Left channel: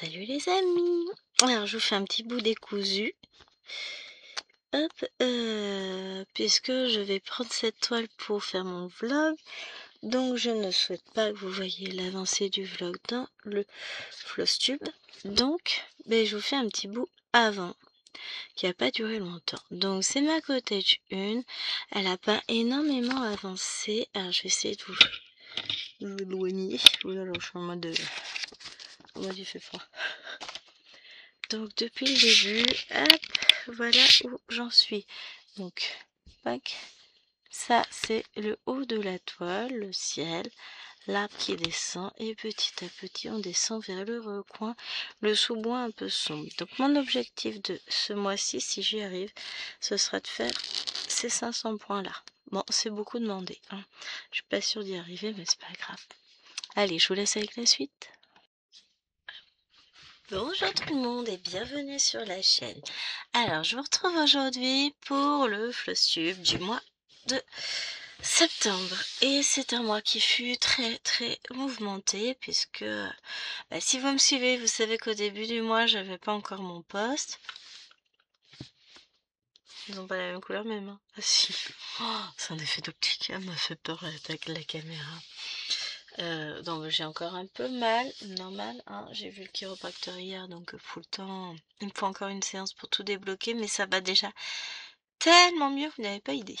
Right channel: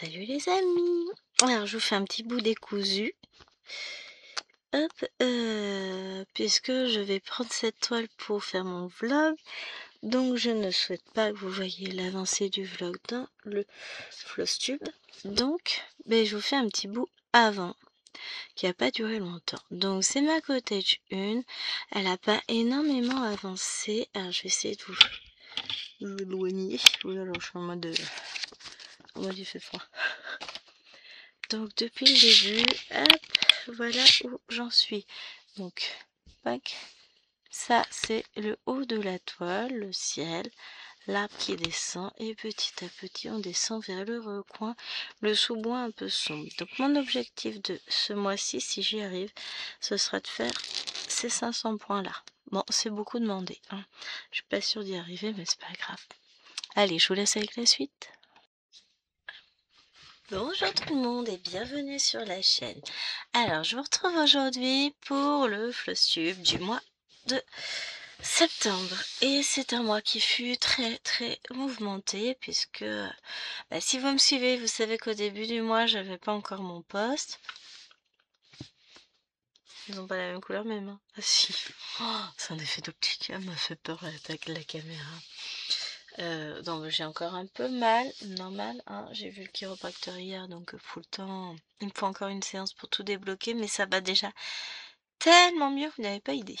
Salut les amis! Alors je vous fais un petit bout décousu. Hop, puisque je vais prendre cette toile pour faire mon vlog. Donc je ne souhaite pas que vous voyez l'avancée du vlog dans le Flosstube. Donc je vous fais un petit bout avant, qui n'a pas duré longtemps. Donc c'est ma cottage 1. Elle n'a pas énormément avancé. Alors je vais essayer de vous éloigner. Voilà, je suis en mode il fait froid. Donc depuis le début, hop, voilà où j'en suis. Donc, pack, ça c'est le haut de la toile, le ciel, l'arbre qui descend et petit à petit on descend vers le recoin, le sous-bois un peu sombre. Donc mon objectif de ce mois-ci, si j'y arrive, ce sera de faire ces 500 points là. Bon, c'est beaucoup demandé, hein. Je suis pas sûre d'y arriver, mais c'est pas grave. Allez, je vous laisse avec la suite. Bonjour tout le monde et bienvenue sur la chaîne. Alors je vous retrouve aujourd'hui pour le Flosstube du mois de septembre. Et c'est un mois qui fut très mouvementé puisque si vous me suivez, vous savez qu'au début du mois j'avais pas encore mon poste. Ils ont pas la même couleur même, hein. Ah si, c'est un effet d'optique, elle m'a fait peur avec la caméra. Donc j'ai encore un peu mal, normal, hein. J'ai vu le chiropracteur hier, donc pour le temps, il me faut encore une séance pour tout débloquer, mais ça va déjà tellement mieux, vous n'avez pas idée.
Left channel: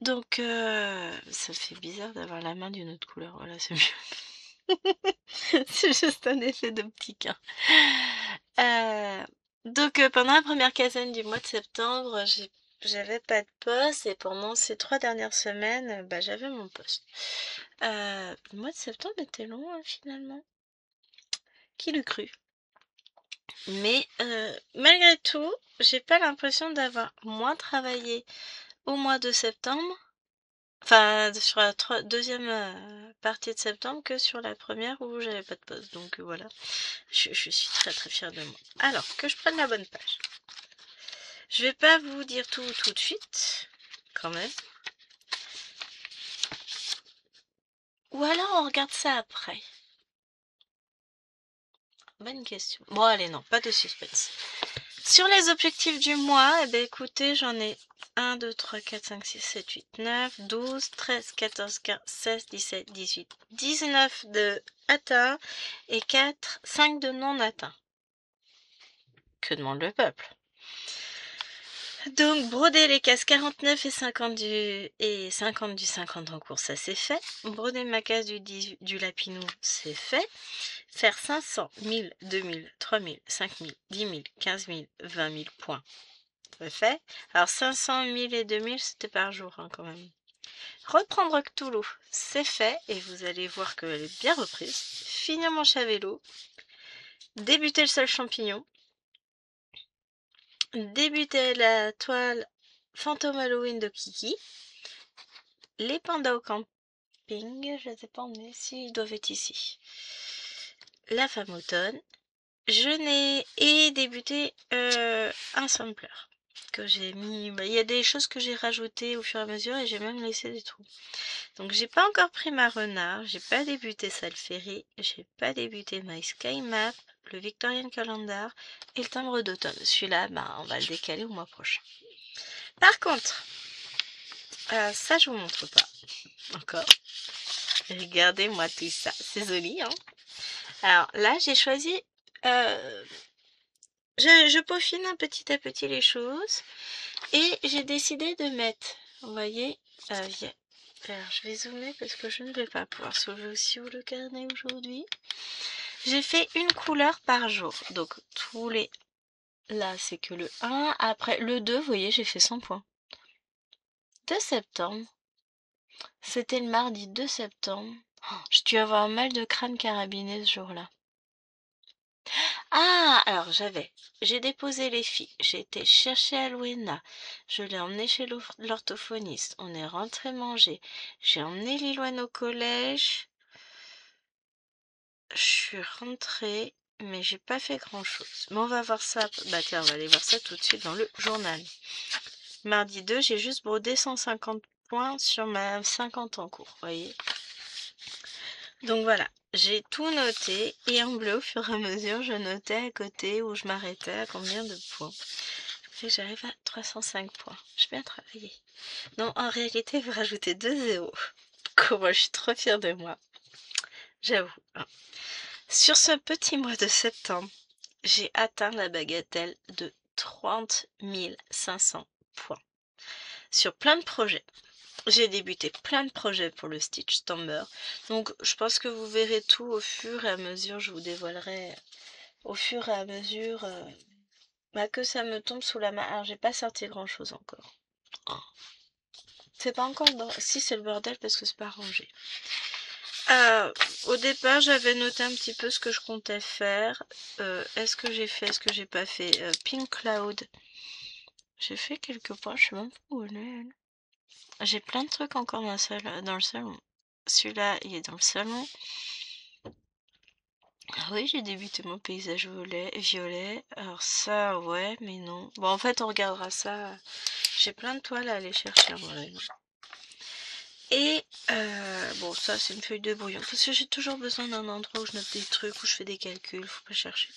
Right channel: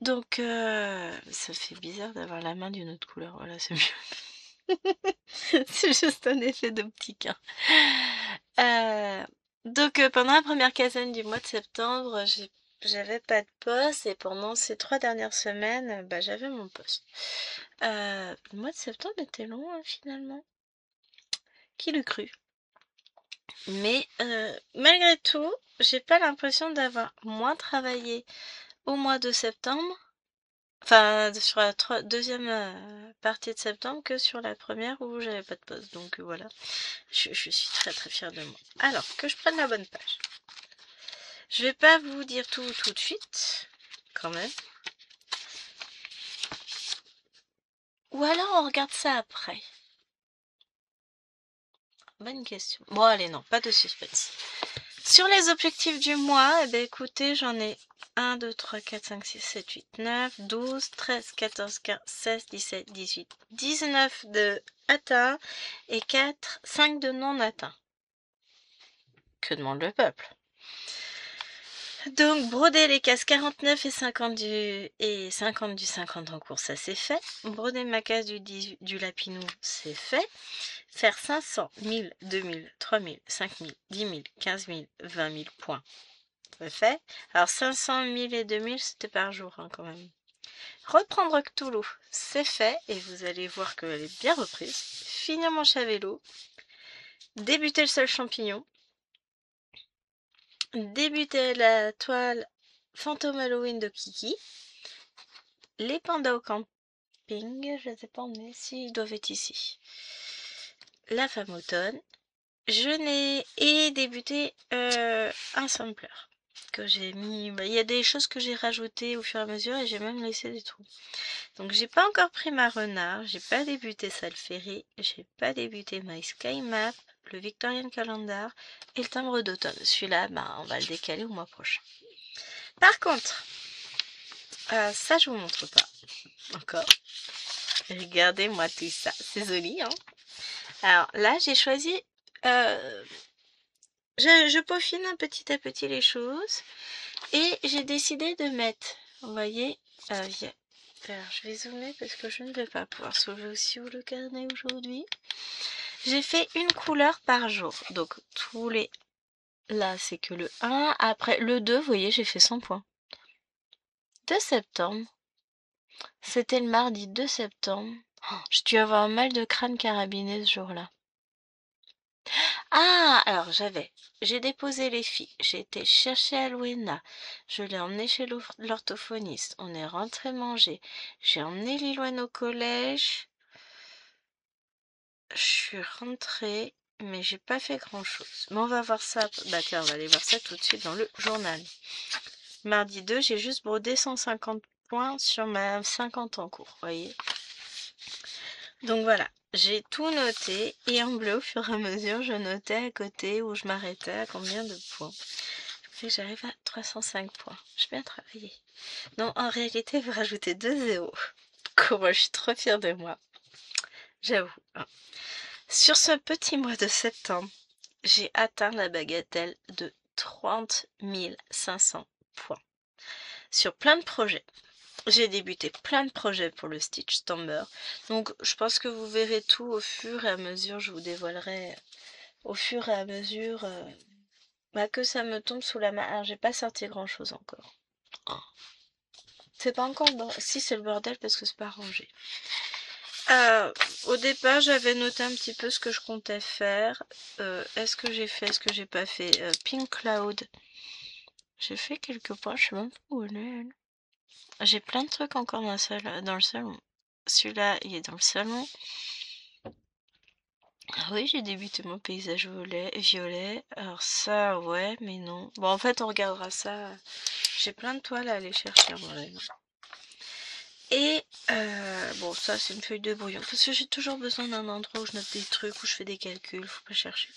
Donc ça fait bizarre d'avoir la main d'une autre couleur, voilà, c'est mieux. C'est juste un effet d'optique, hein. Donc pendant la première quinzaine du mois de septembre, j'avais pas de poste et pendant ces 3 dernières semaines, j'avais mon poste. Le mois de septembre était long, hein, finalement. Qui l'eût cru? Mais malgré tout, j'ai pas l'impression d'avoir moins travaillé au mois de septembre, enfin sur la deuxième partie de septembre que sur la première où j'avais pas de poste. Donc voilà, je suis très fière de moi. Alors, que je prenne la bonne page. Je vais pas vous dire tout de suite, quand même. Ou alors on regarde ça après. Bonne question. Bon allez, non, pas de suspense. Sur les objectifs du mois, écoutez, j'en ai 1, 2, 3, 4, 5, 6, 7, 8, 9, 12, 13, 14, 15, 16, 17, 18, 19 de atteints et 5 de non atteints. Que demande le peuple? Donc, broder les cases 49 et 50 du 50 en cours, ça c'est fait. Broder ma case du lapinou, c'est fait. Faire 500, 1000, 2000, 3000, 5000, 10 000, 15 000, 20 000 points, c'est fait. Alors 500, 1000 et 2000, c'était par jour, hein, quand même. Reprendre Cthulhu, c'est fait. Et vous allez voir qu'elle est bien reprise. Finir mon chat vélo. Débuter le seul champignon. Débuter la toile Fantôme Halloween de Kiki. Les pandas au camping, je ne sais pas où on est, si ils doivent être ici. La femme automne. Je n'ai débuté un sampler que j'ai mis. Il y a des choses que j'ai rajoutées au fur et à mesure et j'ai même laissé des trous. Donc j'ai pas encore pris ma renard, j'ai pas débuté Salferry, j'ai pas débuté My Sky Map, le Victorian Calendar et le timbre d'automne. Celui-là, on va le décaler au mois prochain. Par contre, ça je vous montre pas encore. Regardez-moi tout ça, c'est joli, hein. Alors là, j'ai choisi. Je peaufine un petit à petit les choses et j'ai décidé de mettre, vous voyez, alors je vais zoomer parce que je ne vais pas pouvoir sauver aussi où le carnet aujourd'hui. J'ai fait une couleur par jour, donc tous les, là c'est que le 1, après le 2, vous voyez, j'ai fait 100 points. 2 septembre, c'était le mardi 2 septembre, je dû avoir un mal de crâne carabiné ce jour-là. Ah, alors j'ai déposé les filles, j'ai été chercher Alwena, je l'ai emmenée chez l'orthophoniste, on est rentré manger, j'ai emmené Liloine au collège, je suis rentrée, mais j'ai pas fait grand chose. Mais on va voir ça, tiens, on va aller voir ça tout de suite dans le journal. Mardi 2, j'ai juste brodé 150 points sur ma 50 en cours, vous voyez. Donc voilà, j'ai tout noté et en bleu, au fur et à mesure, je notais à côté où je m'arrêtais, à combien de points. Et j'arrive à 305 points. J'ai bien travaillé. Non, en réalité, vous rajoutez 2 zéros. Comment je suis trop fière de moi. J'avoue. Hein. Sur ce petit mois de septembre, j'ai atteint la bagatelle de 30 500 points. Sur plein de projets. J'ai débuté plein de projets pour le Stitch Stamber. Donc, je pense que vous verrez tout au fur et à mesure. Je vous dévoilerai au fur et à mesure que ça me tombe sous la main. Alors, j'ai pas sorti grand chose encore. Oh. C'est pas encore le bordel. Si, c'est le bordel parce que c'est pas rangé. Au départ, j'avais noté un petit peu ce que je comptais faire. Est-ce que j'ai fait, est-ce que j'ai pas fait Pink Cloud. J'ai fait quelques points, je sais même pas où elle est. J'ai plein de trucs encore dans le salon. Celui-là, il est dans le salon. Ah oui, j'ai débuté mon paysage violet. Alors ça, ouais, mais non. Bon, en fait, on regardera ça. J'ai plein de toiles à aller chercher en vrai. Et bon, ça, c'est une feuille de brouillon. Parce que j'ai toujours besoin d'un endroit où je note des trucs, où je fais des calculs. Faut pas chercher.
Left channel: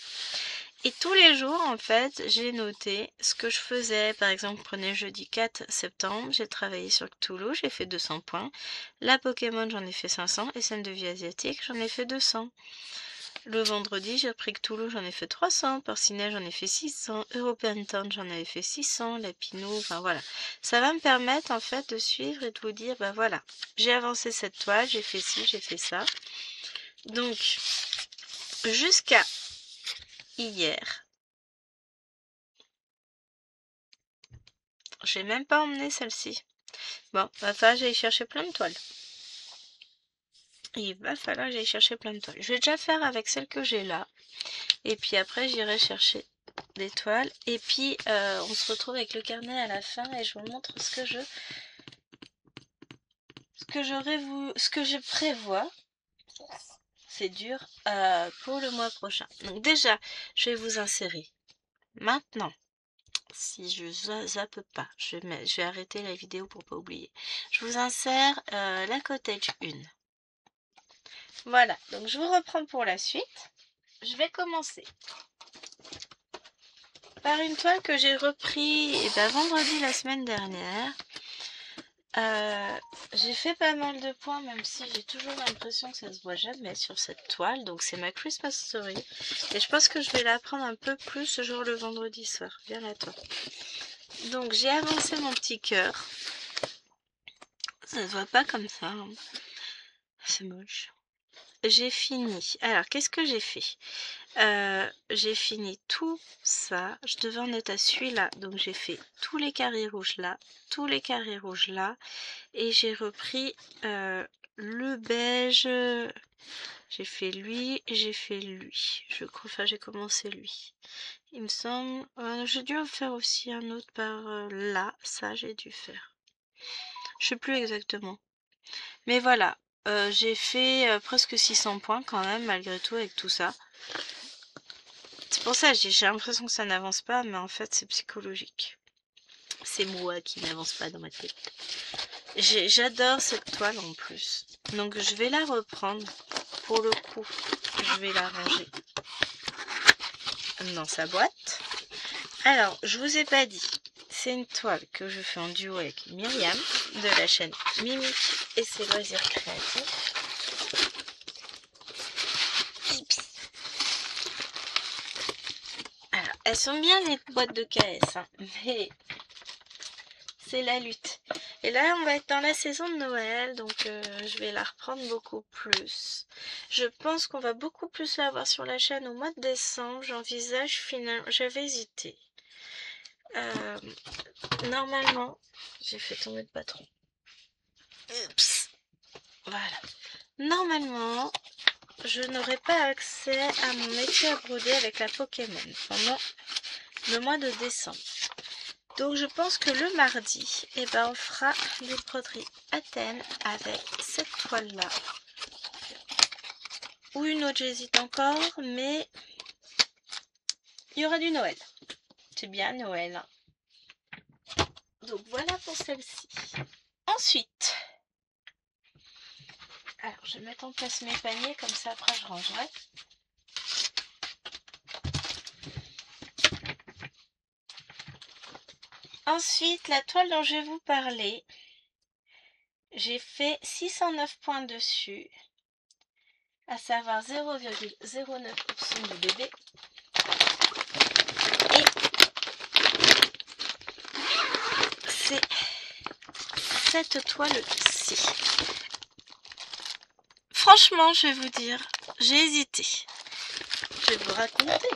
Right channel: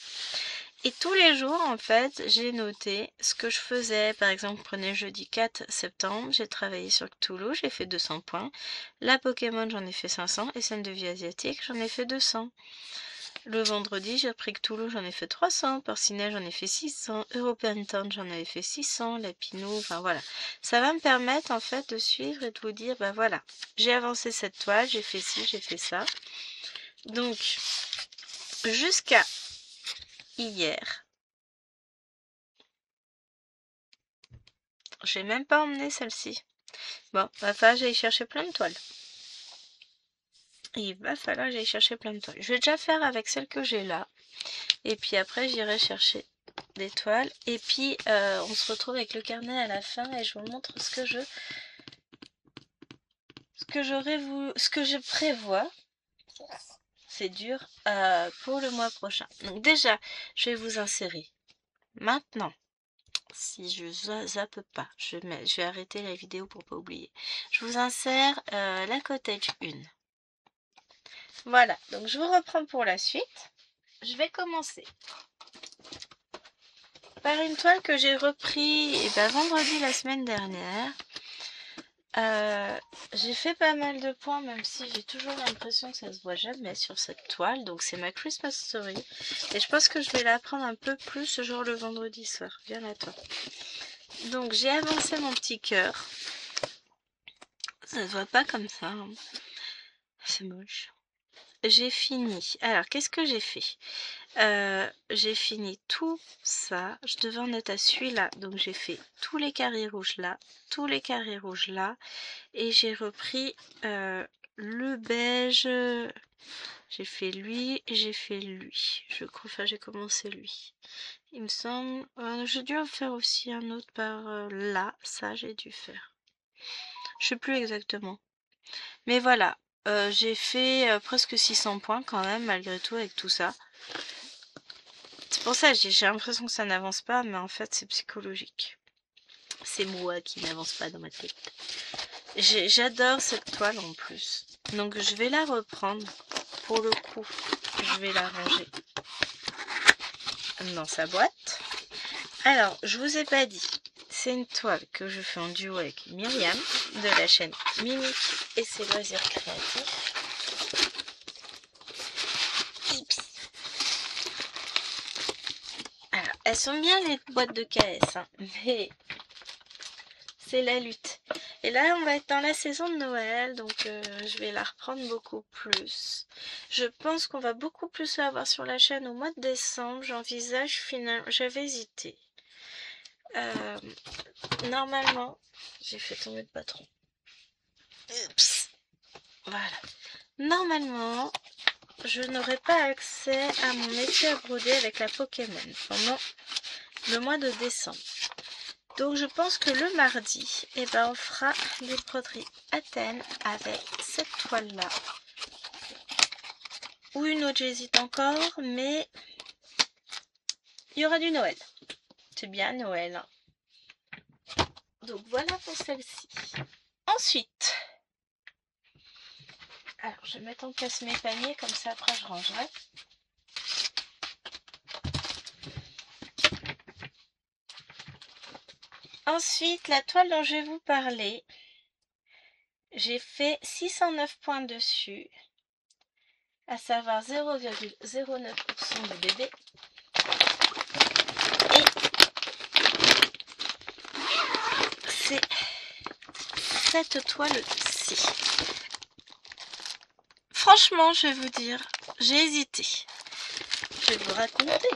Et tous les jours, en fait, j'ai noté ce que je faisais. Par exemple, prenez jeudi 4 septembre, j'ai travaillé sur Cthulhu, j'ai fait 200 points. La Pokémon, j'en ai fait 500. Et scène de vie asiatique, j'en ai fait 200. Le vendredi, j'ai repris Cthulhu, j'en ai fait 300. Porcinet, j'en ai fait 600. European Town, j'en avais fait 600. Lapinou, enfin voilà. Ça va me permettre, en fait, de suivre et de vous dire, bah voilà, j'ai avancé cette toile, j'ai fait ci, j'ai fait ça. Donc, jusqu'à hier, j'ai même pas emmené celle-ci. Bon, va falloir que j'aille chercher plein de toiles. Il va falloir que j'aille chercher plein de toiles. Je vais déjà faire avec celle que j'ai là. Et puis après, j'irai chercher des toiles. Et puis, on se retrouve avec le carnet à la fin et je vous montre ce que je prévois. C'est dur pour le mois prochain. Donc déjà, je vais vous insérer maintenant. Si je zappe pas, je vais arrêter la vidéo pour pas oublier. Je vous insère la cottage 1. Voilà, donc je vous reprends pour la suite. Je vais commencer par une toile que j'ai repris vendredi la semaine dernière. J'ai fait pas mal de points, même si j'ai toujours l'impression que ça se voit jamais sur cette toile. Donc c'est ma Christmas Story. Et je pense que je vais la prendre un peu plus genre le vendredi soir. Viens là toi. Donc j'ai avancé mon petit cœur. Ça se voit pas comme ça. Hein. C'est moche. J'ai fini. Alors qu'est-ce que j'ai fait? J'ai fini tout ça. Je devais en être à celui-là. Donc j'ai fait tous les carrés rouges là, tous les carrés rouges là. Et j'ai repris le beige. J'ai fait lui et j'ai fait lui. Je crois, enfin j'ai commencé lui. Il me semble. J'ai dû en faire aussi un autre par là. Ça j'ai dû faire. Je sais plus exactement. Mais voilà. J'ai fait presque 600 points quand même malgré tout avec tout ça. C'est pour ça que j'ai l'impression que ça n'avance pas, mais en fait c'est psychologique. C'est moi qui n'avance pas dans ma tête. J'adore cette toile en plus. Donc je vais la reprendre. Pour le coup, je vais la ranger dans sa boîte. Alors, je vous ai pas dit. C'est une toile que je fais en duo avec Myriam de la chaîne Mimique et ses loisirs créatifs. Alors, elles sont bien les boîtes de KS, hein, mais c'est la lutte. Et là, on va être dans la saison de Noël, donc je vais la reprendre beaucoup plus. Je pense qu'on va beaucoup plus la voir sur la chaîne au mois de décembre. J'envisage finalement... J'avais hésité. Normalement, j'ai fait tomber le patron. Oups. Voilà. Normalement, je n'aurai pas accès à mon métier à broder avec la Pokémon pendant le mois de décembre. Donc je pense que le mardi, on fera des broderies à thème avec cette toile-là. Ou une autre, j'hésite encore, mais il y aura du Noël. C'est bien Noël. Donc voilà pour celle-ci. Ensuite, Alors, je vais mettre en place mes paniers, comme ça après je rangerai. Ensuite, la toile dont je vais vous parler, j'ai fait 609 points dessus, à savoir 0,09% du bébé. Et c'est cette toile-ci. Franchement, je vais vous dire, j'ai hésité. Je vais vous raconter.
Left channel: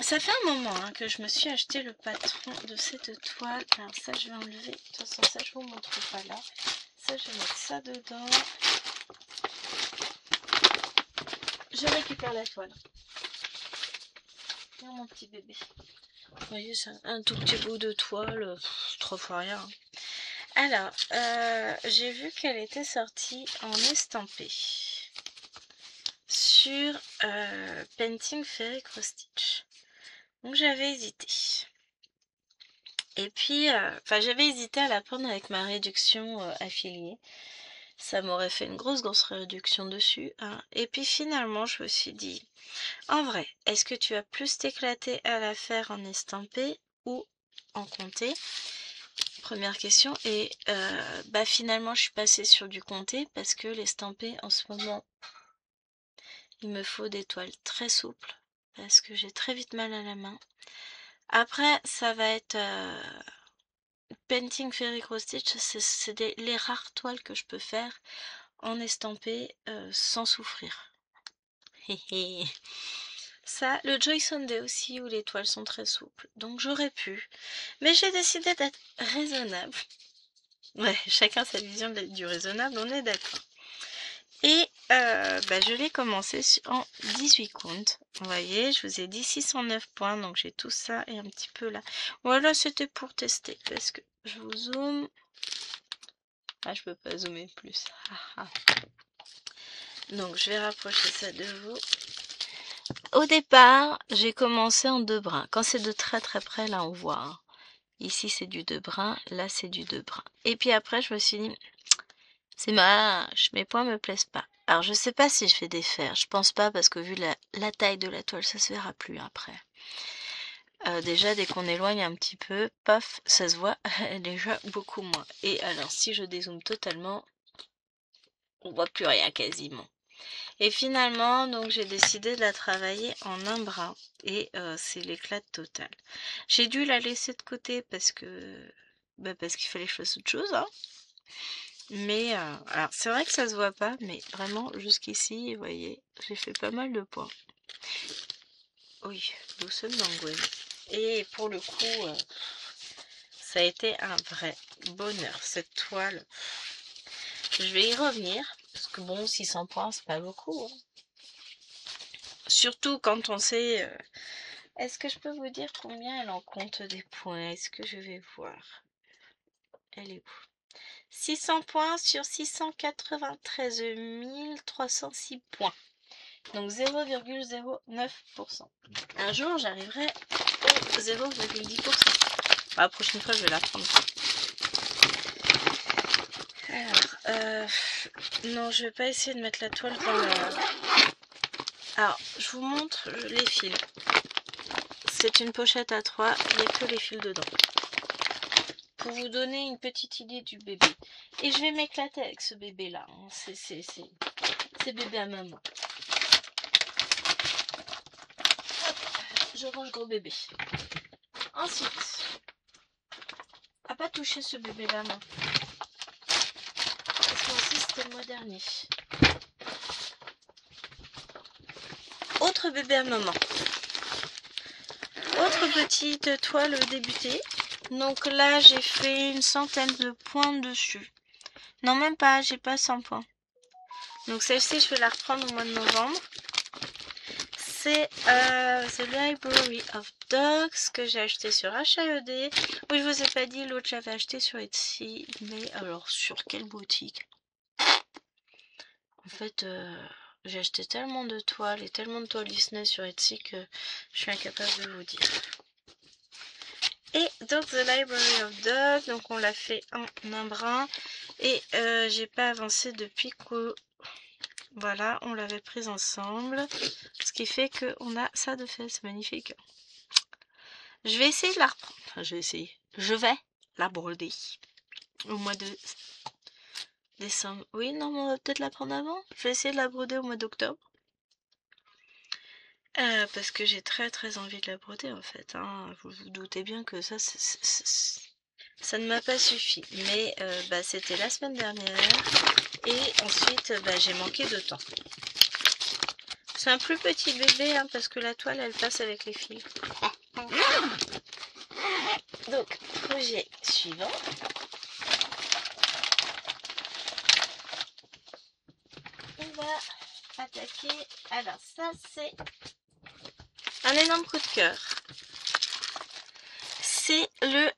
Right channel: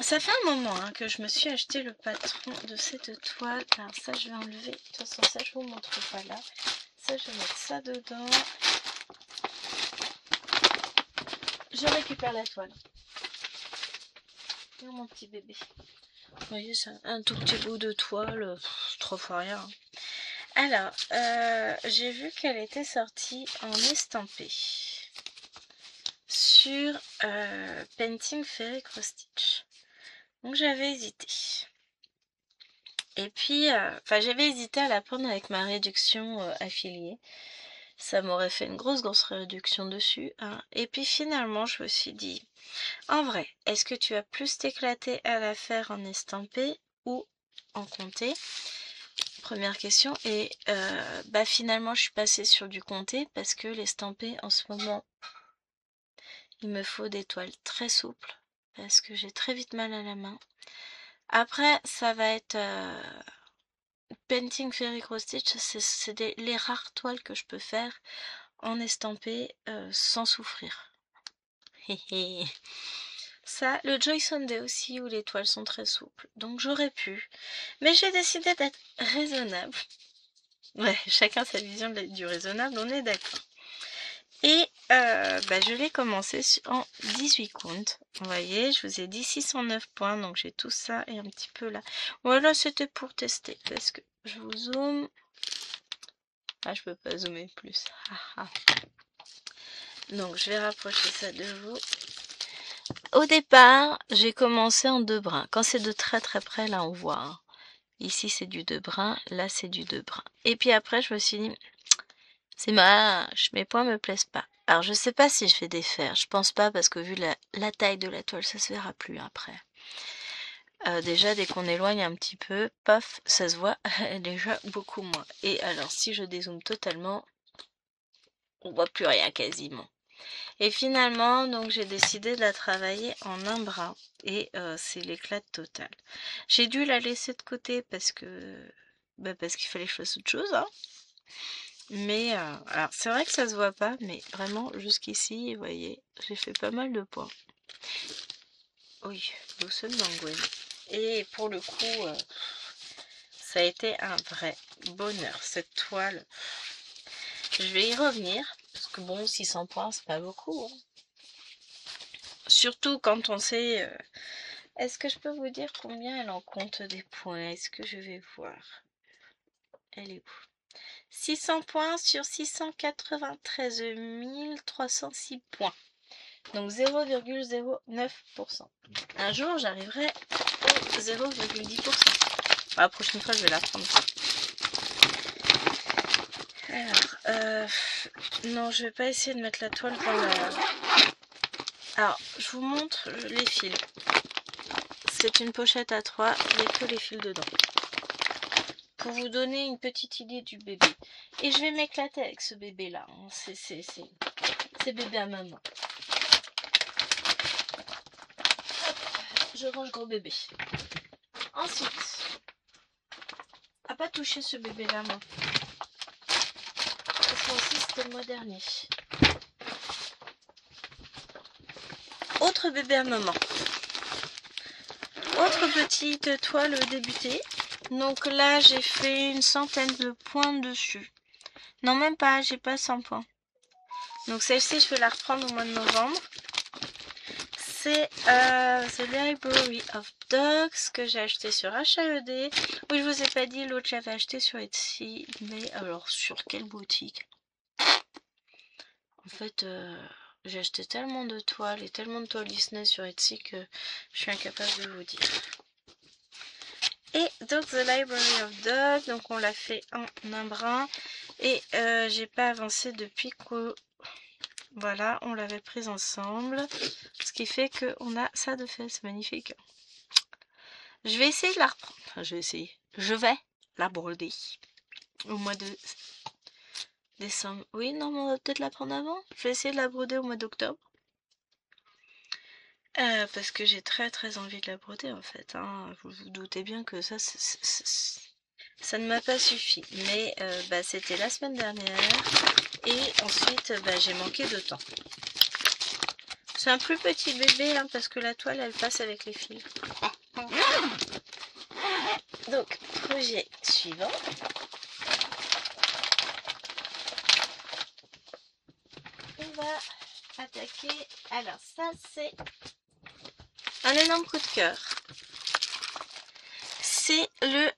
Ça fait un moment que je me suis acheté le patron de cette toile. Alors ça, je vais enlever. De toute façon, ça, je vous montre pas là. Ça, je vais mettre ça dedans. Je récupère la toile. Oh, mon petit bébé. Vous voyez, c'est un tout petit bout de toile. Trop fois rien. Alors, j'ai vu qu'elle était sortie en estampé sur Painting Fairy Cross Stitch. Donc j'avais hésité. Et puis, j'avais hésité à la prendre avec ma réduction affiliée. Ça m'aurait fait une grosse réduction dessus. Hein. Et puis finalement, je me suis dit, en vrai, est-ce que tu vas plus t'éclater à la faire en estampé ou en comté? Première question. Et finalement, je suis passée sur du comté parce que l'estampé, en ce moment, il me faut des toiles très souples parce que j'ai très vite mal à la main. Après, ça va être Painting Fairy Cross Stitch, c'est les rares toiles que je peux faire en estampé sans souffrir. Ça, le Joy Sunday aussi, où les toiles sont très souples. Donc j'aurais pu. Mais j'ai décidé d'être raisonnable. Ouais, chacun sa vision du raisonnable, on est d'accord. Et je l'ai commencé en 18 comptes. Vous voyez, je vous ai dit 609 points, donc j'ai tout ça et un petit peu là. Voilà, c'était pour tester, parce que je vous zoome. Ah, je peux pas zoomer plus. Donc, je vais rapprocher ça de vous. Au départ, j'ai commencé en 2 brins. Quand c'est de très très près, là, on voit. Hein. Ici, c'est du 2 brins. Là, c'est du 2 brins. Et puis après, je me suis dit, c'est moche, mes points me plaisent pas. Alors, je sais pas si je vais défaire. Je pense pas, parce que vu la taille de la toile, ça se verra plus après. Déjà, dès qu'on éloigne un petit peu, paf, ça se voit déjà beaucoup moins. Et alors, si je dézoome totalement, on voit plus rien quasiment. Et finalement, donc j'ai décidé de la travailler en un brin. Et c'est l'éclat total. J'ai dû la laisser de côté parce que parce qu'il fallait que je fasse autre chose. Hein. Mais alors c'est vrai que ça se voit pas, mais vraiment jusqu'ici, vous voyez, j'ai fait pas mal de points. Oui, doucement Gwen. Et pour le coup, ça a été un vrai bonheur cette toile. Je vais y revenir parce que bon, 600 points, c'est pas beaucoup. Hein. Surtout quand on sait. Est-ce que je peux vous dire combien elle en compte des points? Est-ce que je vais voir? Elle est où? 600 points sur 693 306 points. Donc 0,09%. Un jour, j'arriverai au 0,10%. La prochaine fois, je vais la prendre. Alors, non, je vais pas essayer de mettre la toile dans la... Alors, je vous montre les fils. C'est une pochette à 3, il n'y a que les fils dedans. Pour vous donner une petite idée du bébé. Et je vais m'éclater avec ce bébé-là. Hein. C'est bébé à maman. Hop, je range gros bébé. Ensuite, à pas toucher ce bébé-là, moi. Parce que aussi, c'était le mois dernier. Autre bébé à maman. Autre petite toile débutée. Donc là, j'ai fait une centaine de points dessus. Non, même pas, j'ai pas 100 points. Donc celle-ci, je vais la reprendre au mois de novembre. C'est The Library of Dogs que j'ai acheté sur HAED. Oui, je vous ai pas dit, l'autre j'avais acheté sur Etsy. Mais alors, sur quelle boutique? En fait, j'ai acheté tellement de toiles et tellement de toiles Disney sur Etsy que je suis incapable de vous dire. Et donc The Library of Dogs, donc on l'a fait en un brin. Et j'ai pas avancé depuis que Voilà, on l'avait prise ensemble. Ce qui fait qu'on a ça de fait, c'est magnifique. Je vais essayer de la reprendre. Enfin, je vais essayer. Je vais la broder au mois de décembre. Oui, non, mais on va peut-être la prendre avant. Je vais essayer de la broder au mois d'octobre. Parce que j'ai très très envie de la broder en fait. Hein. Vous vous doutez bien que ça, ça ne m'a pas suffi. Mais bah, c'était la semaine dernière. Et ensuite, bah, j'ai manqué de temps. C'est un plus petit bébé hein, parce que la toile elle passe avec les fils. Donc, projet suivant. On va attaquer. Alors, ça, c'est un énorme coup de cœur. C'est le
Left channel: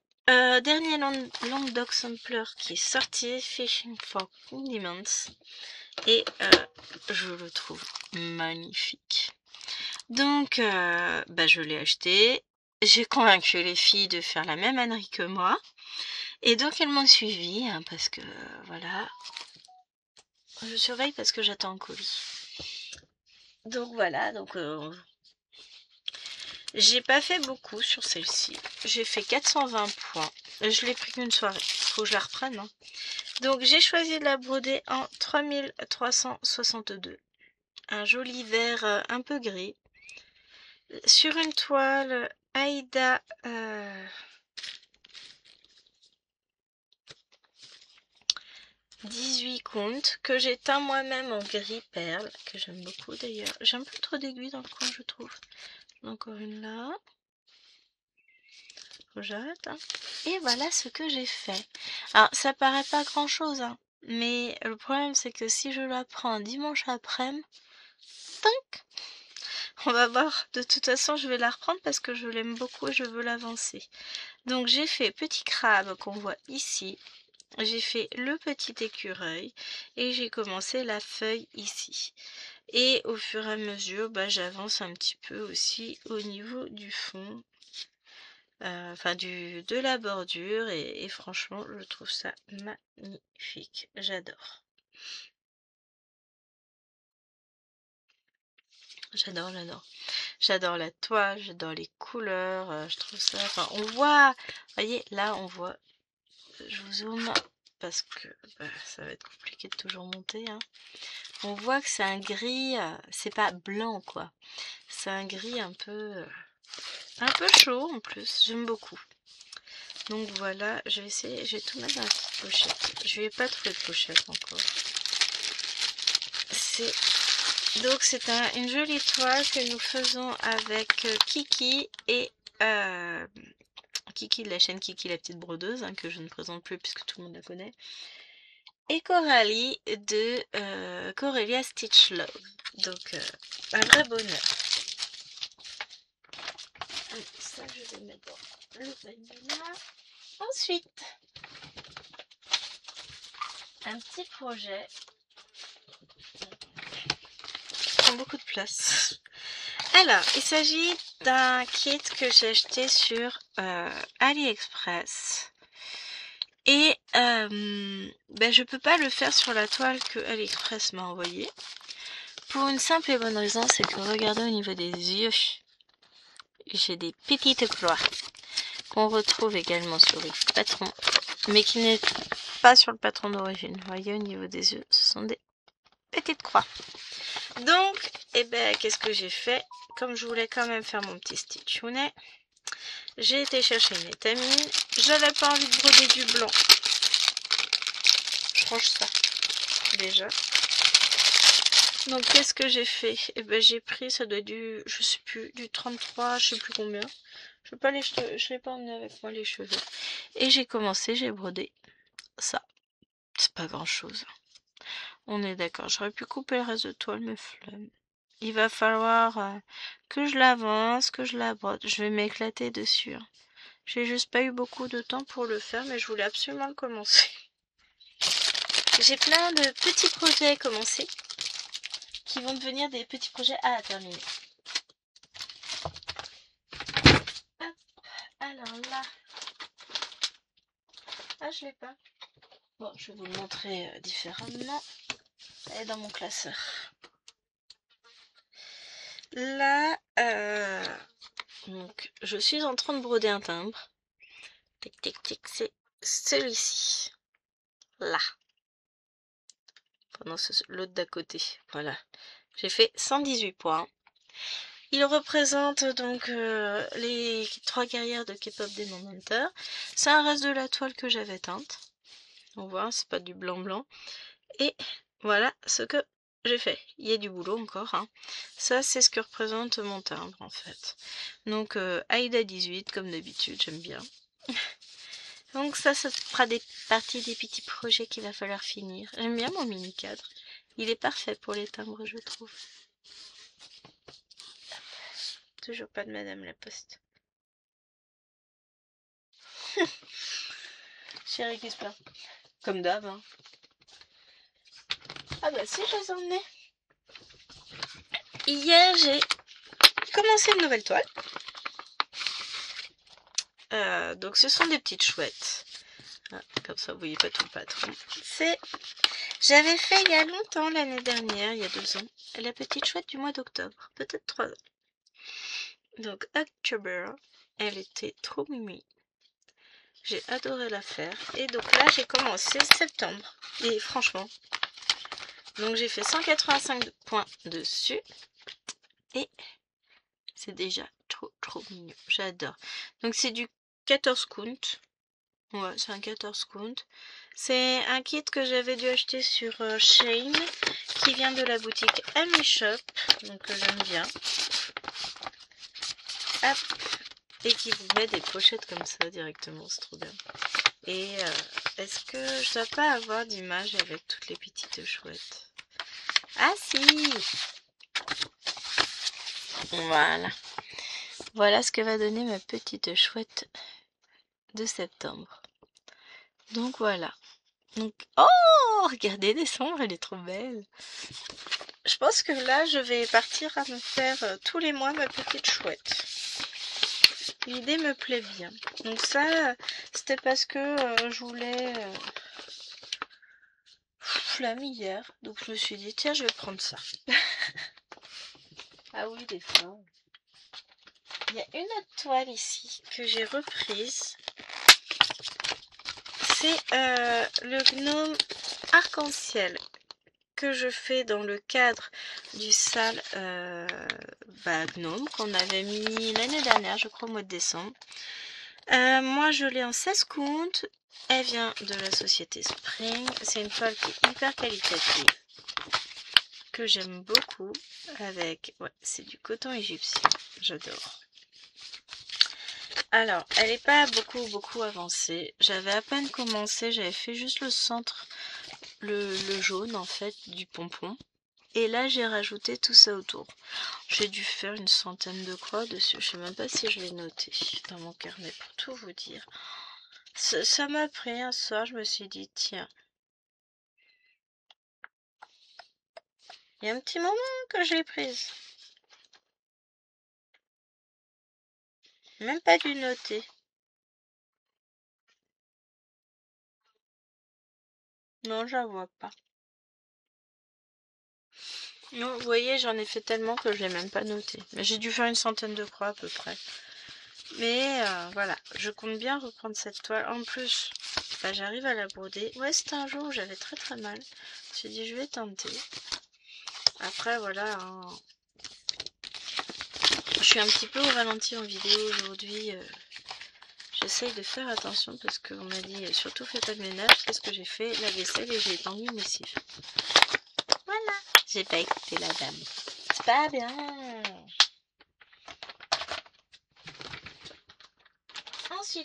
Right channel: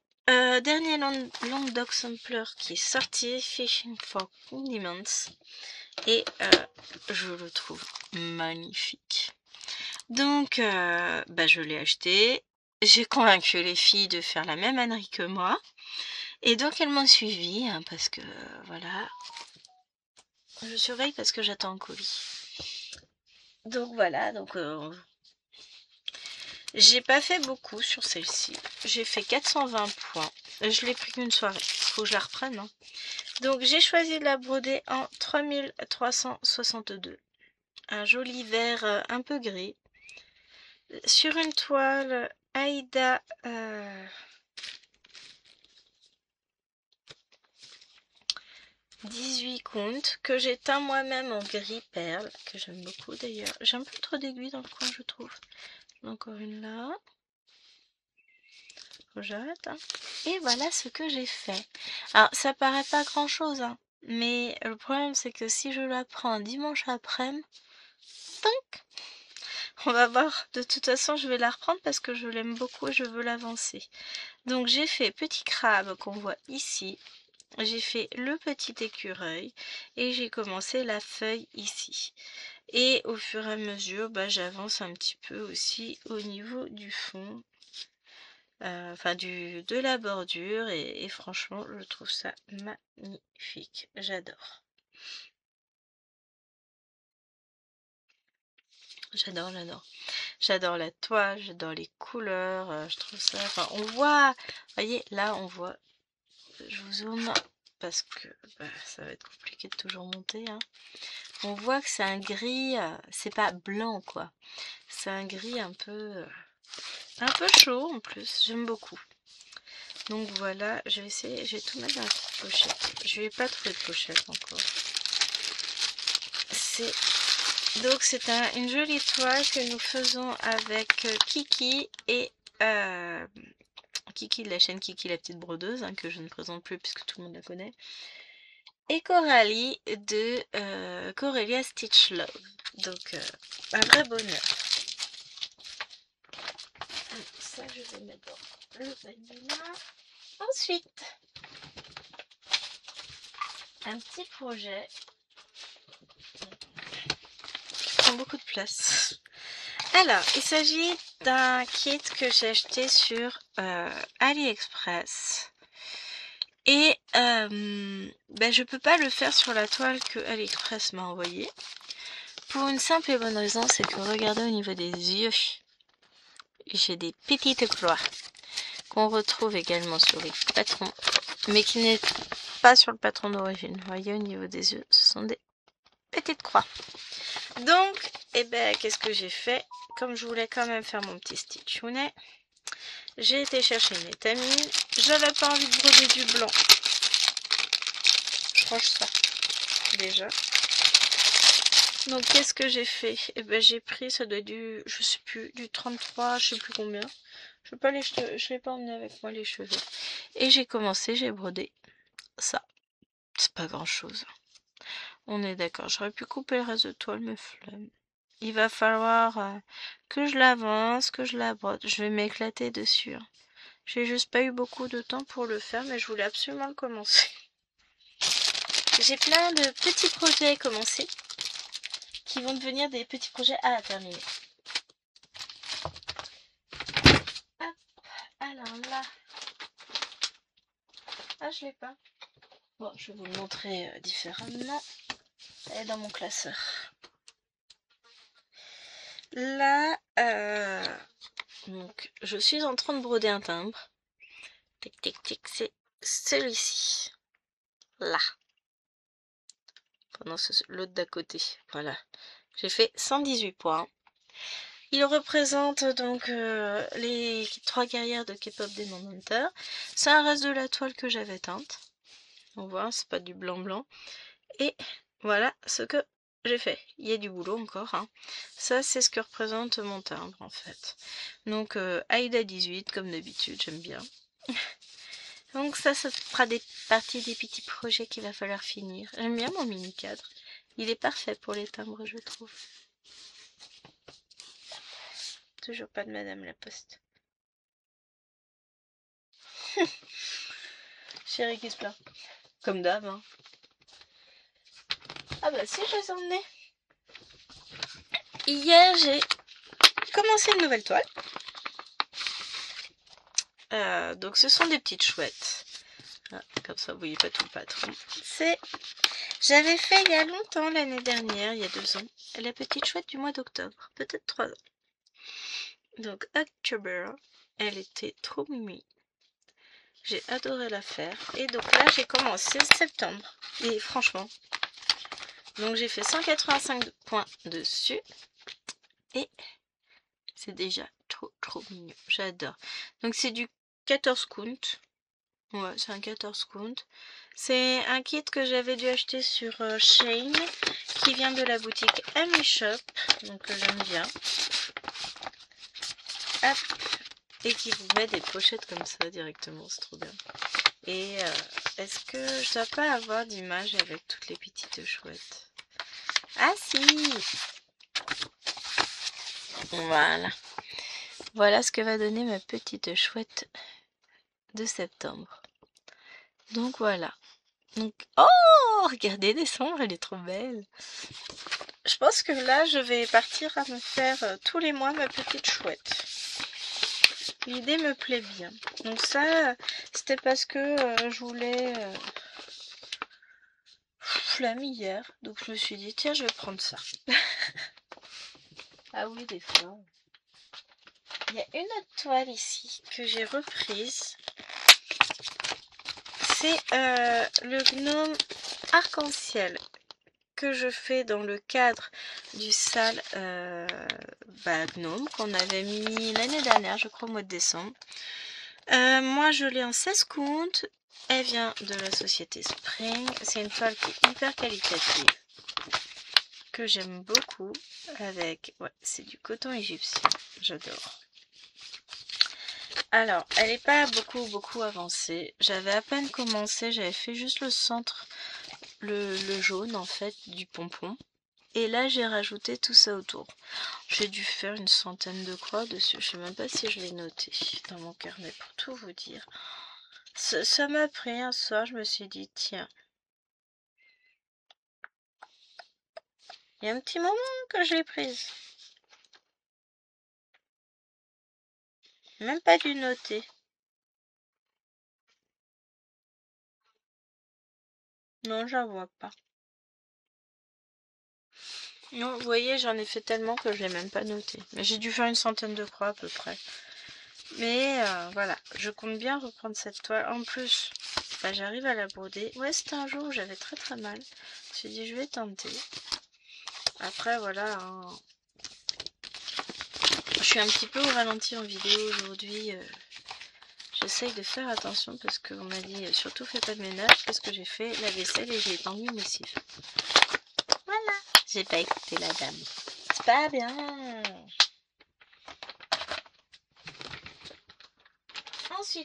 dernier Long Dog Sampler qui est sorti, Fishing for Condiments. Et je le trouve magnifique. Donc, bah, je l'ai acheté. J'ai convaincu les filles de faire la même ânerie que moi. Et donc, elles m'ont suivi hein, parce que, voilà. Je surveille parce que j'attends un colis. Donc, voilà. Donc, j'ai pas fait beaucoup sur celle-ci. J'ai fait 420 points. Je l'ai pris qu'une soirée. Faut que je la reprenne. Hein. Donc, j'ai choisi de la broder en 3362. Un joli vert un peu gris. Sur une toile Aïda 18 comptes que j'ai teint moi-même en gris perle, que j'aime beaucoup d'ailleurs. J'ai un peu trop d'aiguilles dans le coin, je trouve. Encore une là. Faut que j'arrête. Hein. Et voilà ce que j'ai fait. Alors, ça paraît pas grand-chose, hein, mais le problème c'est que si je la prends un dimanche après-midi, on va voir. De toute façon, je vais la reprendre parce que je l'aime beaucoup et je veux l'avancer. Donc, j'ai fait petit crabe qu'on voit ici. J'ai fait le petit écureuil et j'ai commencé la feuille ici. Et au fur et à mesure, bah, j'avance un petit peu aussi au niveau du fond, enfin de la bordure. Et franchement, je trouve ça magnifique. J'adore. J'adore, j'adore. J'adore la toile, j'adore les couleurs. Je trouve ça... Enfin, on voit... Vous voyez, là, on voit... Je vous zoome parce que bah, ça va être compliqué de toujours monter. Hein. On voit que c'est un gris, c'est pas blanc quoi. C'est un gris un peu chaud en plus. J'aime beaucoup. Donc voilà, je vais essayer, je vais tout mettre dans la petite pochette. Je vais pas trouver de pochette encore. Donc c'est une jolie toile que nous faisons avec Kiki et Kiki de la chaîne Kiki la petite brodeuse, hein, que je ne présente plus puisque tout le monde la connaît. Et Coralie de Corelia Stitch Love. Donc un vrai bonheur. Ça je vais mettre dans le panier là. Ensuite, un petit projet qui prend beaucoup de place. Alors, il s'agit d'un kit que j'ai acheté sur AliExpress. Et ben, je peux pas le faire sur la toile que AliExpress m'a envoyée. Pour une simple et bonne raison, c'est que regardez au niveau des yeux, j'ai des petites croix qu'on retrouve également sur les patrons, mais qui n'est pas sur le patron d'origine. Vous voyez au niveau des yeux, ce sont des petites croix. Donc, eh ben, qu'est-ce que j'ai fait? Comme je voulais quand même faire mon petit stitchounet, j'ai été chercher une étamine. J'avais pas envie de broder du blanc. Je range ça déjà. Donc qu'est-ce que j'ai fait? Eh ben j'ai pris, ça doit être du, je sais plus, du 33, je sais plus combien. Je l'ai pas emmené avec moi les cheveux. Et j'ai commencé, j'ai brodé ça. C'est pas grand chose. On est d'accord. J'aurais pu couper le reste de toile, mais flemme. Il va falloir que je l'avance, que je la brode. Je vais m'éclater dessus. Hein. J'ai juste pas eu beaucoup de temps pour le faire, mais je voulais absolument le commencer. J'ai plein de petits projets à commencer qui vont devenir des petits projets à terminer. Hop, alors là. Ah, je l'ai pas. Bon, je vais vous le montrer différemment. Elle est dans mon classeur. Là, donc, je suis en train de broder un timbre. Tic, tic, tic, c'est celui-ci. Là. Pendant l'autre d'à côté. Voilà. J'ai fait 118 points. Il représente donc les 3 guerrières de K-pop Demon Hunter. C'est un reste de la toile que j'avais teinte. On voit, c'est pas du blanc-blanc. Et voilà ce que j'ai fait. Il y a du boulot encore. Hein. Ça, c'est ce que représente mon timbre, en fait. Donc, Aïda 18, comme d'habitude, j'aime bien. Donc ça fera partie des petits projets qu'il va falloir finir. J'aime bien mon mini-cadre. Il est parfait pour les timbres, je trouve. Toujours pas de Madame la Poste. Chérie qui se plaint. Comme d'hab, hein. Ah bah si, je les ai emmenés. Hier, j'ai commencé une nouvelle toile. Donc ce sont des petites chouettes. Ah, comme ça, vous voyez pas tout le patron. J'avais fait il y a longtemps, l'année dernière, il y a 2 ans, la petite chouette du mois d'octobre. Peut-être 3 ans. Donc, October, elle était trop mimi. J'ai adoré la faire. Et donc là, j'ai commencé septembre. Et franchement, donc j'ai fait 185 points dessus. Et c'est déjà trop mignon. J'adore. Donc c'est du 14 count. Ouais, c'est un 14 count. C'est un kit que j'avais dû acheter sur Shein, qui vient de la boutique Ami Shop. Donc j'aime bien. Hop. Et qui vous met des pochettes comme ça directement. C'est trop bien. Et est-ce que je dois pas avoir d'image avec toutes les petites chouettes? Ah si! Voilà. Voilà ce que va donner ma petite chouette de septembre. Donc voilà. Donc, oh! Regardez décembre, elle est trop belle. Je pense que là, je vais partir à me faire tous les mois ma petite chouette. L'idée me plaît bien. Donc ça, c'était parce que je voulais... flamme hier. Donc je me suis dit, tiens, je vais prendre ça. Ah oui, des flammes. Il y a une autre toile ici que j'ai reprise. C'est le gnome arc-en-ciel que je fais dans le cadre du sale gnome qu'on avait mis l'année dernière, je crois au mois de décembre. Moi je l'ai en 16 comptes. Elle vient de la société Spring. C'est une toile qui est hyper qualitative, que j'aime beaucoup. Avec, ouais, c'est du coton égyptien. J'adore. Alors, elle n'est pas beaucoup avancée. J'avais à peine commencé, j'avais fait juste le centre, le jaune en fait, du pompon. Et là, j'ai rajouté tout ça autour. J'ai dû faire une centaine de croix dessus. Je sais même pas si je l'ai noté dans mon carnet pour tout vous dire. Ça m'a pris un soir, je me suis dit, tiens. Il y a un petit moment que je l'ai prise. Même pas dû noter. Non, j'en vois pas. Non, vous voyez, j'en ai fait tellement que je l'ai même pas noté. Mais j'ai dû faire une centaine de croix à peu près. Mais voilà, je compte bien reprendre cette toile. En plus, bah, j'arrive à la broder. Ouais, c'était un jour où j'avais très mal. Je me suis dit, je vais tenter. Après, voilà. Hein. Je suis un petit peu au ralenti en vidéo aujourd'hui. J'essaye de faire attention parce qu'on m'a dit, surtout fais pas de ménage. Qu'est-ce que j'ai fait? La vaisselle et j'ai étendu une lessive. Voilà. J'ai pas écouté la dame. C'est pas bien.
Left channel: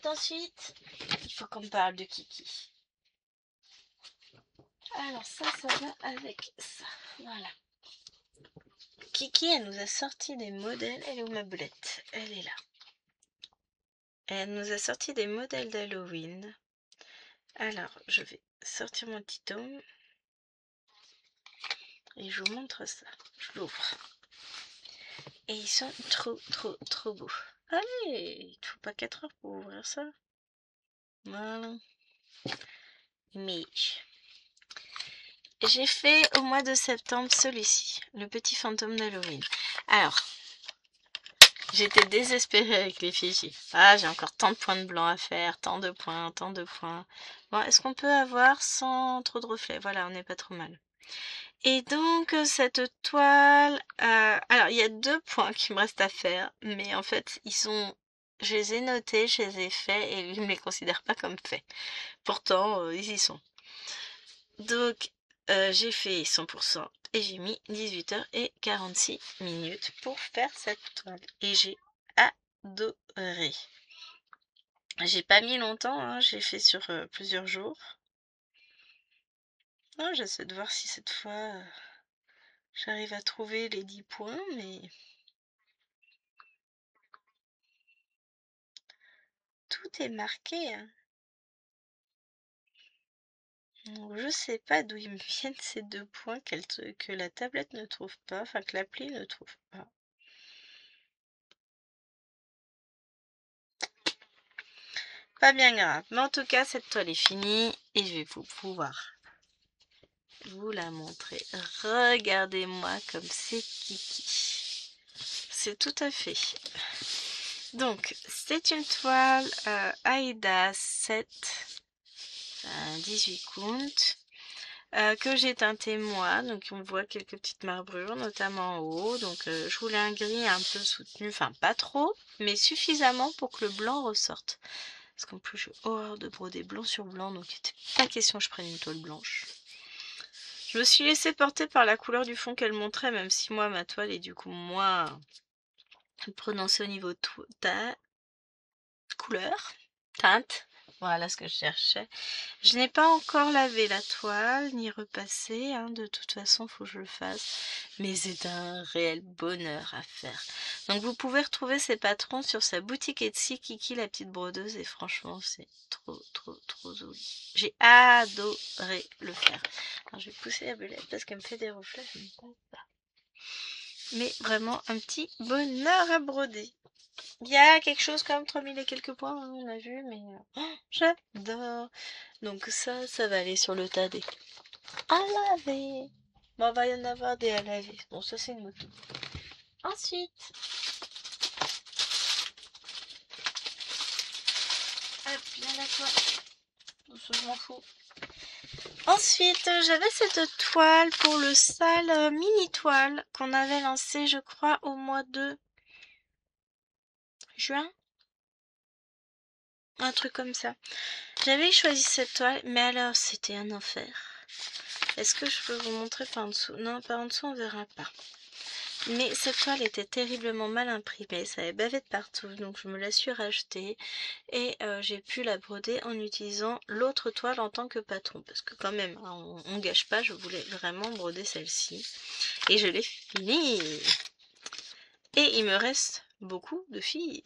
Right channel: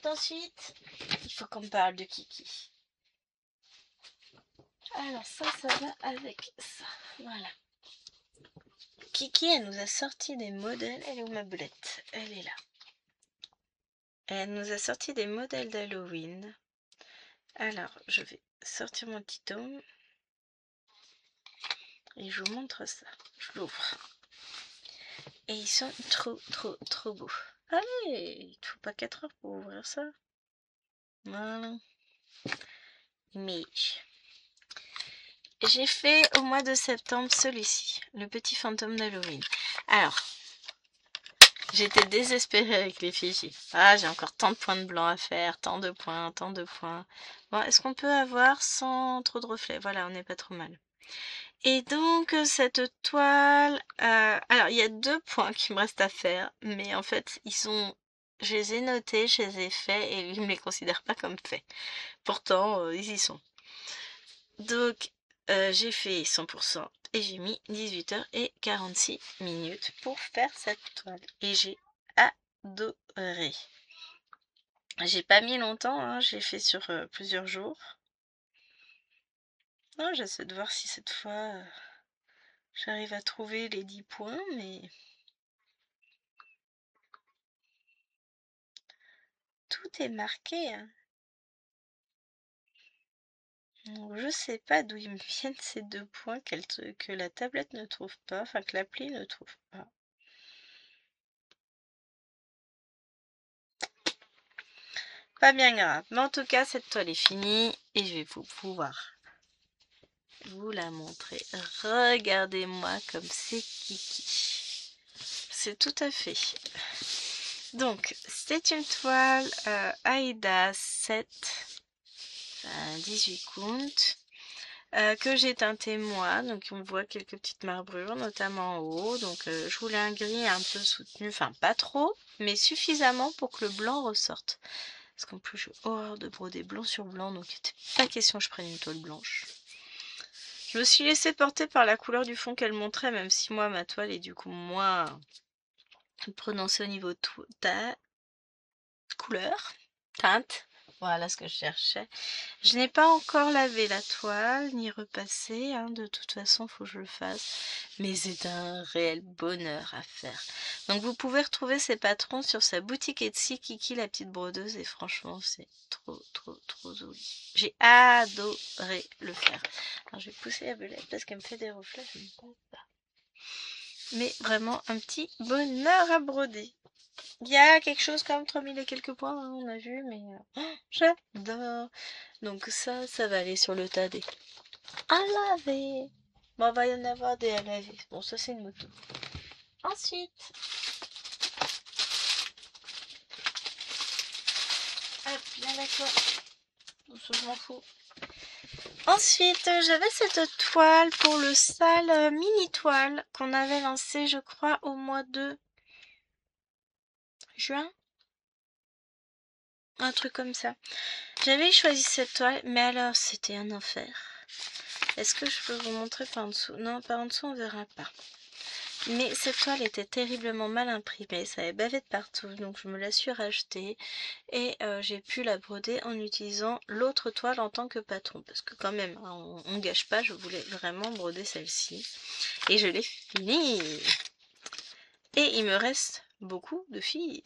Ensuite, il faut qu'on parle de Kiki. Alors ça va avec ça. Voilà. Kiki, elle nous a sorti des modèles. Elle est où ma boulette? Elle est là. Elle nous a sorti des modèles d'Halloween. Alors, je vais sortir mon petit tome. Et je vous montre ça. Je l'ouvre. Et ils sont trop beaux. Allez, il ne faut pas 4 heures pour ouvrir ça. Voilà. Mais j'ai fait au mois de septembre celui-ci, le petit fantôme d'Halloween. Alors, J'étais désespérée avec l'effigie. Ah, j'ai encore tant de points de blanc à faire, tant de points, tant de points. Bon, est-ce qu'on peut avoir sans trop de reflets? Voilà, on n'est pas trop mal. Et donc, cette toile... alors, il y a 2 points qui me restent à faire, mais en fait, ils sont... Je les ai notés, je les ai faits, et ils ne me les considèrent pas comme faits. Pourtant, ils y sont. Donc, j'ai fait 100% et j'ai mis 18h46 pour faire cette toile. Et j'ai adoré. J'ai pas mis longtemps, hein, j'ai fait sur plusieurs jours. Oh, j'essaie de voir si cette fois j'arrive à trouver les 10 points, mais tout est marqué, hein. Donc, je sais pas d'où ils me viennent ces 2 points que la tablette ne trouve pas, enfin que l'appli ne trouve pas. Pas bien grave, mais en tout cas cette toile est finie et je vais pouvoir vous la montrer. Regardez-moi comme c'est kiki. C'est tout à fait. Donc, c'est une toile Aida 7 18 count que j'ai teinté moi. Donc, on voit quelques petites marbrures, notamment en haut. Donc, je voulais un gris un peu soutenu, enfin pas trop, mais suffisamment pour que le blanc ressorte. Parce qu'en plus, j'ai horreur de broder blanc sur blanc, donc il n'était pas question que je prenne une toile blanche. Je me suis laissée porter par la couleur du fond qu'elle montrait, même si moi, ma toile est du coup moins prononcée au niveau de couleur, teinte. Voilà ce que je cherchais. Je n'ai pas encore lavé la toile, ni repassé, hein, de toute façon, il faut que je le fasse. Mais c'est un réel bonheur à faire. Donc vous pouvez retrouver ces patrons sur sa boutique Etsy, Kiki la petite brodeuse, et franchement, c'est trop, trop, trop joli. J'ai adoré le faire. Alors je vais pousser la belette parce qu'elle me fait des reflets, je ne pense pas. Mais vraiment un petit bonheur à broder. Il y a quelque chose comme 3000 et quelques points, hein, on a vu, mais j'adore. Donc ça va aller sur le tas des à laver. Bon, il va y en avoir des à laver. Bon, ça c'est une moto. Ensuite, hop, viens là toi. Je m'en fous. Ensuite, j'avais cette toile pour le sale mini toile qu'on avait lancé, je crois, au mois de juin. Un truc comme ça. J'avais choisi cette toile, mais alors c'était un enfer. Est-ce que je peux vous montrer par en dessous? Non, par en dessous on verra pas. Mais cette toile était terriblement mal imprimée, ça avait bavé de partout, donc je me la suis rachetée et j'ai pu la broder en utilisant l'autre toile en tant que patron. Parce que quand même, hein, on gâche pas, je voulais vraiment broder celle-ci. Et je l'ai finie. Et il me reste beaucoup de fil.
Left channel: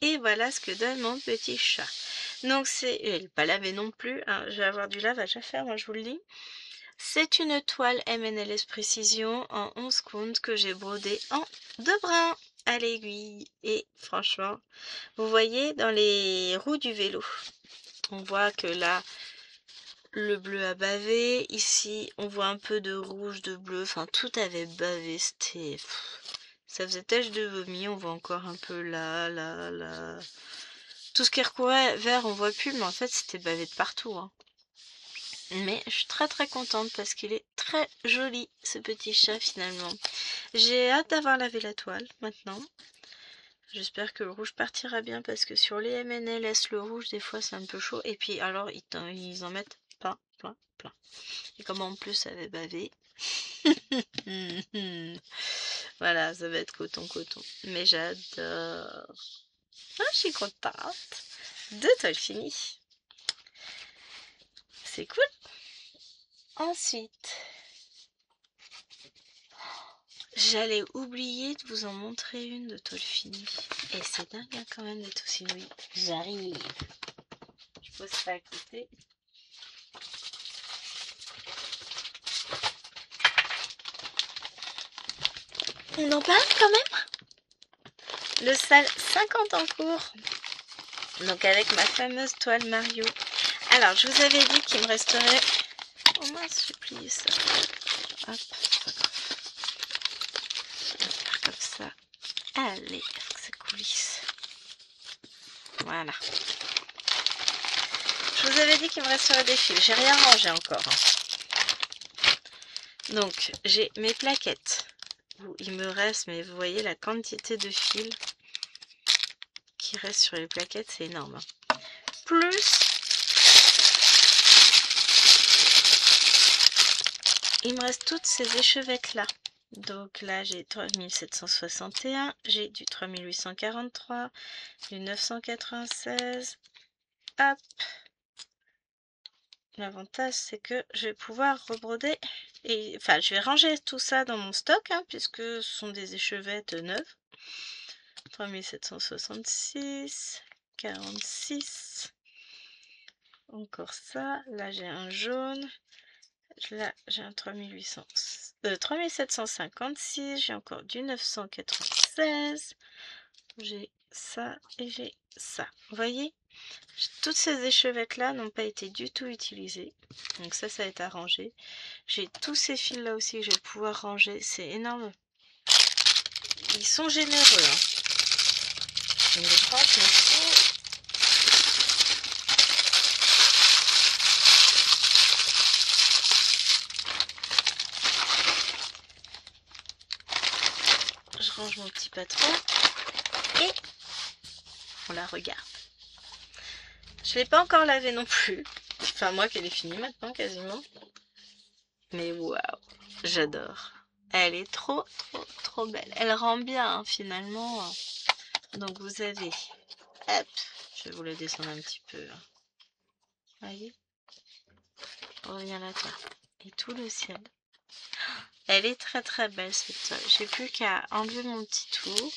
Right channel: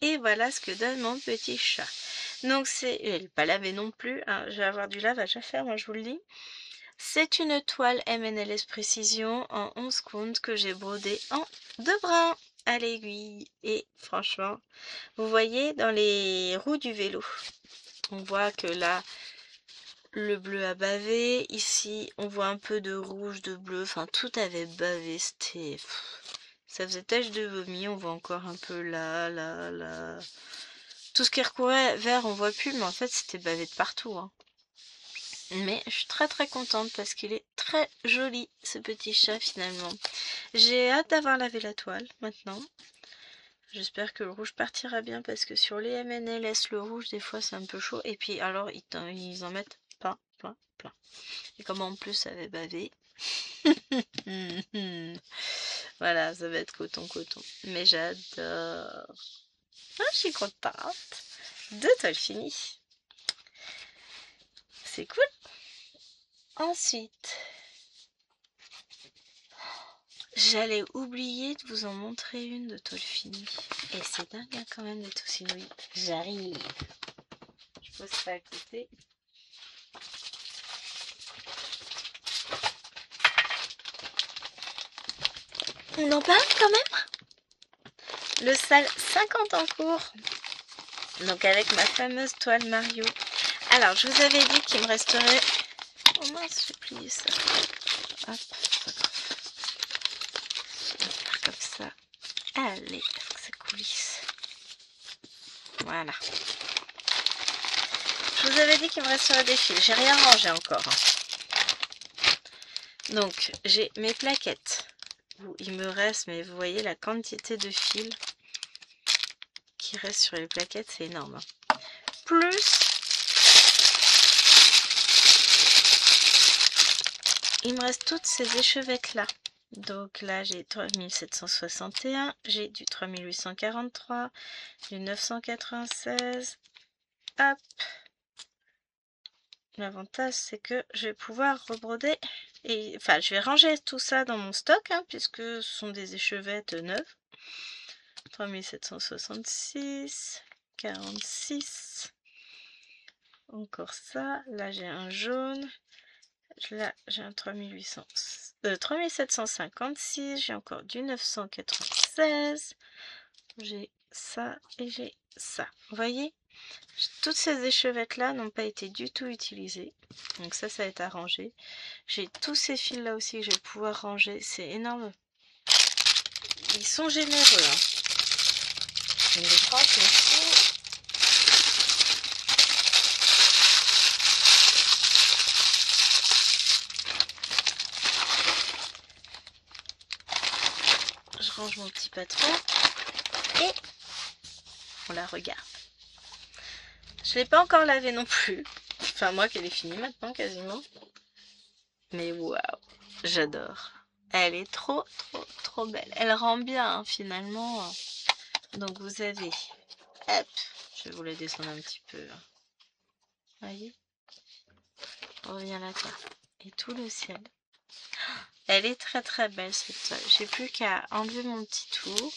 Et voilà ce que donne mon petit chat. Donc c'est... Elle n'est pas lavée non plus, hein. Je vais avoir du lavage à faire, moi je vous le dis. C'est une toile MNLS Précision en 11 count que j'ai brodée en 2 brins à l'aiguille. Et franchement, vous voyez dans les roues du vélo, on voit que là, le bleu a bavé. Ici, on voit un peu de rouge, de bleu. Enfin, tout avait bavé. C'était... Ça faisait tache de vomi. On voit encore un peu là, là, là. Tout ce qui recourait vert, on voit plus. Mais en fait, c'était bavé de partout, hein. Mais je suis très très contente parce qu'il est très joli ce petit chat finalement. J'ai hâte d'avoir lavé la toile maintenant. J'espère que le rouge partira bien parce que sur les MNLS le rouge des fois c'est un peu chaud. Et puis alors ils en mettent plein, plein, plein. Et comme en plus ça avait bavé. Voilà, ça va être coton coton. Mais j'adore. Ah, je suis contente. 2 toiles finies. C'est cool. Ensuite, j'allais oublier de vous en montrer une de toile finie. Et c'est dingue hein, quand même d'être aussi douée. J'arrive. Je pose ça à côté. On en parle quand même. Le sale 50 en cours. Donc avec ma fameuse toile Mario. Alors je vous avais dit qu'il me resterait... Oh mince, j'ai plié ça. Hop, pas grave. On va faire comme ça. Allez, est-ce que c'est coulisses. Voilà. Je vous avais dit qu'il me resterait des fils. J'ai rien rangé encore. Donc, j'ai mes plaquettes. Il me reste, mais vous voyez la quantité de fils qui reste sur les plaquettes, c'est énorme. Plus, il me reste toutes ces échevettes là. Donc là, j'ai 3761, j'ai du 3843, du 996. Hop. L'avantage, c'est que je vais pouvoir rebroder. Et, enfin, je vais ranger tout ça dans mon stock, hein, puisque ce sont des échevettes neuves. 3766, 46. Encore ça. Là, j'ai un jaune. Là, j'ai un 3756. J'ai encore du 996. J'ai ça et j'ai ça. Vous voyez? Toutes ces échevettes là n'ont pas été du tout utilisées. Donc ça va être arrangé. J'ai tous ces fils là aussi que je vais pouvoir ranger. C'est énorme. Ils sont généreux. Hein. Donc, je range mon petit patron et on la regarde. Je ne l'ai pas encore lavé non plus. Enfin, moi qu'elle est finie maintenant quasiment. Mais waouh, j'adore. Elle est trop belle. Elle rend bien hein, finalement. Donc vous avez, hop, je vais vous la descendre un petit peu. Voyez, reviens là toi. Et tout le ciel. Elle est très belle cette toile. J'ai plus qu'à enlever mon petit tour.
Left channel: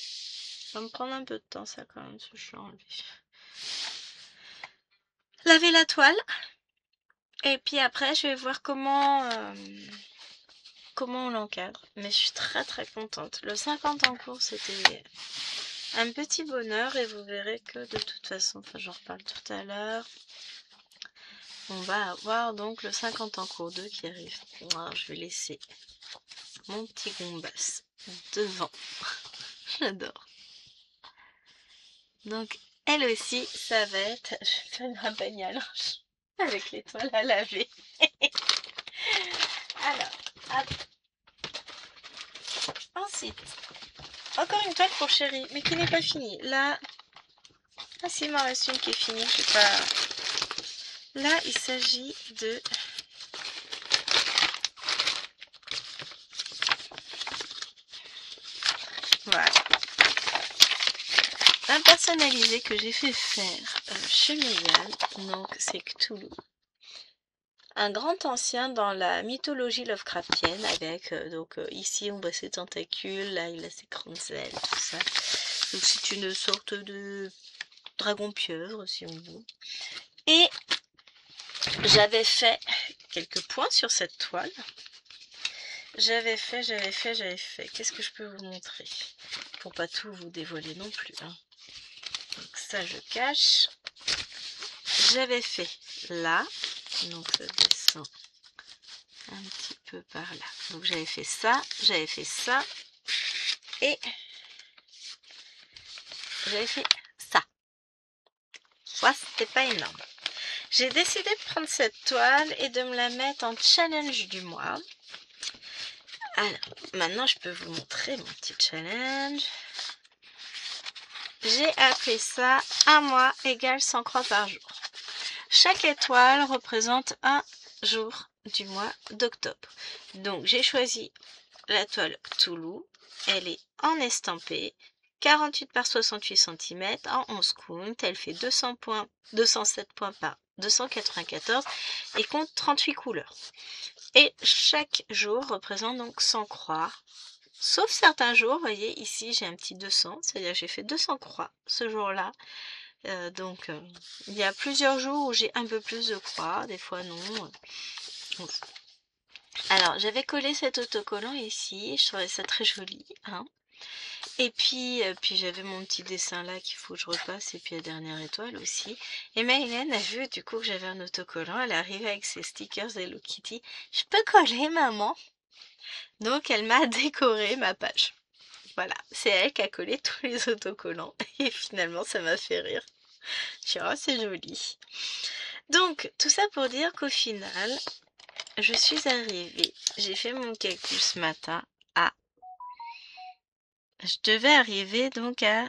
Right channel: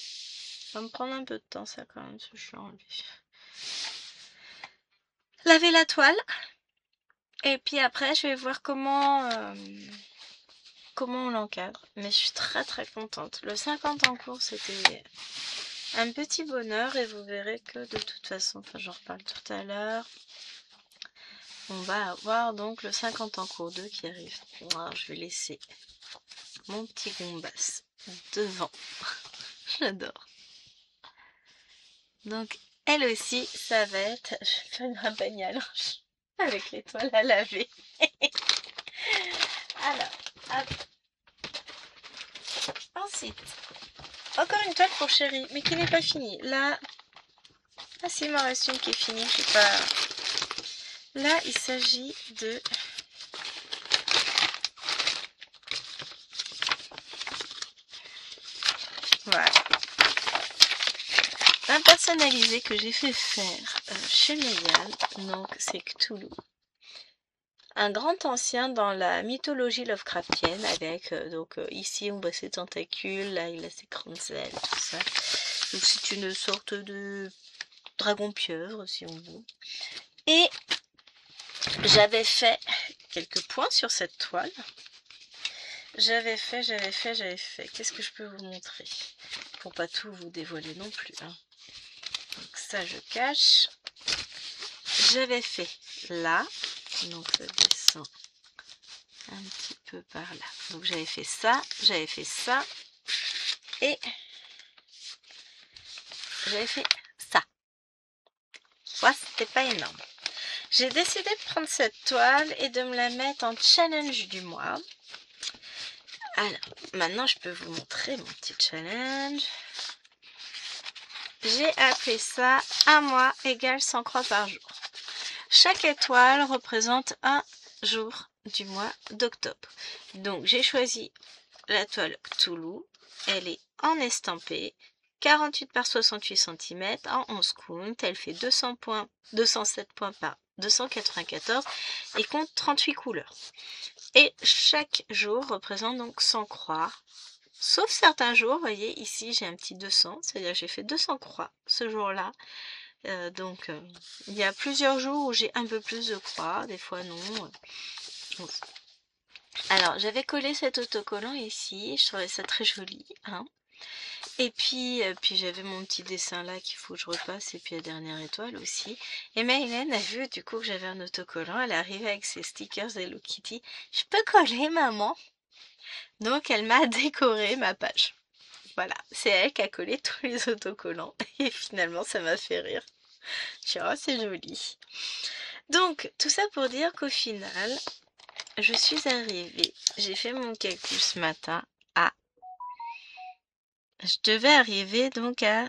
Ça va me prendre un peu de temps ça quand même, ce que je l'ai enlevé. Laver la toile. Et puis après, je vais voir comment on l'encadre. Mais je suis très contente. Le 50 en cours, c'était un petit bonheur. Et vous verrez que de toute façon, enfin j'en reparle tout à l'heure, on va avoir donc le 50 en cours 2 qui arrive. Alors, je vais laisser mon petit Gombas devant. J'adore. Donc, elle aussi, ça va être... Je vais faire un bagnole avec les toiles à laver. Alors, hop. Ensuite, encore une toile pour chérie, mais qui n'est pas finie. Là, ah si, il m'en reste une qui est finie, je sais pas. Là, il s'agit de... Voilà. Un personnalisé que j'ai fait faire chez Mégane, donc c'est Cthulhu. Un grand ancien dans la mythologie Lovecraftienne avec, ici on voit ses tentacules, là il a ses grandes ailes, tout ça. Donc c'est une sorte de dragon pieuvre si on veut. Et j'avais fait quelques points sur cette toile. J'avais fait. Qu'est-ce que je peux vous montrer? Pour pas tout vous dévoiler non plus. Hein. Donc ça je cache. J'avais fait là. Donc ça descend un petit peu par là. Donc j'avais fait ça et j'avais fait ça. Soit c'était pas énorme. J'ai décidé de prendre cette toile et de me la mettre en challenge du mois. Alors, maintenant je peux vous montrer mon petit challenge. J'ai appelé ça un mois égale 100 croix par jour. Chaque étoile représente un jour du mois d'octobre. Donc j'ai choisi la toile Cthulhu. Elle est en estampé, 48 par 68 cm en 11 count. Elle fait 207 points par 294 et compte 38 couleurs. Et chaque jour représente donc 100 croix. Sauf certains jours, vous voyez ici j'ai un petit 200, c'est-à-dire j'ai fait 200 croix ce jour-là. Il y a plusieurs jours où j'ai un peu plus de croix, des fois non. Alors j'avais collé cet autocollant ici, je trouvais ça très joli. Hein. Et puis j'avais mon petit dessin là qu'il faut que je repasse, et puis la dernière étoile aussi. Et Maylène a vu du coup que j'avais un autocollant, elle est arrivée avec ses stickers Hello Kitty. Je peux coller maman? Donc elle m'a décoré ma page. Voilà, c'est elle qui a collé tous les autocollants. Et finalement, ça m'a fait rire. Je dis, oh, c'est joli. Donc, tout ça pour dire qu'au final, je suis arrivée. J'ai fait mon calcul ce matin à... Je devais arriver donc à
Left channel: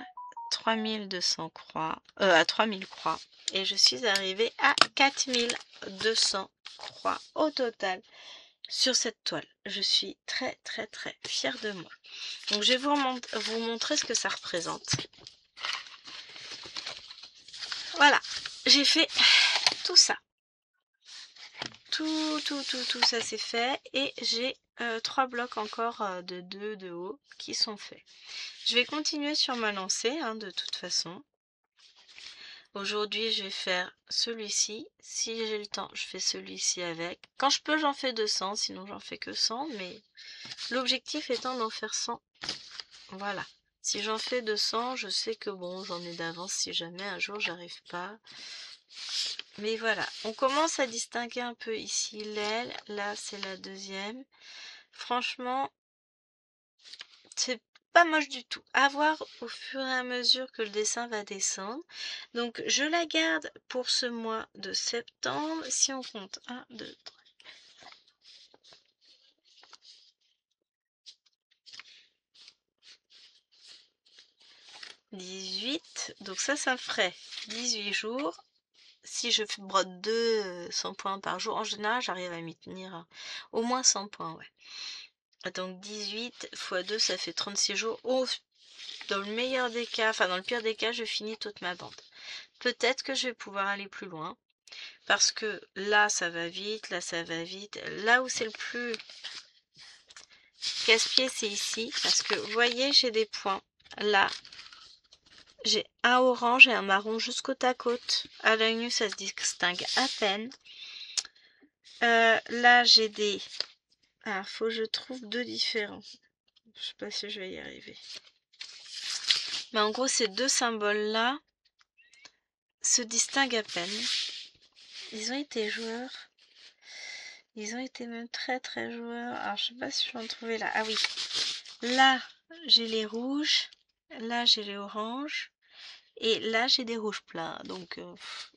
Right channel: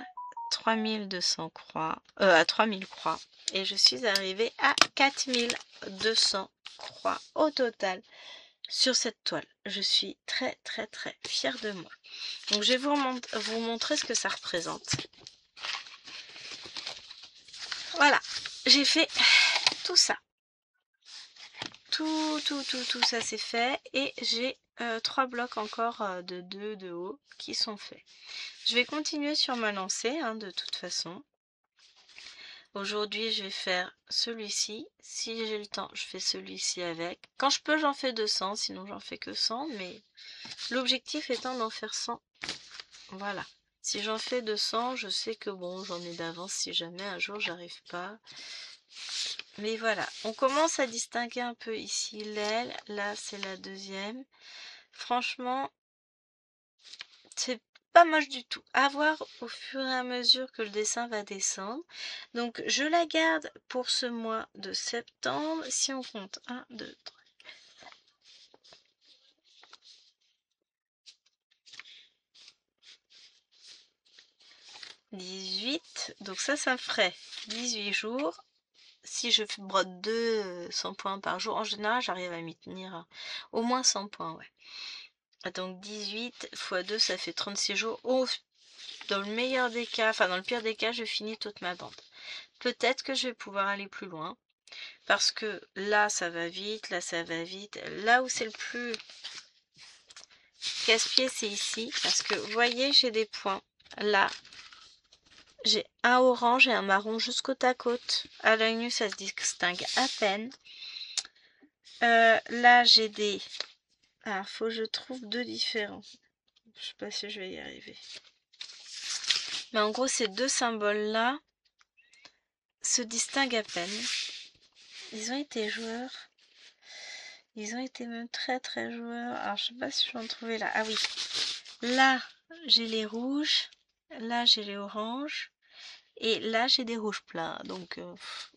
3200 croix, à 3000 croix. Et je suis arrivée à 4200 croix au total sur cette toile. Je suis très très très fière de moi. Donc je vais vous montrer ce que ça représente. Voilà, j'ai fait tout ça. Tout ça c'est fait. Et j'ai 3 blocs encore de 2 de haut qui sont faits. Je vais continuer sur ma lancée hein, de toute façon. Aujourd'hui, je vais faire celui-ci. Si j'ai le temps, je fais celui-ci avec. Quand je peux, j'en fais 200, sinon j'en fais que 100. Mais l'objectif étant d'en faire 100. Voilà. Si j'en fais 200, je sais que bon, j'en ai d'avance si jamais un jour j'arrive pas. Mais voilà, on commence à distinguer un peu ici l'aile. Là, c'est la deuxième. Franchement, c'est pas moche du tout. À voir au fur et à mesure que le dessin va descendre. Donc je la garde pour ce mois de septembre. Si on compte 1, 2, 3. 18. Donc ça me ferait 18 jours. Si je brode 200 points par jour, en général j'arrive à m'y tenir. Au moins 100 points, ouais. Donc 18 x 2, ça fait 36 jours. Dans le meilleur des cas, enfin dans le pire des cas, je finis toute ma bande. Peut-être que je vais pouvoir aller plus loin. Parce que là, ça va vite, là, ça va vite. Là où c'est le plus casse-pied, c'est ici. Parce que, vous voyez, j'ai des points. Là, j'ai un orange et un marron juste côte à côte. À l'œil nu, ça se distingue à peine. Là, j'ai des... Ah, faut que je trouve deux différents. Je sais pas si je vais y arriver. Mais en gros, ces deux symboles-là se distinguent à peine. Ils ont été joueurs. Ils ont été même très très joueurs. Alors, je sais pas si je vais en trouver là. Ah oui. Là, j'ai les rouges. Là, j'ai les oranges. Et là, j'ai des rouges plats. Donc,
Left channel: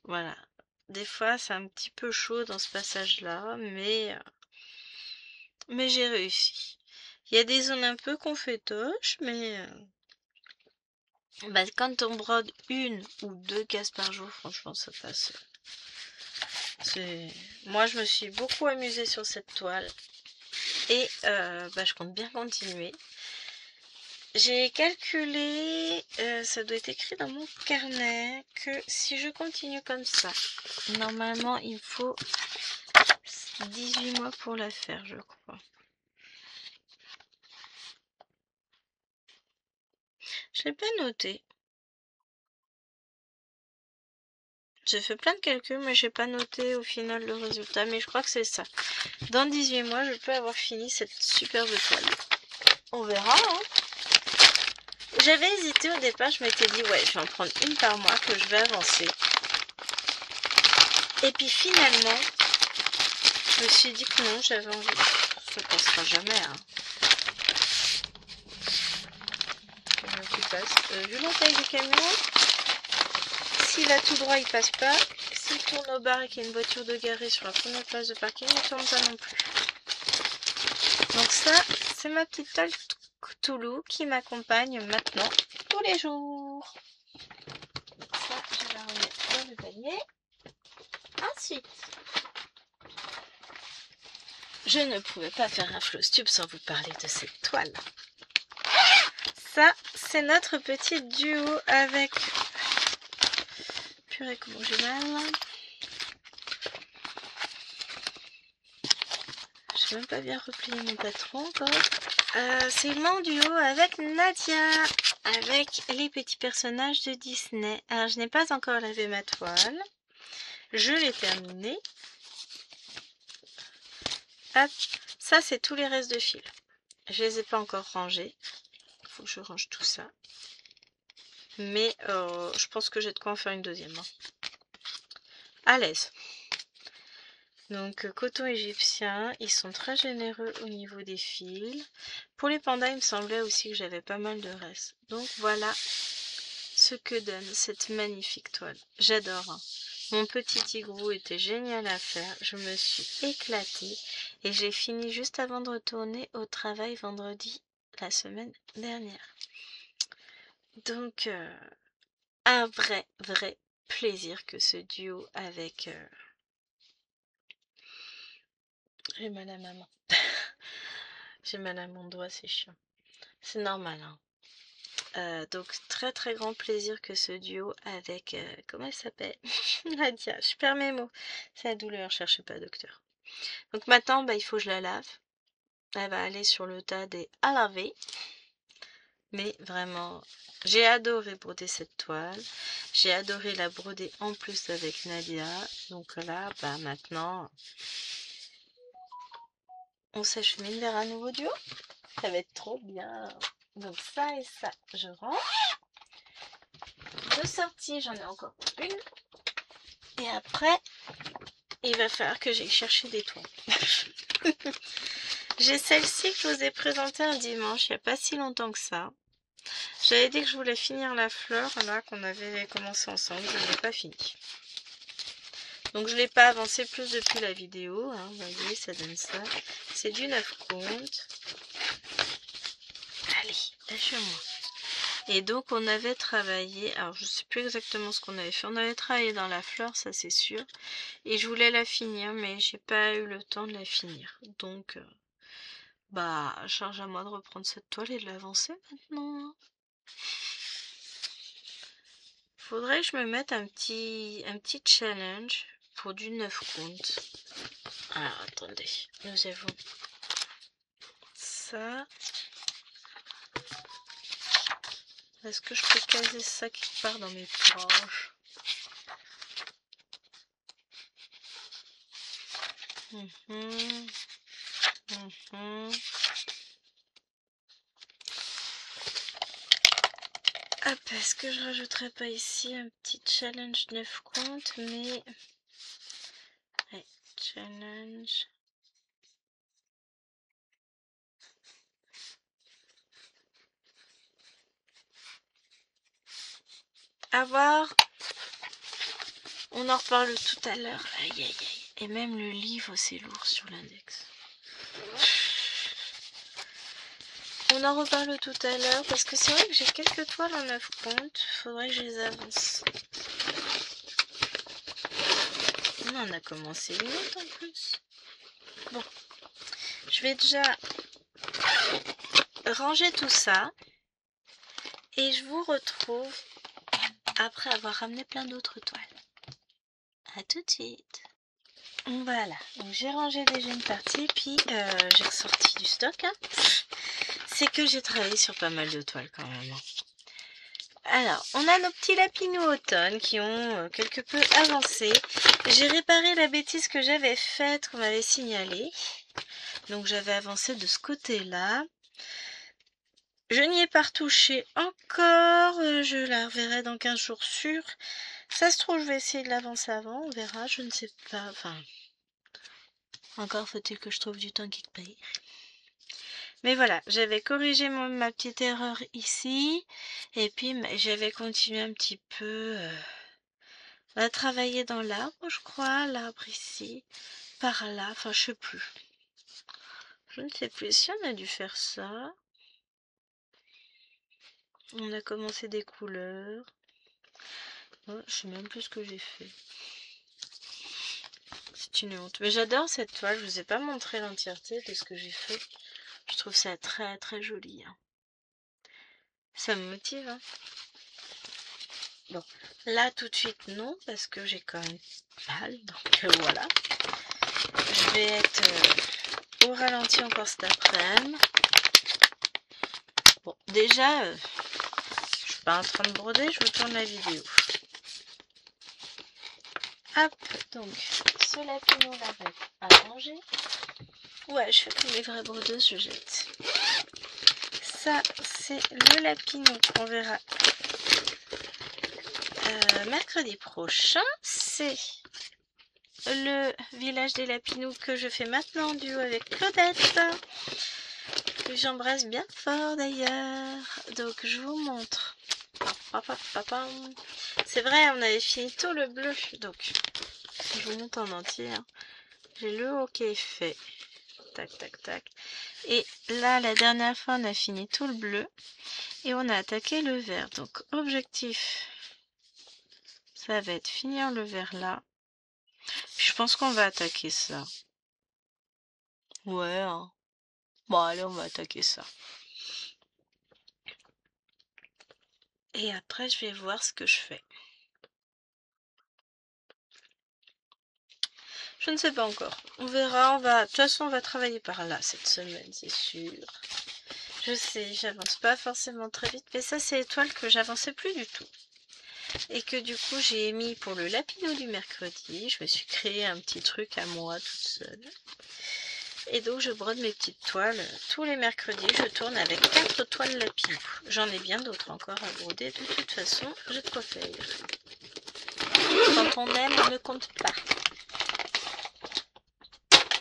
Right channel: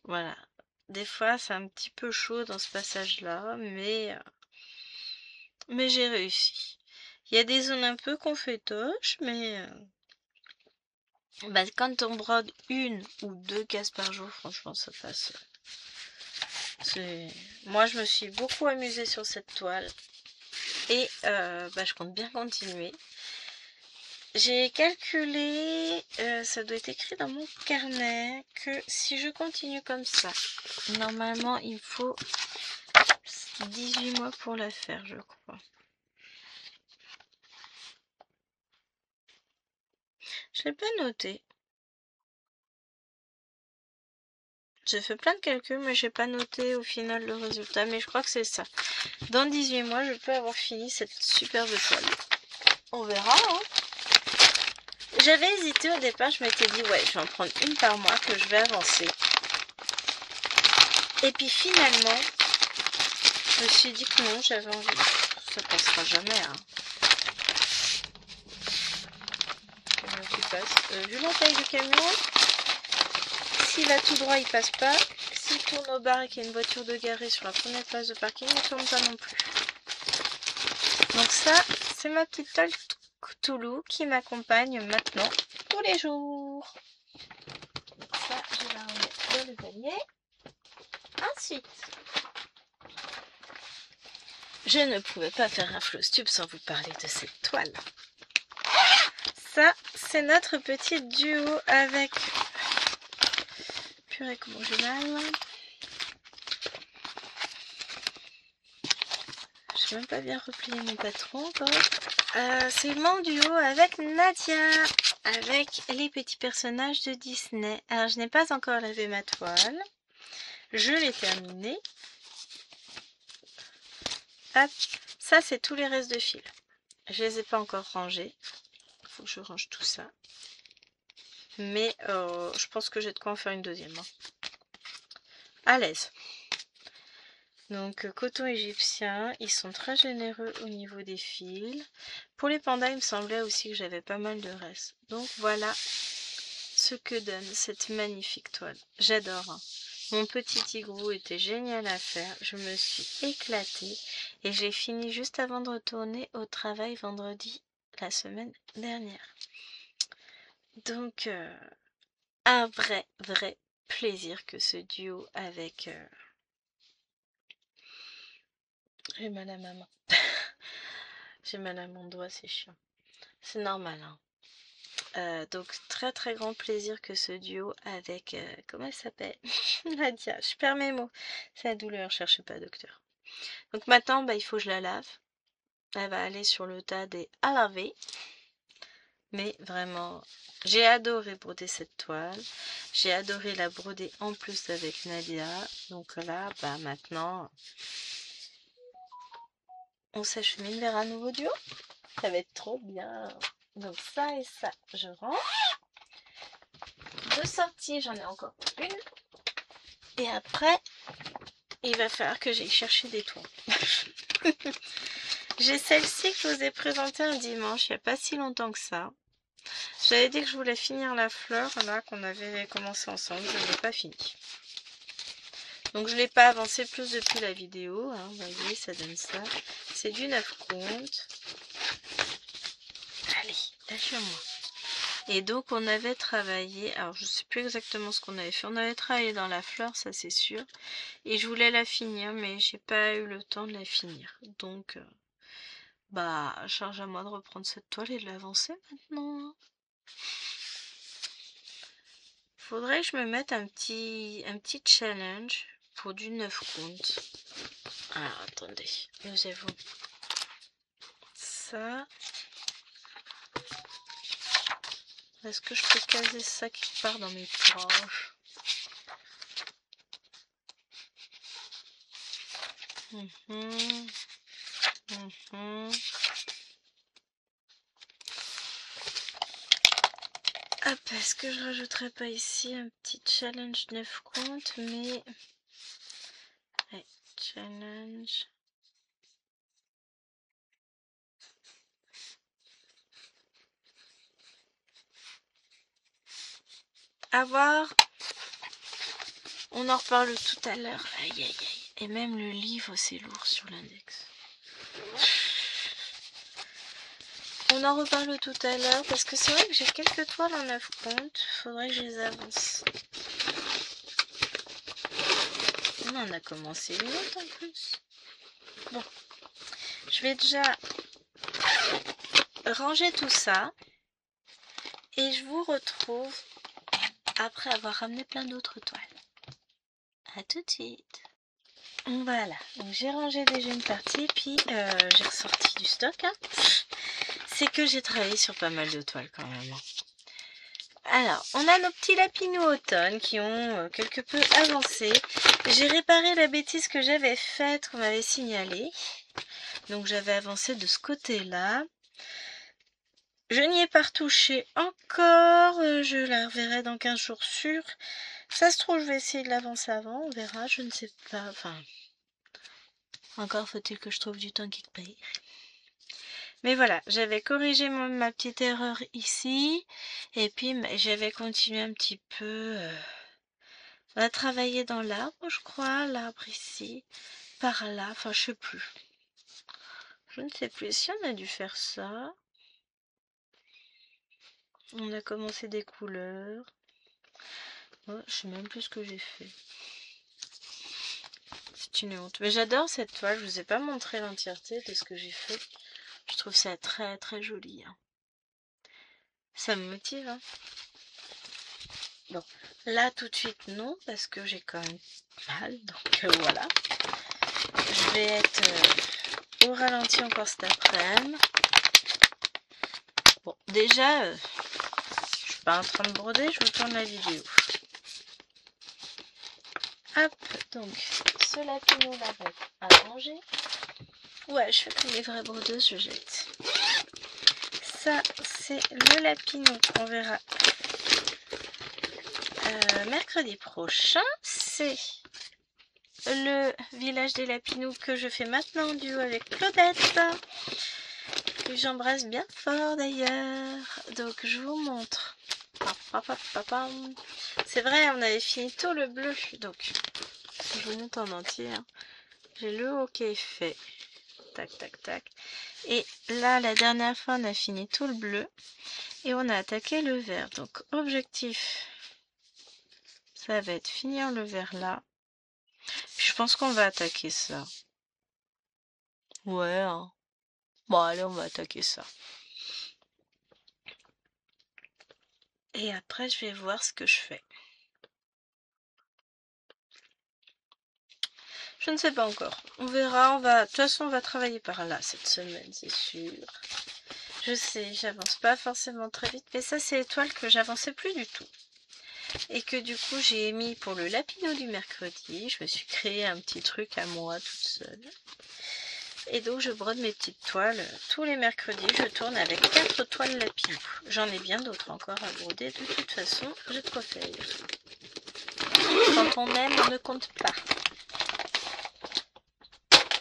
voilà. Des fois, c'est un petit peu chaud dans ce passage-là. Mais j'ai réussi. Il y a des zones un peu confétoches. Mais bah, quand on brode une ou deux cases par jour, franchement, ça passe. Moi, je me suis beaucoup amusée sur cette toile. Et bah, je compte bien continuer. J'ai calculé, ça doit être écrit dans mon carnet, que si je continue comme ça, normalement il me faut 18 mois pour la faire, je crois. Je l'ai pas noté. J'ai fait plein de calculs, mais j'ai pas noté au final le résultat, mais je crois que c'est ça. Dans 18 mois, je peux avoir fini cette superbe toile. On verra, hein. J'avais hésité au départ, je m'étais dit, ouais, je vais en prendre une par mois, que je vais avancer. Et puis finalement, je me suis dit que non, j'avais envie. Ça passera jamais, hein. Qui passe. Vu la taille du camion, s'il va tout droit, il passe pas. S'il tourne au bar et qu'il y a une voiture de garée sur la première place de parking, il ne tourne pas non plus. Donc ça, c'est ma petite toile Cthulhu qui m'accompagne maintenant tous les jours. Ça, je vais la remettre dans le panier. Ensuite, je ne pouvais pas faire un Flowstube sans vous parler de cette toile. Ça, c'est notre petit duo avec... Purée, comment j'ai mal. Je n'ai même pas bien replié mon patron encore. C'est mon duo avec Nadia, avec les petits personnages de Disney. Alors, je n'ai pas encore lavé ma toile. Je l'ai terminée. Hop, ça c'est tous les restes de fil. Je les ai pas encore rangés. Il faut que je range tout ça. Mais je pense que j'ai de quoi en faire une deuxième. Hein. À l'aise. Donc coton égyptien, ils sont très généreux au niveau des fils. Pour les pandas, il me semblait aussi que j'avais pas mal de restes. Donc voilà ce que donne cette magnifique toile. J'adore, hein. Mon petit igloo était génial à faire. Je me suis éclatée et j'ai fini juste avant de retourner au travail vendredi la semaine dernière. Donc un vrai plaisir que ce duo avec... J'ai mal à ma main. J'ai mal à mon doigt, c'est chiant. C'est normal, hein. Donc très grand plaisir que ce duo avec... comment elle s'appelle? Nadia, je perds mes mots. C'est la douleur, cherchez pas docteur. Donc maintenant, il faut que je la lave. Elle va aller sur le tas des à laver. Mais vraiment, j'ai adoré broder cette toile. J'ai adoré la broder en plus avec Nadia. Donc là, maintenant, on s'achemine vers un nouveau duo. Ça va être trop bien. Donc ça et ça, je range. De sortie, j'en ai encore une. Et après, il va falloir que j'aille chercher des toiles. J'ai celle-ci que je vous ai présentée un dimanche, il n'y a pas si longtemps que ça. J'avais dit que je voulais finir la fleur, là, qu'on avait commencé ensemble. Je ne l'ai pas fini. Donc je ne l'ai pas avancé plus depuis la vidéo. Hein, vous voyez, ça donne ça. C'est du 9 comptes. Allez, lâche-moi. Et donc on avait travaillé, alors je ne sais plus exactement ce qu'on avait fait. On avait travaillé dans la fleur, ça c'est sûr. Et je voulais la finir, mais j'ai pas eu le temps de la finir. Donc, charge à moi de reprendre cette toile et de l'avancer maintenant. Faudrait que je me mette un petit challenge pour du 9 comptes. Alors, attendez, nous avons ça. Est-ce que je peux caser ça quelque part dans mes poches? Hop, est-ce que je rajouterais pas ici un petit challenge 9 comptes, mais... Ouais, challenge... À voir. On en reparle tout à l'heure. Aïe, aïe, aïe. Et même le livre, c'est lourd sur l'index. On en reparle tout à l'heure parce que c'est vrai que j'ai quelques toiles en 9 comptes. Faudrait que je les avance. On en a commencé une autre en plus. Bon. Je vais déjà ranger tout ça. Et je vous retrouve après avoir ramené plein d'autres toiles. À tout de suite. Voilà, donc j'ai rangé déjà une partie, puis j'ai ressorti du stock. Hein. C'est que j'ai travaillé sur pas mal de toiles quand même. Alors, on a nos petits lapinous automne qui ont quelque peu avancé. J'ai réparé la bêtise que j'avais faite, qu'on m'avait signalée. Donc j'avais avancé de ce côté-là. Je n'y ai pas retouché encore. Je la reverrai dans 15 jours sûrs. Ça se trouve, je vais essayer de l'avancer avant. On verra, je ne sais pas. Enfin, encore faut-il que je trouve du temps quelque part. Mais voilà, j'avais corrigé ma petite erreur ici. Et puis, j'avais continué un petit peu à travailler dans l'arbre, je crois. L'arbre ici, par là. Enfin, je sais plus. Je ne sais plus si on a dû faire ça. On a commencé des couleurs. Oh, je sais même plus ce que j'ai fait. C'est une honte. Mais j'adore cette toile. Je vous ai pas montré l'entièreté de ce que j'ai fait. Je trouve ça très joli. Hein. Ça me motive. Hein. Bon, là tout de suite non, parce que j'ai quand même mal. Donc voilà. Je vais être au ralenti encore cet après-midi. Bon, déjà, je suis pas en train de broder, je vous tourne la vidéo. Hop, donc, ce lapino là va être à ranger. Ouais, je fais comme les vraies brodeuses, je jette. Ça, c'est le lapino qu'on verra mercredi prochain. C'est le village des Lapinous que je fais maintenant en duo avec Claudette, que j'embrasse bien fort d'ailleurs. Donc je vous montre. C'est vrai, on avait fini tout le bleu, donc je vous montre en entier. Hein. J'ai le haut qui est fait. Tac, tac, tac. Et là, la dernière fois, on a fini tout le bleu. Et on a attaqué le vert. Donc, objectif, ça va être finir le vert là. Puis, je pense qu'on va attaquer ça. Ouais. Hein. Bon, allez, on va attaquer ça. Et après, je vais voir ce que je fais. Je ne sais pas encore. On verra. De toute façon, on va travailler par là cette semaine, c'est sûr. Je sais, j'avance pas forcément très vite. Mais ça, c'est l'étoile que j'avançais plus du tout. Et que du coup, j'ai mis pour le Lapinou du mercredi. Je me suis créé un petit truc à moi toute seule. Et donc, je brode mes petites toiles. Tous les mercredis, je tourne avec 4 toiles Lapinou. J'en ai bien d'autres encore à broder. De toute façon, j'ai de quoi faire. Quand on aime, on ne compte pas.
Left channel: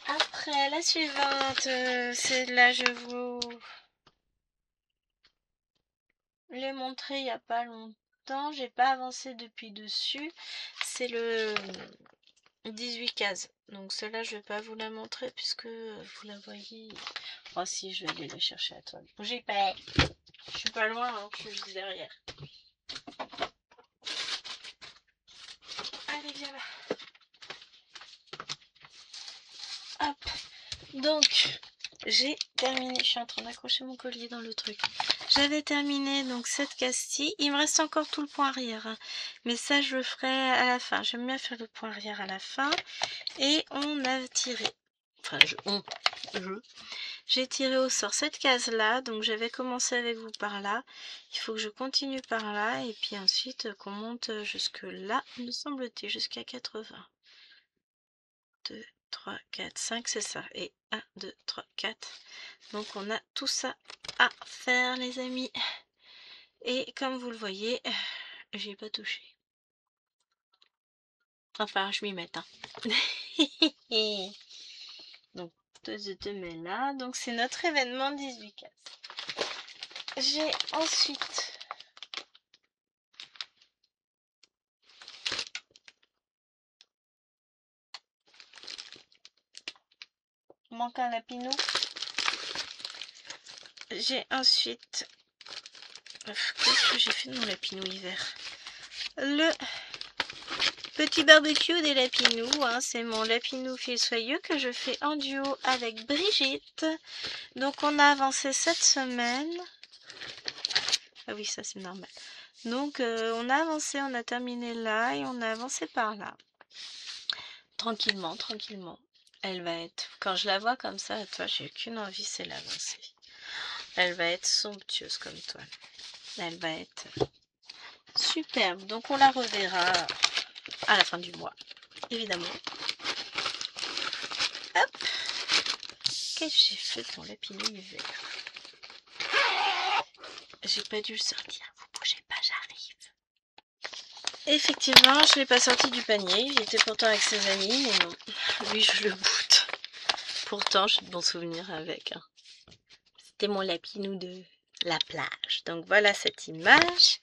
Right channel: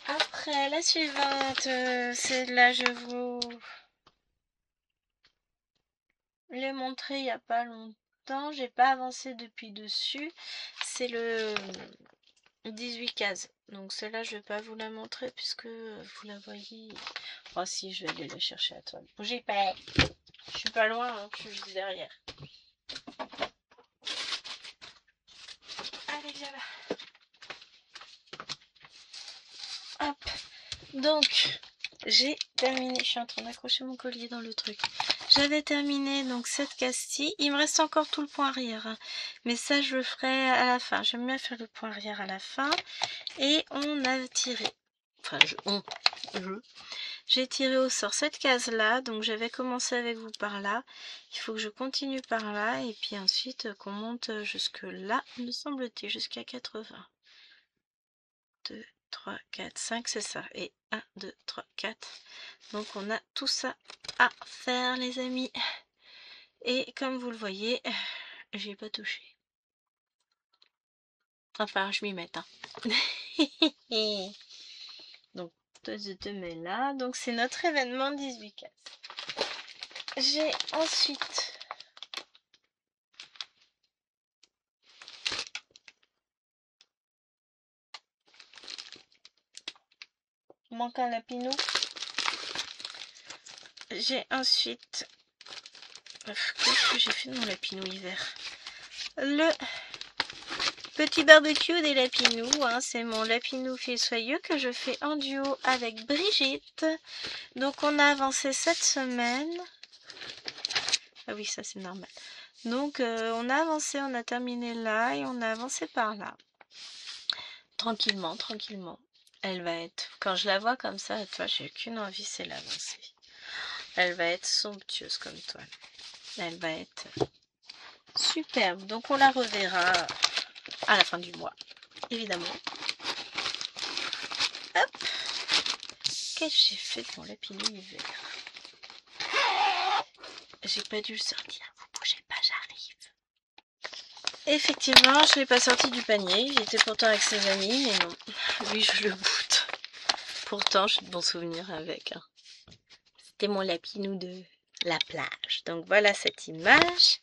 Après, la suivante, c'est là, je vous l'ai montré il n'y a pas longtemps. J'ai pas avancé depuis dessus. C'est le 18 cases. Donc celle-là, je vais pas vous la montrer puisque vous la voyez. Oh si, je vais aller la chercher à toile. Bougez pas. Je suis pas loin, hein, je suis juste derrière. Allez, viens là. Hop. Donc, j'ai terminé. Je suis en train d'accrocher mon collier dans le truc. J'avais terminé donc cette case-ci. Il me reste encore tout le point arrière. Hein. Mais ça, je le ferai à la fin. J'aime bien faire le point arrière à la fin. Et on a tiré. Enfin, j'ai tiré au sort cette case-là. Donc, j'avais commencé avec vous par là. Il faut que je continue par là. Et puis ensuite, qu'on monte jusque là, me semble-t-il, jusqu'à 80. 2, 3, 4, 5, c'est ça. Et 1, 2, 3, 4. Donc on a tout ça à faire les amis. Et comme vous le voyez, j'ai pas touché. Enfin, je m'y mette. Hein. Donc, je te mets là. Donc c'est notre événement 18 cases. J'ai ensuite... manque un lapinou. J'ai ensuite... qu'est-ce que j'ai fait de mon lapinou hiver? Le petit barbecue des Lapinous, hein, c'est mon Lapinou fil soyeux que je fais en duo avec Brigitte. Donc on a avancé cette semaine. Ah oui, ça c'est normal. Donc on a avancé, on a terminé là et on a avancé par là. Tranquillement, tranquillement. Elle va être, quand je la vois comme ça, toi, j'ai qu'une envie, c'est l'avancer. Elle va être somptueuse comme toile. Elle va être superbe. Donc on la reverra à la fin du mois, évidemment. Hop. Qu'est-ce que j'ai fait de mon Lapinou hiver? J'ai pas dû le sortir. Vous bougez pas, j'arrive. Effectivement, je l'ai pas sorti du panier. Il était pourtant avec ses amis, mais non. Lui, je le boute. Pourtant, j'ai de bons souvenirs avec. Hein. C'était mon Lapinou de la plage. Donc voilà cette image.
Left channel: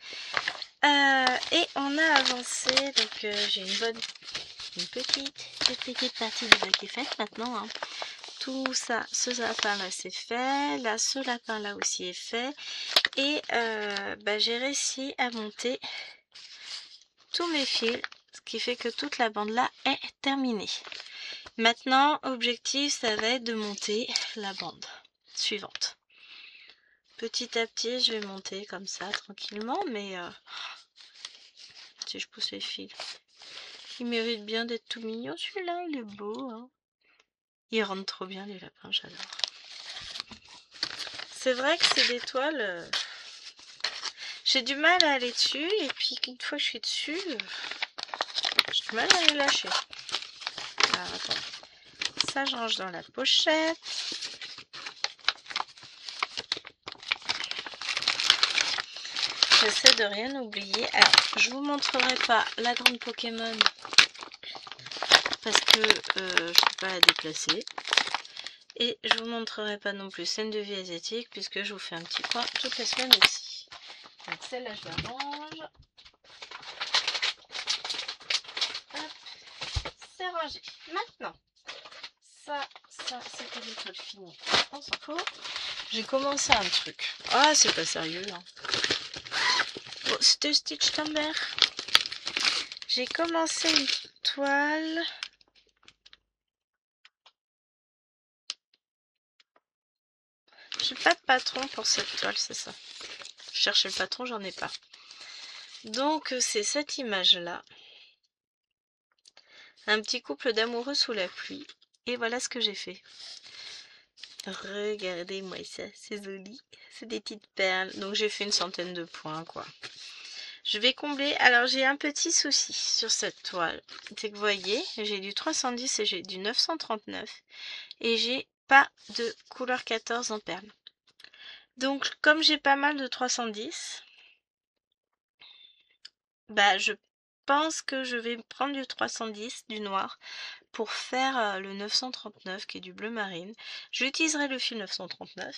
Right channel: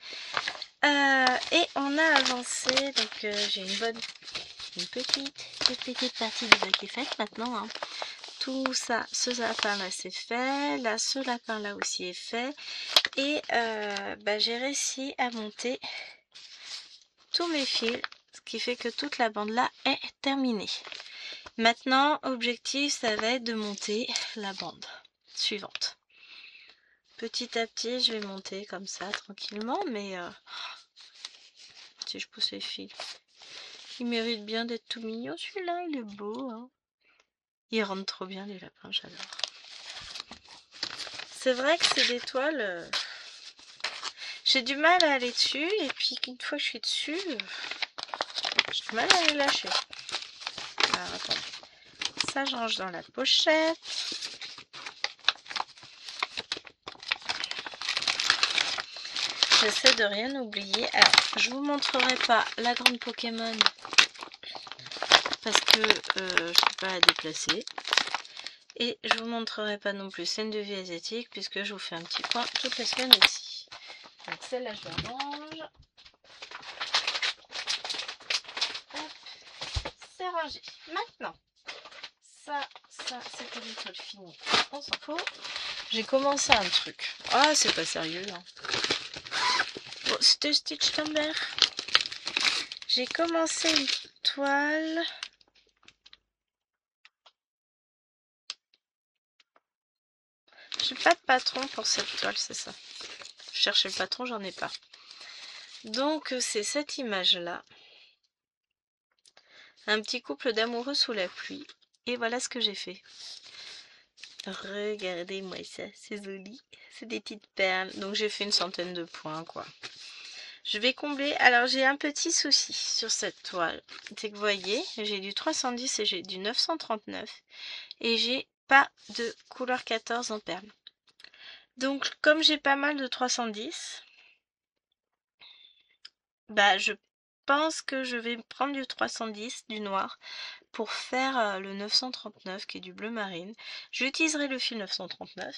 Et on a avancé. Donc j'ai une petite partie du bac est faite maintenant. Hein. Tout ça, ce lapin là c'est fait. Là, ce lapin là aussi est fait. Et j'ai réussi à monter tous mes fils. Ce qui fait que toute la bande là est terminée. Maintenant, objectif, ça va être de monter la bande suivante. Petit à petit, je vais monter comme ça, tranquillement, mais si je pousse les fils. Il mérite bien d'être tout mignon, celui-là, il est beau. Hein. Il rentre trop bien, les lapins, j'adore. C'est vrai que c'est des toiles... j'ai du mal à aller dessus, et puis une fois que je suis dessus, j'ai du mal à les lâcher. Alors, attendez. Ça, je range dans la pochette. J'essaie de rien oublier. Alors, je vous montrerai pas la grande Pokémon parce que je ne peux pas la déplacer. Et je vous montrerai pas non plus scène de vie asiatique puisque je vous fais un petit point toutes les semaines aussi. Donc celle-là je la range. Hop, c'est rangé. Maintenant, ça c'était des trucs finis. On s'en fout. J'ai commencé un truc. Ah, c'est pas sérieux là. Bon, c'était Stitch Timber. J'ai commencé une toile. J'ai pas de patron pour cette toile, c'est ça. Je cherchais le patron, j'en ai pas. Donc c'est cette image là. Un petit couple d'amoureux sous la pluie. Et voilà ce que j'ai fait. Regardez-moi ça, c'est joli. C'est des petites perles. Donc j'ai fait une centaine de points quoi. Je vais combler. Alors j'ai un petit souci sur cette toile. C'est que vous voyez, j'ai du 310 et j'ai du 939. Et j'ai pas de couleur 14 en perles. Donc comme j'ai pas mal de 310, bah je pense que je vais prendre du 310, du noir, pour faire le 939 qui est du bleu marine. J'utiliserai le fil 939.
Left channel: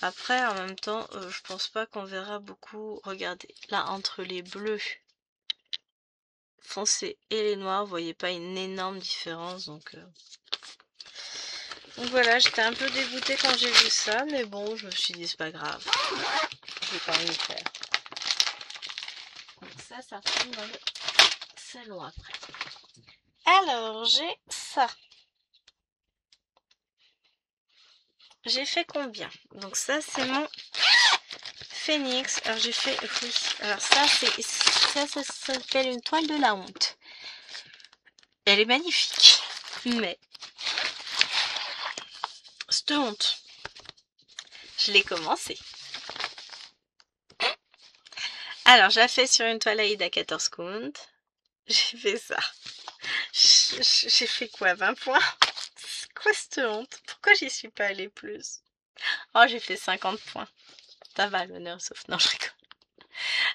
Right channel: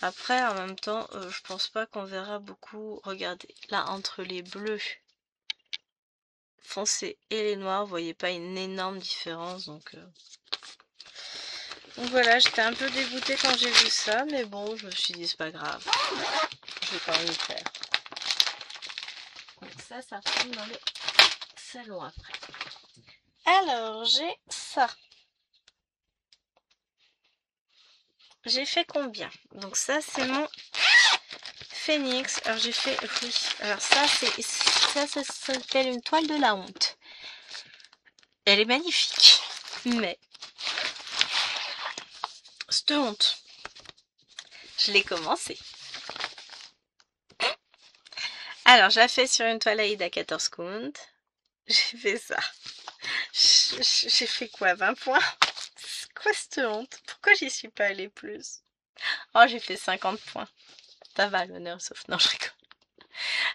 Après, en même temps, je pense pas qu'on verra beaucoup. Regardez, là, entre les bleus foncés et les noirs, vous voyez pas une énorme différence. Donc voilà, j'étais un peu dégoûtée quand j'ai vu ça, mais bon, je me suis dit, c'est pas grave. Je vais quand même le faire. Donc ça tombe dans le salon après. Alors, j'ai ça. J'ai fait combien? Donc ça, c'est mon Phoenix. Alors j'ai fait, oui, alors ça s'appelle une toile de la honte. Elle est magnifique, mais cette honte, je l'ai commencé. Alors je la fais sur une toile Aïda 14 count. J'ai fait ça. J'ai fait quoi, 20 points? C'est quoi cette honte? Pourquoi j'y suis pas allée plus? Oh, j'ai fait 50 points. Ça va, l'honneur, sauf non, je rigole.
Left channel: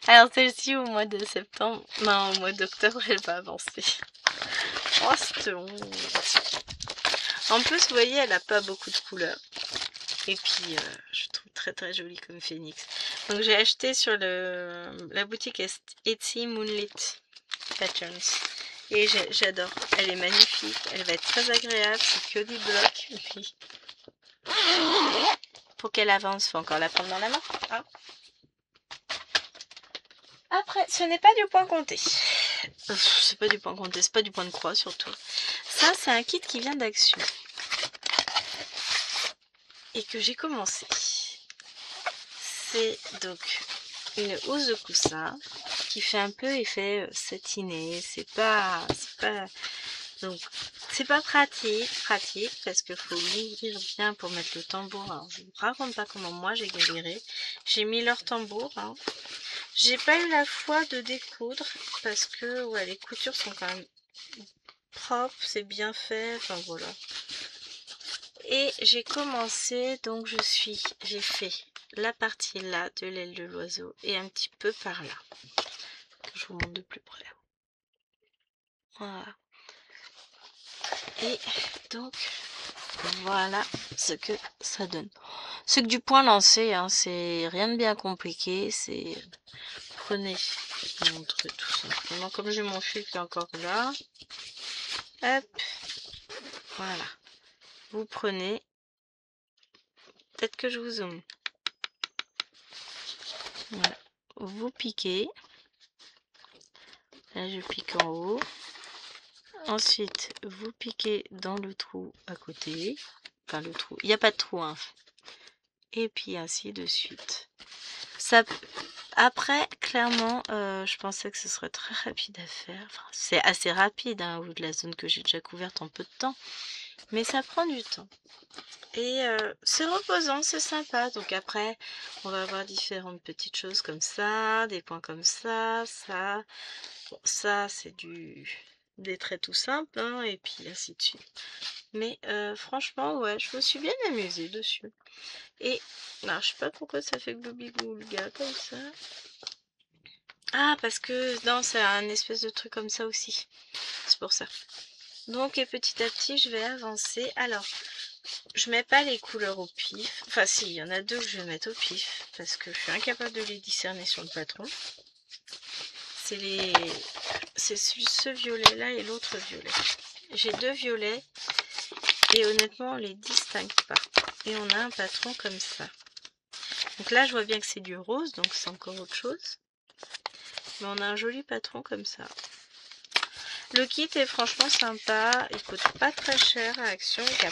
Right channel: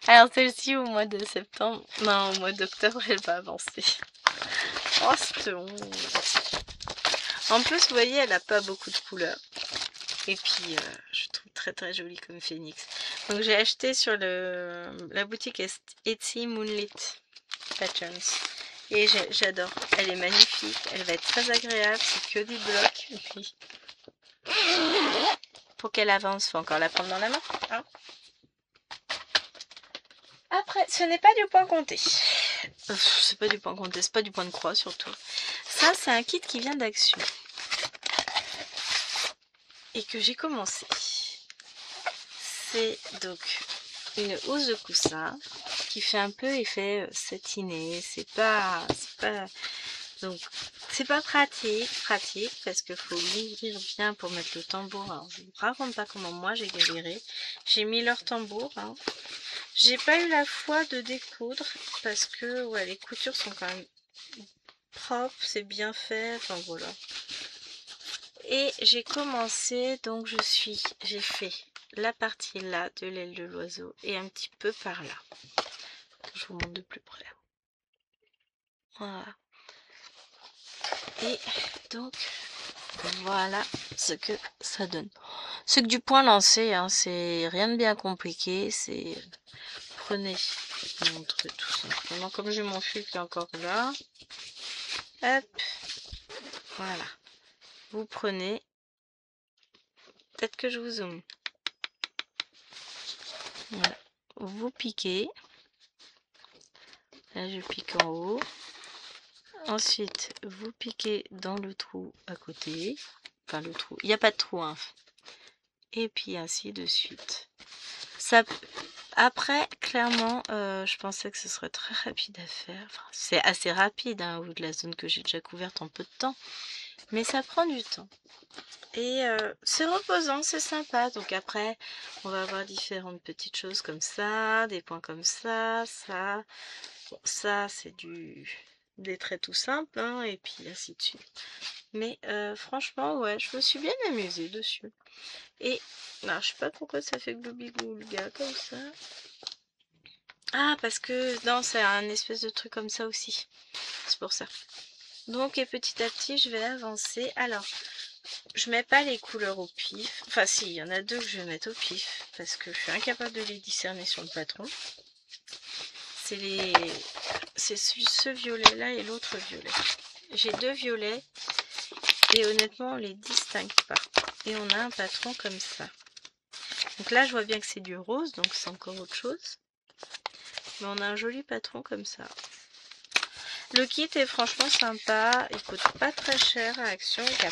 Alors celle-ci au mois de septembre, non, au mois d'octobre, elle va avancer. Oh, cette honte. En plus, vous voyez, elle n'a pas beaucoup de couleurs. Et puis, je trouve très très jolie comme phénix. Donc, j'ai acheté sur la boutique Etsy Moonlit Patterns. Et j'adore. Elle est magnifique. Elle va être très agréable. C'est que des blocs. Et puis, pour qu'elle avance, il faut encore la prendre dans la main. Hein. Après, ce n'est pas du point compté. C'est pas du point compté, c'est pas du point de croix surtout. Ça, c'est un kit qui vient d'Action. Et que j'ai commencé. C'est donc une housse de coussin qui fait un peu effet satiné. C'est pas donc c'est pas pratique parce qu'il faut l'ouvrir bien pour mettre le tambour. Alors je vous raconte pas comment moi j'ai galéré. J'ai mis leur tambour. Hein. J'ai pas eu la foi de découdre parce que ouais, les coutures sont quand même propres, c'est bien fait. Enfin voilà. Et j'ai commencé, donc j'ai fait la partie là de l'aile de l'oiseau et un petit peu par là. Je vous montre de plus près. Voilà. Et donc, voilà ce que ça donne. C'est que du point lancé, hein, c'est rien de bien compliqué. C'est prenez, je vous montre tout simplement. Comme j'ai mon fil qui est encore là, hop, voilà. Vous prenez, peut-être que je vous zoome. Voilà. Vous piquez. Là, je pique en haut. Ensuite, vous piquez dans le trou à côté. Enfin, le trou. Il n'y a pas de trou, hein. Et puis, ainsi de suite. Ça... Après, clairement, je pensais que ce serait très rapide à faire. Enfin, c'est assez rapide, hein, au vu de la zone que j'ai déjà couverte en peu de temps. Mais ça prend du temps. Et c'est reposant, c'est sympa. Donc après, on va avoir différentes petites choses comme ça, des points comme ça, ça. Bon, ça, c'est des traits tout simples, hein, et puis ainsi de suite. Mais franchement, ouais, je me suis bien amusée dessus. Et, alors, je sais pas pourquoi ça fait gloubi-gloulga comme ça. Ah, parce que, non, c'est un espèce de truc comme ça aussi. C'est pour ça. Donc, et petit à petit, je vais avancer. Alors, je mets pas les couleurs au pif. Enfin, si, il y en a deux que je vais mettre au pif. Parce que je suis incapable de les discerner sur le patron. C'est ce violet-là et l'autre violet. J'ai deux violets. Et honnêtement, on les distingue pas. Et on a un patron comme ça. Donc là, je vois bien que c'est du rose, donc c'est encore autre chose. Mais on a un joli patron comme ça. Le kit est franchement sympa. Il coûte pas très cher à Action. Il y a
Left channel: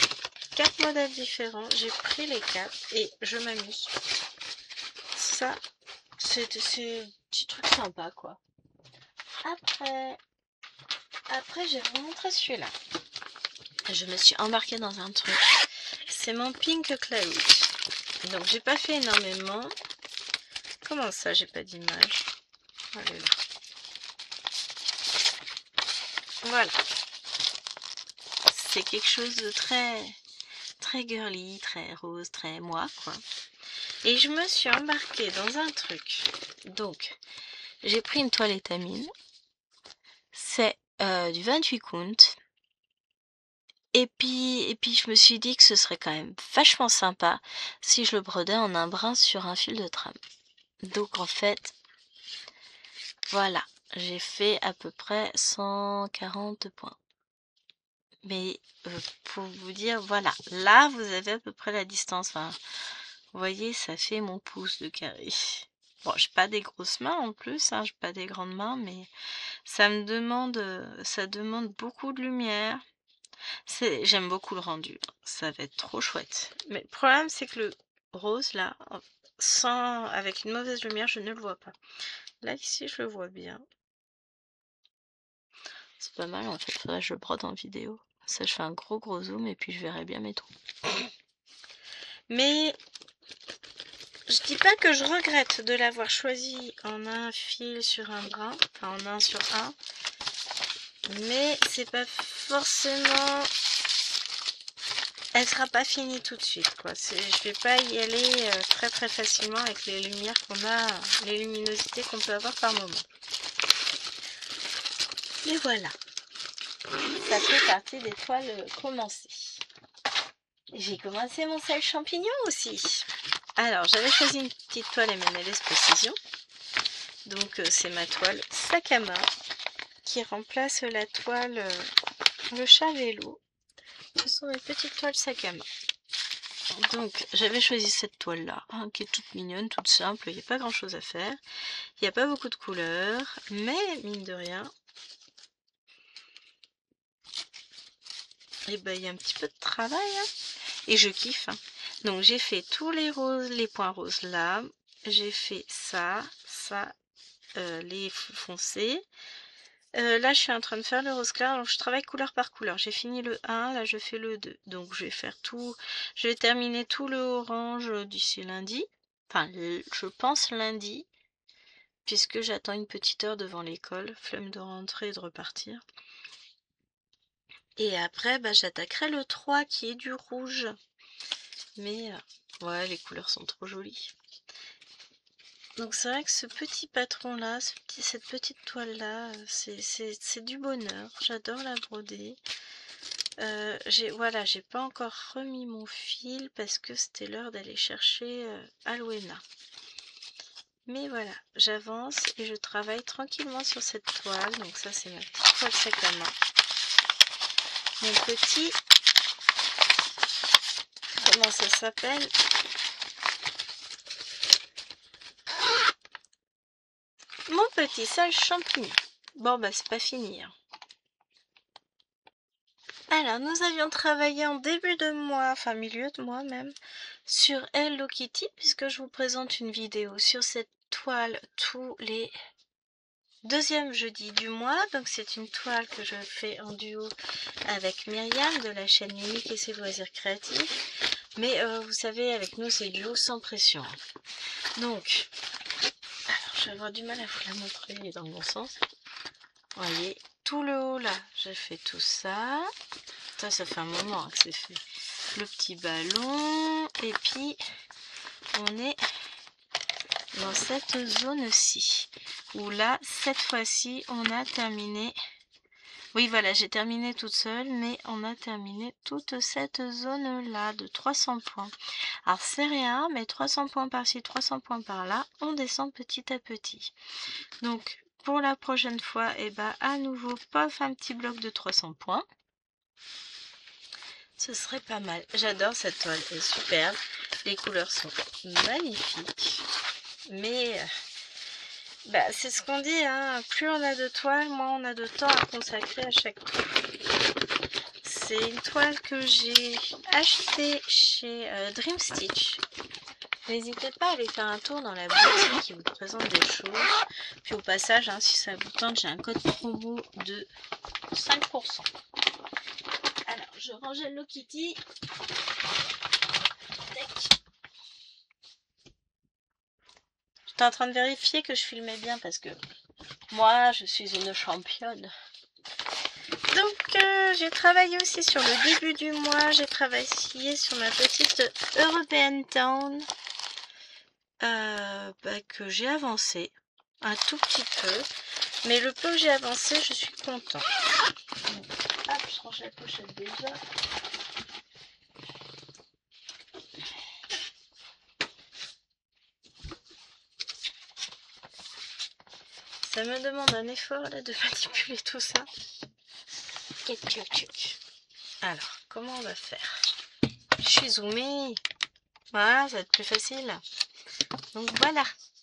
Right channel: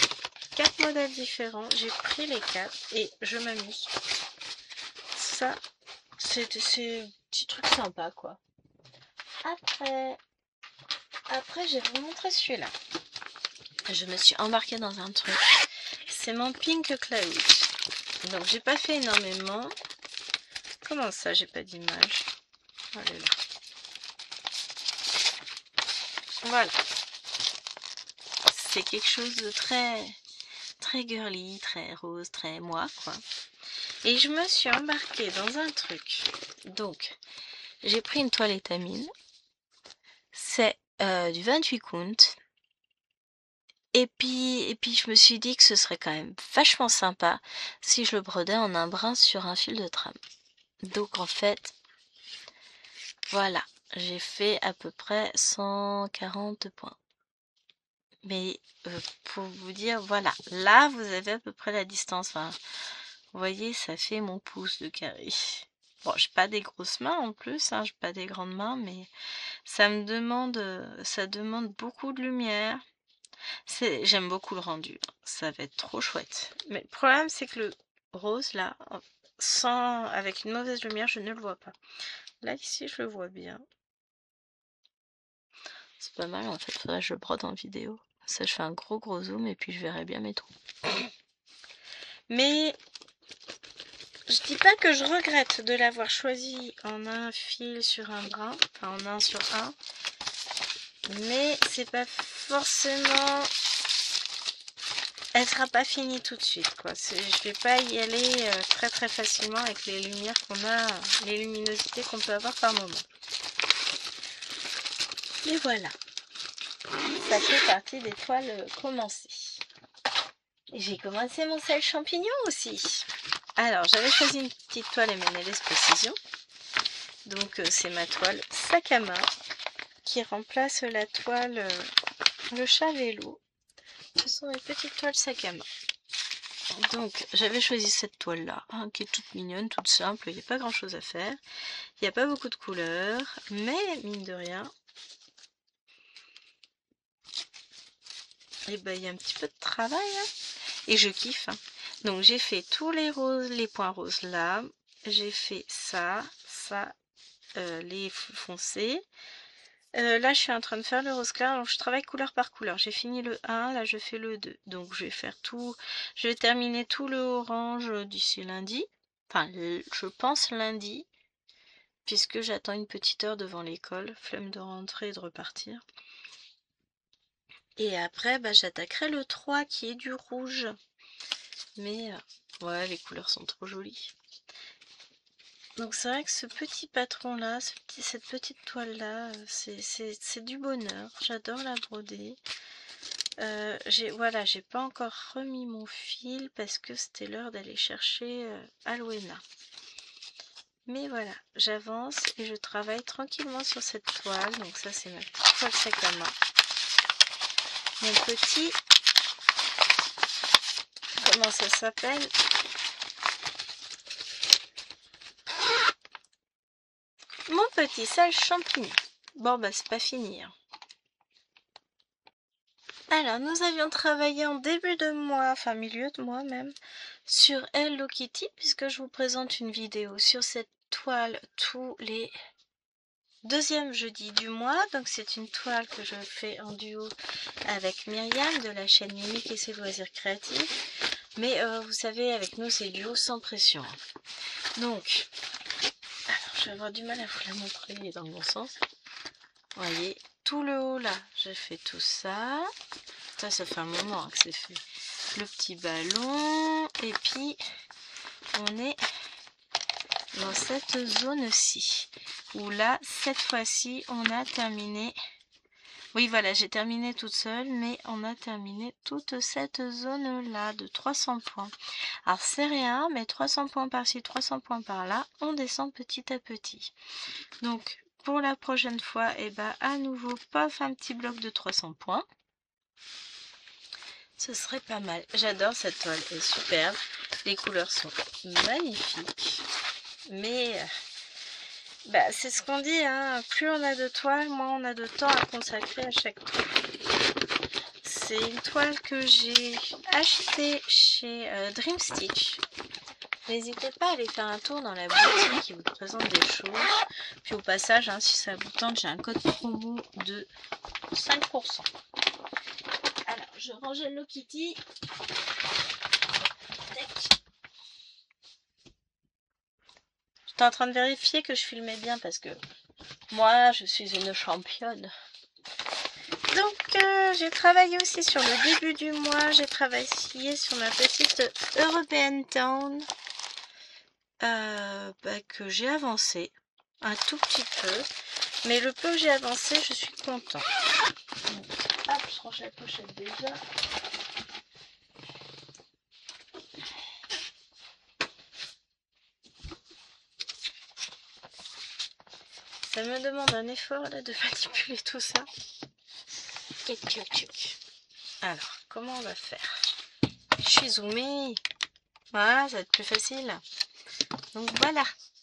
4 modèles différents. J'ai pris les 4 et je m'amuse. Ça, c'est un petit truc sympa, quoi. Après, je vais vous montrer celui-là. Je me suis embarquée dans un truc. C'est mon Pink Cloud. Donc, j'ai pas fait énormément. Comment ça, j'ai pas d'image? Oh là là. Voilà. C'est quelque chose de très girly, très rose, très moi, quoi. Et je me suis embarquée dans un truc. Donc, j'ai pris une toile étamine. C'est du 28 count. Et puis, je me suis dit que ce serait quand même vachement sympa si je le brodais en un brin sur un fil de trame. Donc, en fait, voilà. J'ai fait à peu près 140 points. Mais pour vous dire, voilà, là vous avez à peu près la distance. Enfin, vous voyez, ça fait mon pouce de carré. Bon, j'ai pas des grosses mains en plus, hein, j'ai pas des grandes mains, mais ça demande beaucoup de lumière. J'aime beaucoup le rendu, ça va être trop chouette. Mais le problème, c'est que le rose là, avec une mauvaise lumière, je ne le vois pas. Là ici, je le vois bien. C'est pas mal en fait, faudrait que je le brode en vidéo. Ça, je fais un gros zoom et puis je verrai bien mes trous. Mais je dis pas que je regrette de l'avoir choisi en un fil sur un brin, enfin en un sur un. Mais c'est pas forcément... Elle sera pas finie tout de suite, quoi. Je vais pas y aller très facilement avec les lumières qu'on a, les luminosités qu'on peut avoir par moment. Mais voilà. Ça fait partie des toiles commencées. J'ai commencé mon sel champignon aussi. Alors, j'avais choisi une petite toile M&LS Précision. Donc, c'est ma toile sac à main qui remplace la toile le chat vélo. Ce sont mes petites toiles sac à main. Donc, j'avais choisi cette toile-là, hein, qui est toute mignonne, toute simple. Il n'y a pas grand-chose à faire. Il n'y a pas beaucoup de couleurs, mais mine de rien, et ben, il y a un petit peu de travail, hein, et je kiffe. Hein. Donc, j'ai fait tous les roses, les points roses là. J'ai fait ça, les foncés. Là, je suis en train de faire le rose clair. Donc, je travaille couleur par couleur. J'ai fini le 1, là, je fais le 2. Donc, je vais faire tout. Je vais terminer tout le orange d'ici lundi. Enfin, je pense lundi. Puisque j'attends une petite heure devant l'école. Flemme de rentrer et de repartir. Et après, bah, j'attaquerai le 3 qui est du rouge. Mais, ouais, les couleurs sont trop jolies. Donc c'est vrai que ce petit patron là, cette petite toile là, c'est du bonheur. J'adore la broder. J'ai pas encore remis mon fil parce que c'était l'heure d'aller chercher Alwena. Mais voilà, j'avance et je travaille tranquillement sur cette toile. Donc ça c'est ma petite toile sac à main. Mon petit, comment ça s'appelle ? Mon petit sale champignon. Bon bah c'est pas fini. Hein. Alors nous avions travaillé en début de mois, enfin milieu de mois même, sur Hello Kitty, puisque je vous présente une vidéo sur cette toile tous les deuxièmes jeudis du mois. Donc c'est une toile que je fais en duo avec Myriam de la chaîne Mimique et ses loisirs créatifs. Mais vous savez, avec nous c'est duo sans pression. Donc, alors je vais avoir du mal à vous la montrer dans le bon sens. Vous voyez, tout le haut là, j'ai fait tout ça. Ça fait un moment hein, que c'est fait. Le petit ballon. Et puis, on est dans cette zone-ci. Où là, cette fois-ci, on a terminé. Vous Oui, voilà, j'ai terminé toute seule, mais on a terminé toute cette zone-là de 300 points. Alors, c'est rien, mais 300 points par-ci, 300 points par-là, on descend petit à petit. Donc, pour la prochaine fois, eh ben, à nouveau, pof, un petit bloc de 300 points. Ce serait pas mal. J'adore cette toile, elle est superbe. Les couleurs sont magnifiques. Mais bah, c'est ce qu'on dit, hein. Plus on a de toiles, moins on a de temps à consacrer à chaque toile. C'est une toile que j'ai achetée chez Dream Stitch. N'hésitez pas à aller faire un tour dans la boutique qui vous présente des choses. Puis au passage, hein, si ça vous tente, j'ai un code promo de 5%. Alors, je range Hello Kitty. J'étais en train de vérifier que je filmais bien parce que moi, je suis une championne. Donc, j'ai travaillé aussi sur le début du mois. J'ai travaillé sur ma petite European Town que j'ai avancé un tout petit peu. Mais le peu que j'ai avancé, je suis content. Donc, hop, je range la pochette déjà. Ça me demande un effort là de manipuler tout ça. Alors, comment on va faire? Je suis zoomée. Voilà, ça va être plus facile. Donc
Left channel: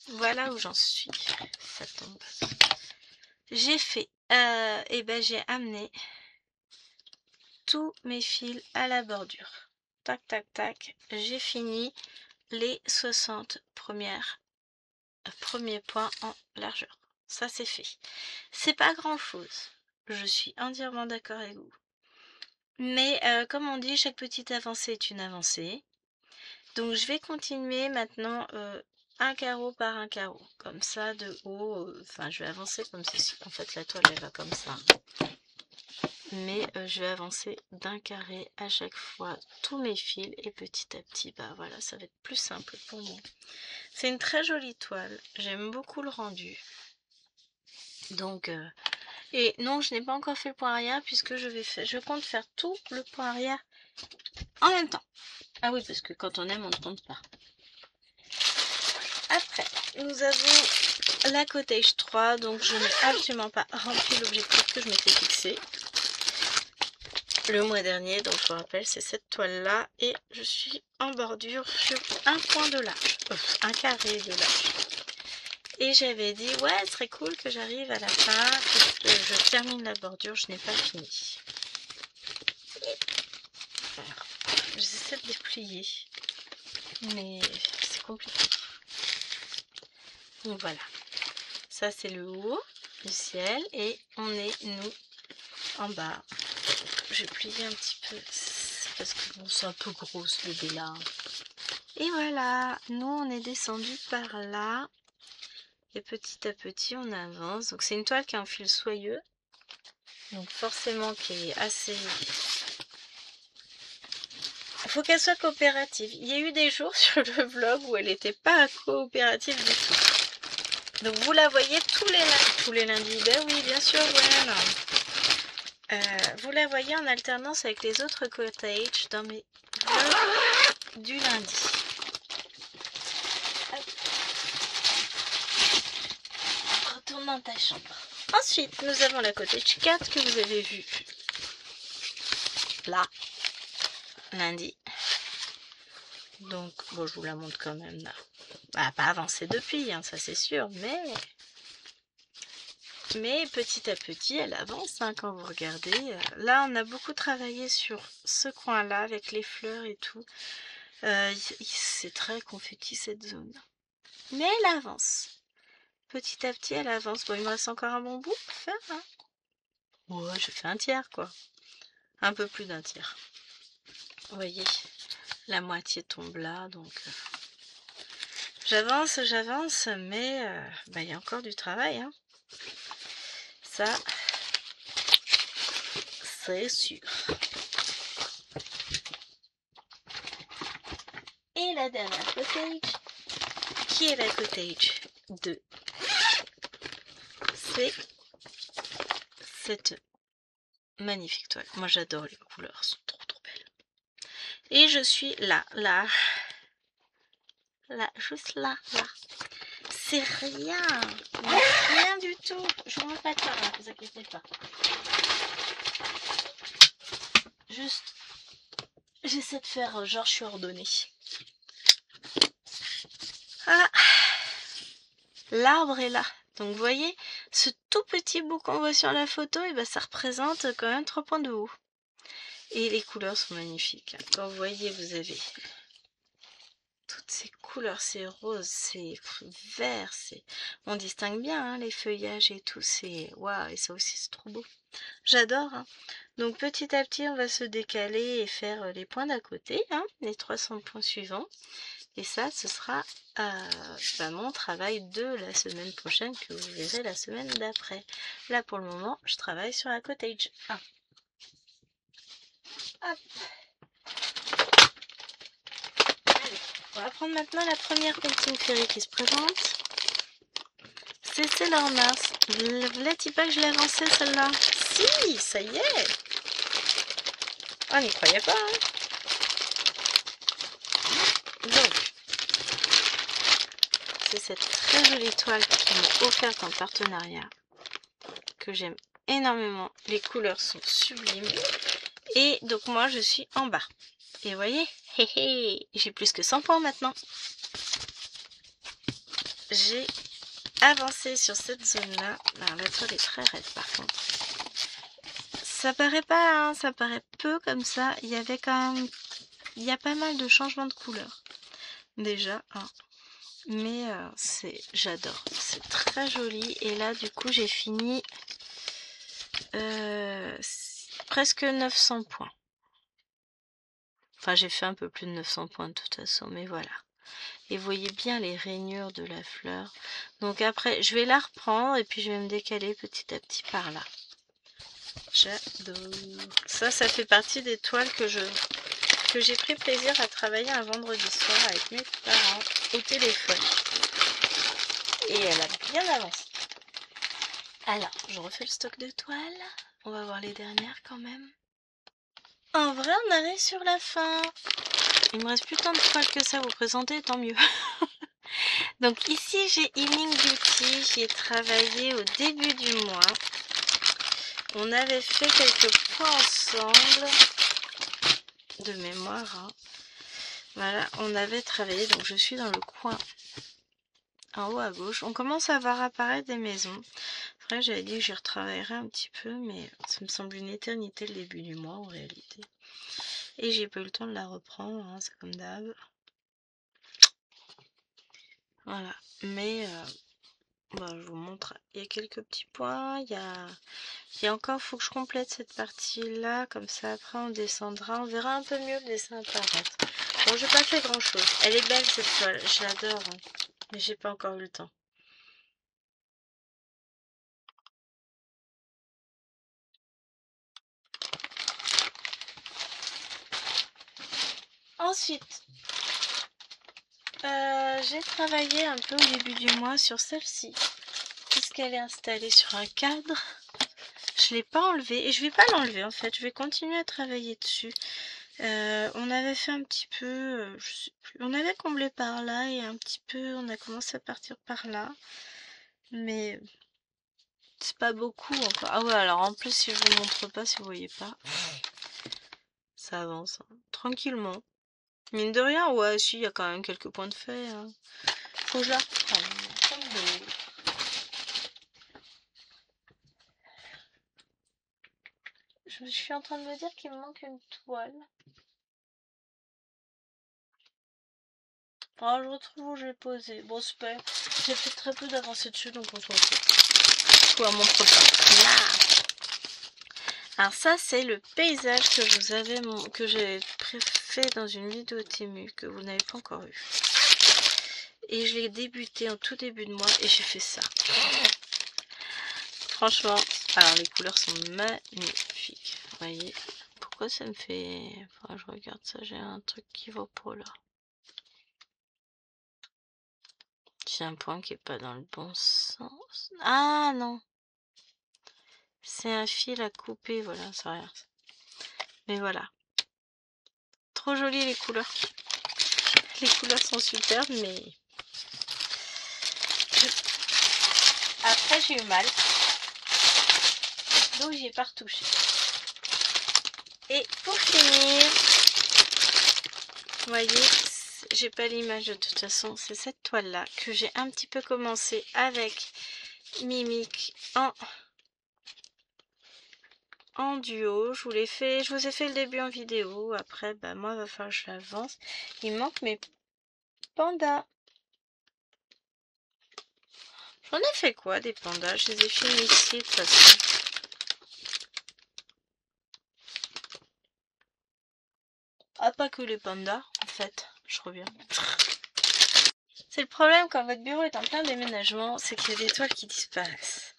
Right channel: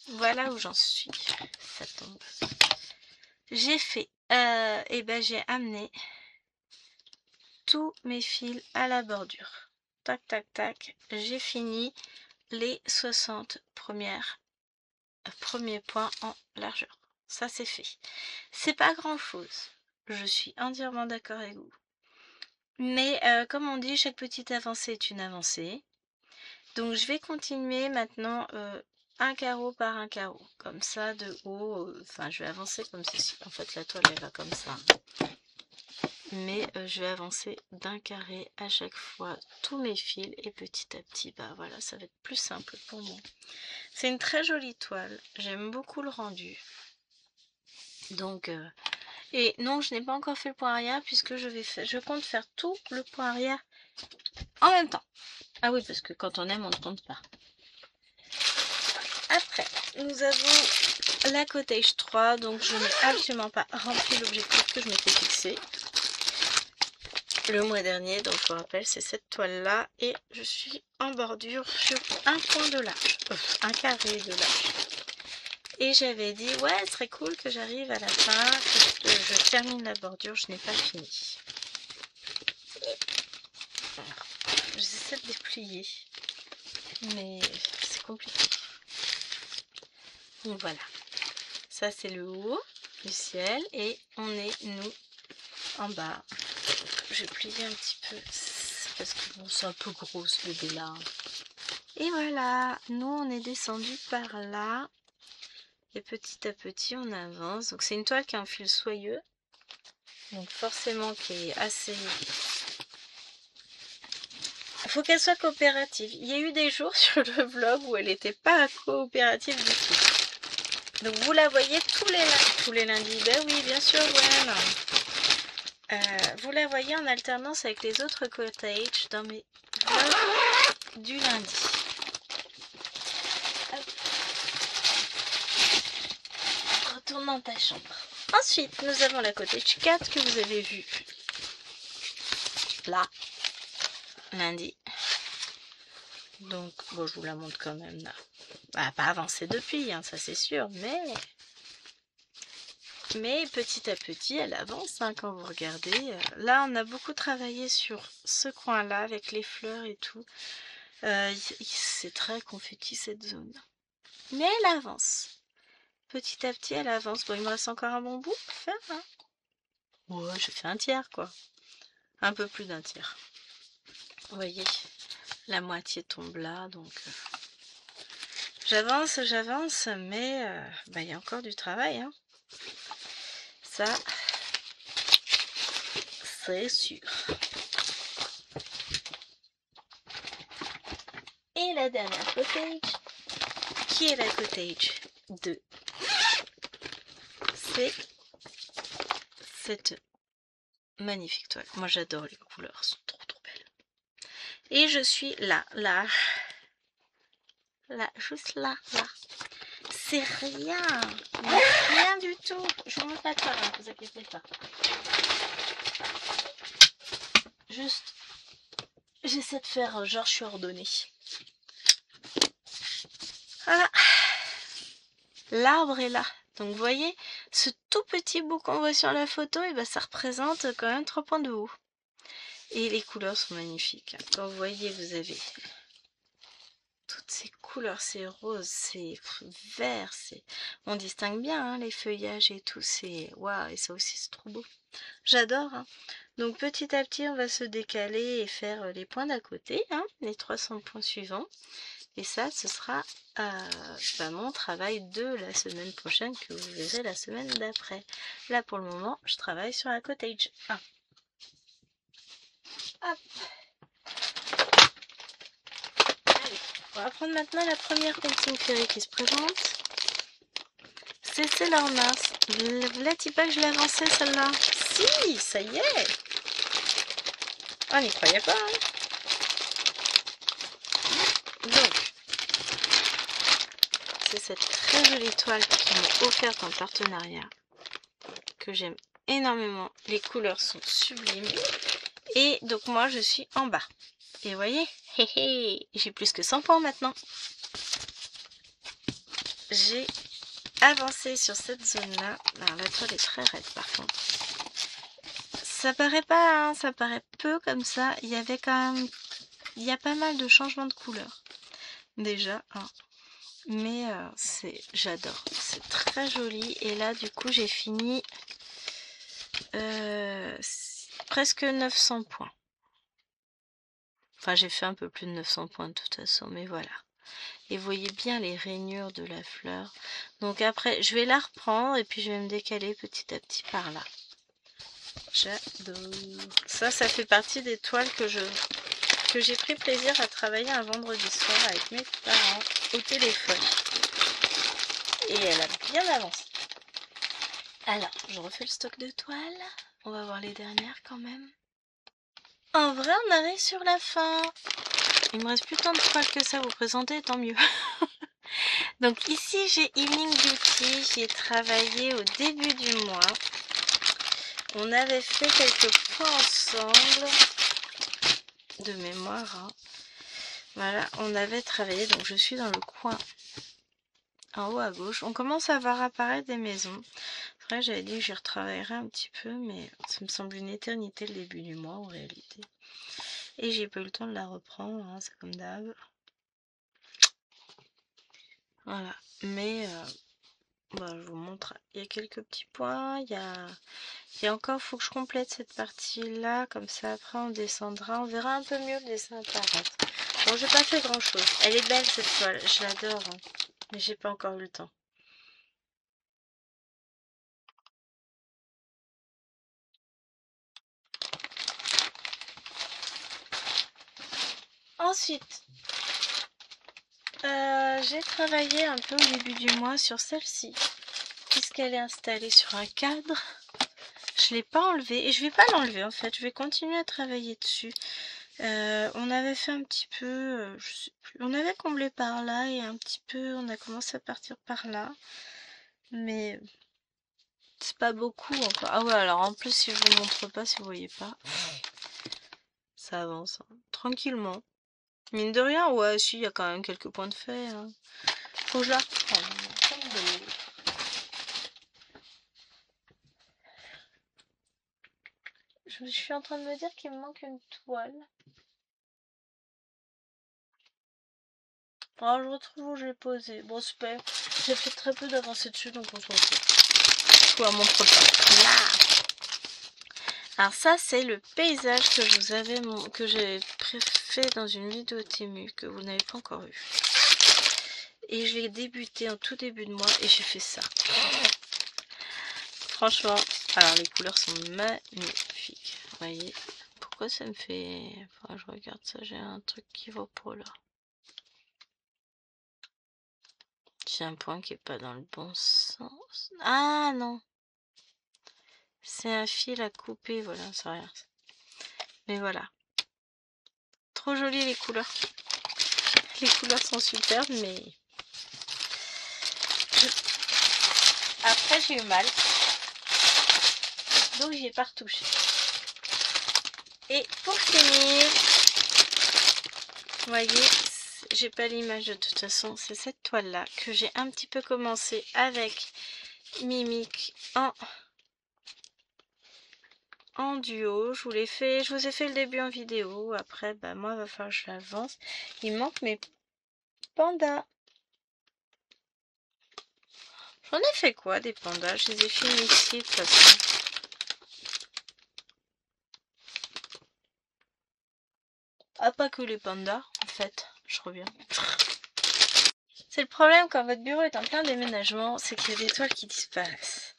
voilà où j'en suis. Ça tombe. J'ai fait, et ben j'ai amené tous mes fils à la bordure. Tac, tac, tac. J'ai fini les 60 premiers points en largeur. Ça c'est fait. C'est pas grand chose. Je suis entièrement d'accord avec vous. Mais comme on dit, chaque petite avancée est une avancée. Donc je vais continuer maintenant un carreau par un carreau. Comme ça de haut. Enfin je vais avancer comme ceci. En fait la toile elle va comme ça. Mais je vais avancer d'un carré à chaque fois tous mes fils. Et petit à petit, bah voilà, ça va être plus simple pour moi. C'est une très jolie toile. J'aime beaucoup le rendu. Donc... Et non, je n'ai pas encore fait le point arrière puisque je compte faire tout le point arrière en même temps. Ah oui, parce que quand on aime, on ne compte pas. Après, nous avons la cottage 3, donc je n'ai absolument pas rempli l'objectif que je m'étais fixé le mois dernier. Donc je vous rappelle, c'est cette toile-là et je suis en bordure sur un point de large, un carré de large. Et j'avais dit, ouais, ce serait cool que j'arrive à la fin, que je termine la bordure, je n'ai pas fini. J'essaie de déplier, mais c'est compliqué. Donc voilà, ça c'est le haut du ciel et on est, nous, en bas. Je vais plier un petit peu, parce que bon, c'est un peu gros ce bébé-là. Et voilà, nous on est descendu par là. Et petit à petit, on avance. Donc, c'est une toile qui a un fil soyeux. Donc, forcément, qui est assez... Il faut qu'elle soit coopérative. Il y a eu des jours sur le vlog où elle n'était pas coopérative du tout. Donc, vous la voyez tous les lundis. Ben oui, bien sûr, Gwen. Vous la voyez en alternance avec les autres cottages dans mes vlogs du lundi. Retourne dans ta chambre. Ensuite, nous avons la cottage 4 que vous avez vue là, lundi. Donc, bon, je vous la montre quand même là. Elle n'a pas avancé depuis, hein, ça c'est sûr, mais petit à petit, elle avance hein, quand vous regardez. Là, on a beaucoup travaillé sur ce coin-là avec les fleurs et tout. C'est très confetti cette zone. Mais elle avance. Petit à petit, elle avance. Bon, il me reste encore un bon bout à faire. Hein. Ouais, je fais un tiers, quoi. Un peu plus d'un tiers. Vous voyez, la moitié tombe là, donc... J'avance, mais il y a encore du travail. Hein. Ça, c'est sûr. Et la dernière cottage, qui est la cottage 2, c'est cette magnifique toile. Moi j'adore les couleurs, elles sont trop belles. Et je suis là, juste là. C'est rien, mais rien du tout. Je vous mets pas de part, hein, vous inquiétez pas. Juste, j'essaie de faire genre je suis ordonnée. Voilà. L'arbre est là. Donc vous voyez, ce tout petit bout qu'on voit sur la photo, et ben, ça représente quand même 3 points de haut. Et les couleurs sont magnifiques. Quand vous voyez, vous avez toutes ces couleurs, c'est rose, c'est vert, on distingue bien hein, les feuillages et tout, c'est waouh, et ça aussi c'est trop beau. J'adore. Hein. Donc petit à petit, on va se décaler et faire les points d'à côté, hein, les 300 points suivants. Et ça, ce sera mon travail de la semaine prochaine que vous verrez la semaine d'après. Là, pour le moment, je travaille sur la cottage 1. Hop. Allez, on va prendre maintenant la première painting fairy qui se présente. C'est Sailor Mars. Vous la dit pas que je l'ai avancée celle-là? Si, ça y est. On n'y croyait pas. Hein. Donc, c'est cette très jolie toile qu'ils m'ont offerte en partenariat, que j'aime énormément. Les couleurs sont sublimes. Et donc moi, je suis en bas. Et vous voyez, j'ai plus que 100 points maintenant. J'ai avancé sur cette zone-là. Alors la toile est très raide par contre. Ça paraît pas, hein, ça paraît peu comme ça. Il y avait quand même... Il y a pas mal de changements de couleur. Déjà, hein. Mais j'adore. C'est très joli. Et là, du coup, j'ai fini presque 900 points. Enfin, j'ai fait un peu plus de 900 points de toute façon, mais voilà. Et vous voyez bien les rainures de la fleur. Donc après, je vais la reprendre et puis je vais me décaler petit à petit par là. J'adore. Ça fait partie des toiles que j'ai pris plaisir à travailler un vendredi soir avec mes parents au téléphone. Et elle a bien avancé. Alors, je refais le stock de toiles. On va voir les dernières quand même. En vrai, on arrive sur la fin. Il me reste plus tant de toiles que ça à vous présenter, tant mieux. Donc ici, j'ai Evening Beauty. J'y ai travaillé au début du mois. On avait fait quelques points ensemble. De mémoire. Hein. Voilà, on avait travaillé. Donc je suis dans le coin. En haut à gauche. On commence à voir apparaître des maisons. Après, j'avais dit que j'y retravaillerais un petit peu. Mais ça me semble une éternité le début du mois en réalité. Et j'ai pas eu le temps de la reprendre. Hein, c'est comme d'hab. Voilà, mais je vous montre, il y a quelques petits points, il y a encore, faut que je complète cette partie-là, comme ça après on descendra, on verra un peu mieux le dessin apparaître. Bon, j'ai pas fait grand-chose, elle est belle cette toile, je l'adore, hein, mais j'ai pas encore eu le temps. Ensuite, j'ai travaillé un peu au début du mois sur celle-ci, puisqu'elle est installée sur un cadre. Je l'ai pas enlevé et je vais pas l'enlever en fait, je vais continuer à travailler dessus. On avait fait un petit peu, je sais plus, on avait comblé par là et un petit peu, on a commencé à partir par là. Mais c'est pas beaucoup encore. Ah ouais, alors en plus, si je vous montre pas, si vous voyez pas, ça avance hein, tranquillement. Mine de rien, ouais, si, il y a quand même quelques points de fait. Hein. Faut que je la reprenne. Je suis en train de me dire qu'il me manque une toile. Alors je retrouve où j'ai posé. Bon, super. J'ai fait très peu d'avancée dessus, donc on s'en fout. Je vous la montre pas. Là. Alors ça, c'est le paysage que je vous avais que j'ai fait dans une vidéo Temu que vous n'avez pas encore eu. Et je l'ai débuté en tout début de mois et j'ai fait ça. Franchement, alors les couleurs sont magnifiques. Vous voyez, pourquoi ça me fait... Enfin, je regarde ça, j'ai un truc qui va pas là. J'ai un point qui est pas dans le bon sens. Ah non. C'est un fil à couper, voilà, ça rien. Mais voilà. Trop jolies les couleurs. Les couleurs sont superbes, mais... Après, j'ai eu mal. Donc, j'y ai pas retouché. Et pour finir, vous voyez, j'ai pas l'image de toute façon. C'est cette toile-là que j'ai un petit peu commencé avec Mimic en duo. Je vous ai fait le début en vidéo. Après, bah, moi, il va falloir que je l'avance. Il manque mes pandas. J'en ai fait quoi des pandas? Je les ai filmés ici de toute façon. Ah, pas que les pandas, en fait. Je reviens. C'est le problème quand votre bureau est en plein déménagement, c'est qu'il y a des toiles qui disparaissent.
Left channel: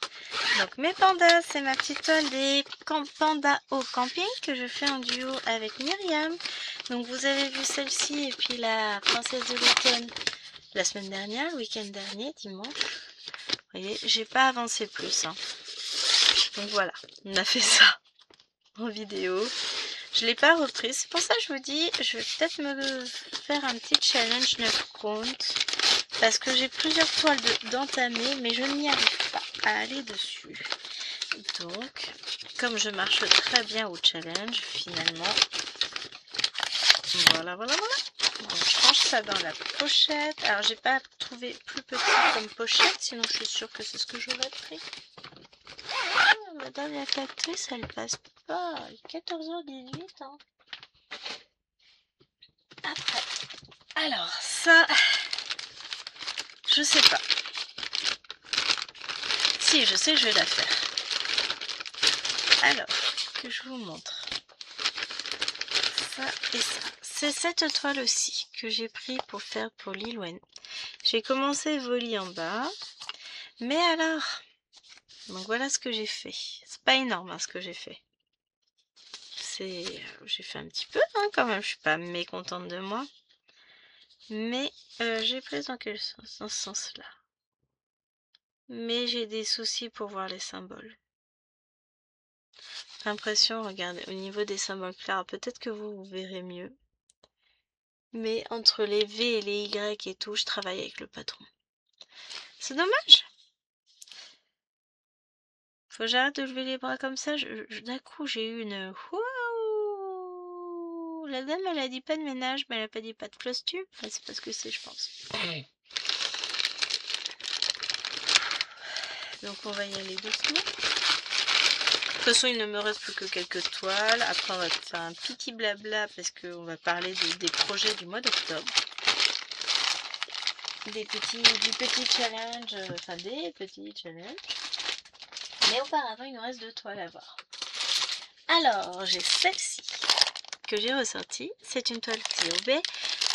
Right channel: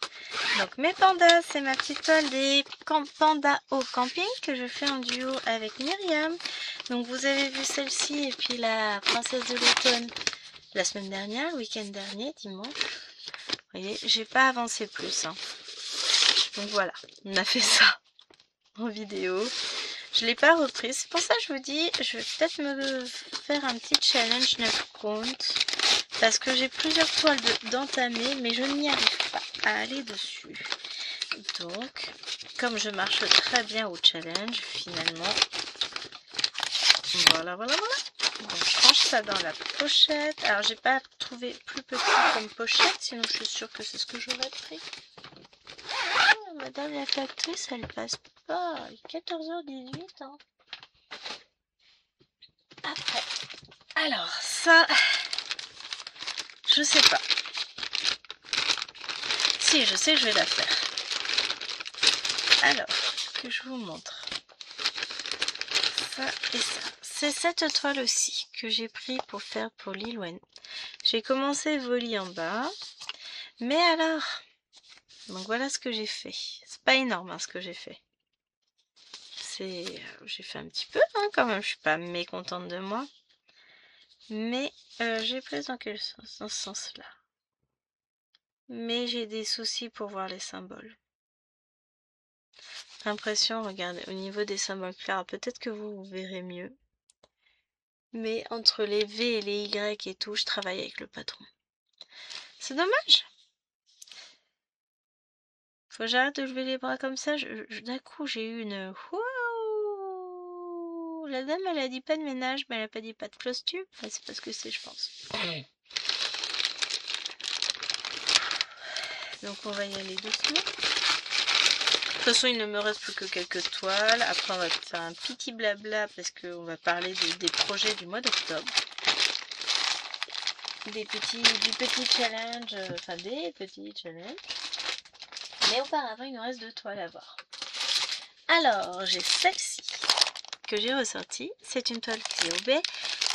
Donc mes pandas, c'est ma petite toile des pandas au camping que je fais en duo avec Myriam. Donc vous avez vu celle-ci et puis la princesse de l'automne la semaine dernière, le week-end dernier, dimanche. Vous voyez, j'ai pas avancé plus. Hein. Donc voilà, on a fait ça en vidéo. Je l'ai pas reprise. C'est pour ça que je vous dis, je vais peut-être me faire un petit challenge 9 comptes. Parce que j'ai plusieurs toiles d'entamer, mais je n'y arrive pas à aller dessus. Donc, comme je marche très bien au challenge, finalement, voilà. Donc, je range ça dans la pochette. Alors, j'ai pas trouvé plus petit comme pochette, sinon je suis sûre que c'est ce que j'aurais pris. Ah, Madame la factrice, elle passe pas. 14h18. Hein. Après. Alors, ça, je sais pas. Si, je sais que je vais la faire. Alors, que je vous montre. Ça et ça. C'est cette toile aussi que j'ai pris pour faire pour Lil Wayne. J'ai commencé Volley en bas. Mais alors, donc voilà ce que j'ai fait. C'est pas énorme hein, ce que j'ai fait. J'ai fait un petit peu hein, quand même. Je suis pas mécontente de moi. Mais j'ai pris dans quel sens? Dans ce sens-là. Mais j'ai des soucis pour voir les symboles. L'impression, regardez, au niveau des symboles clairs, peut-être que vous verrez mieux. Mais entre les V et les Y et tout, je travaille avec le patron. C'est dommage. Faut que j'arrête de lever les bras comme ça. D'un coup, j'ai eu une... Waouh! La dame, elle a dit pas de ménage, mais elle a pas dit pas de cloche-tube. Enfin, c'est parce que c'est, je pense. Donc, on va y aller doucement. De toute façon, il ne me reste plus que quelques toiles. Après, on va faire un petit blabla parce qu'on va parler des projets du mois d'octobre. Du petit challenge, enfin des petits challenges. Mais auparavant, il nous reste 2 toiles à voir. Alors, j'ai celle-ci que j'ai ressortie. C'est une toile COB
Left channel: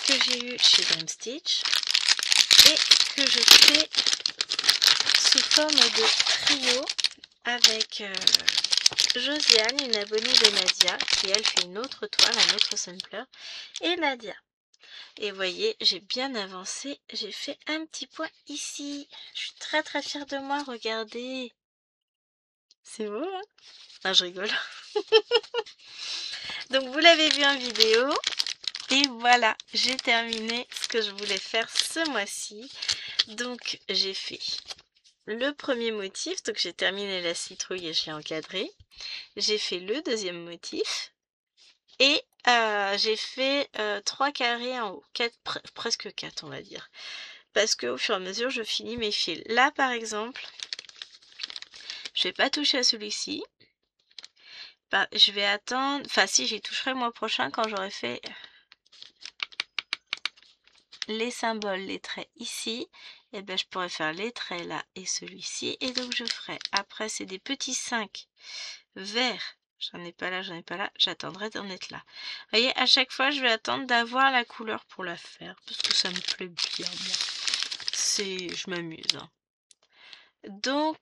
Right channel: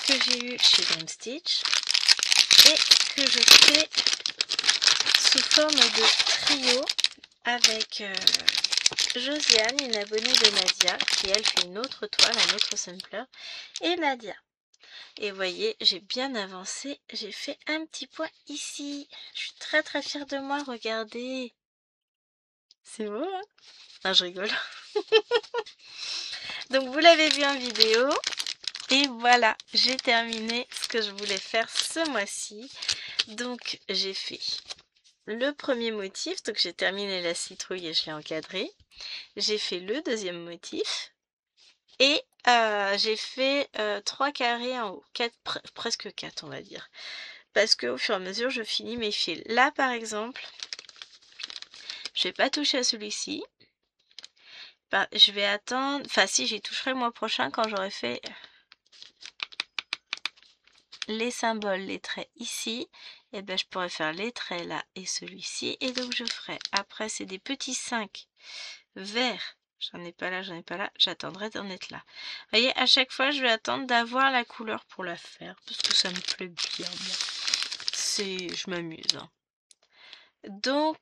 que j'ai eue chez Dream Stitch et que je fais sous forme de trio avec Josiane, une abonnée de Nadia, qui elle fait une autre toile, un autre sampler, et Nadia. Et vous voyez, j'ai bien avancé, j'ai fait un petit point ici. Je suis très très fière de moi, regardez. C'est beau, hein? Non, je rigole. Donc vous l'avez vu en vidéo. Et voilà, j'ai terminé ce que je voulais faire ce mois-ci. Donc j'ai fait le premier motif, donc j'ai terminé la citrouille et je l'ai encadré. J'ai fait le deuxième motif. Et j'ai fait 3 carrés en haut, presque 4 on va dire. Parce qu'au fur et à mesure, je finis mes fils. Là, par exemple, je vais pas toucher à celui-ci. Je vais attendre... Enfin, si, j'y toucherai le mois prochain quand j'aurai fait les symboles, les traits ici. Et ben, je pourrais faire les traits là et celui-ci. Et donc, je ferai... Après, c'est des petits 5 verts. J'en ai pas là, j'attendrai d'en être là. Vous voyez, à chaque fois, je vais attendre d'avoir la couleur pour la faire. Parce que ça me plaît bien, moi. Je m'amuse. Hein. Donc,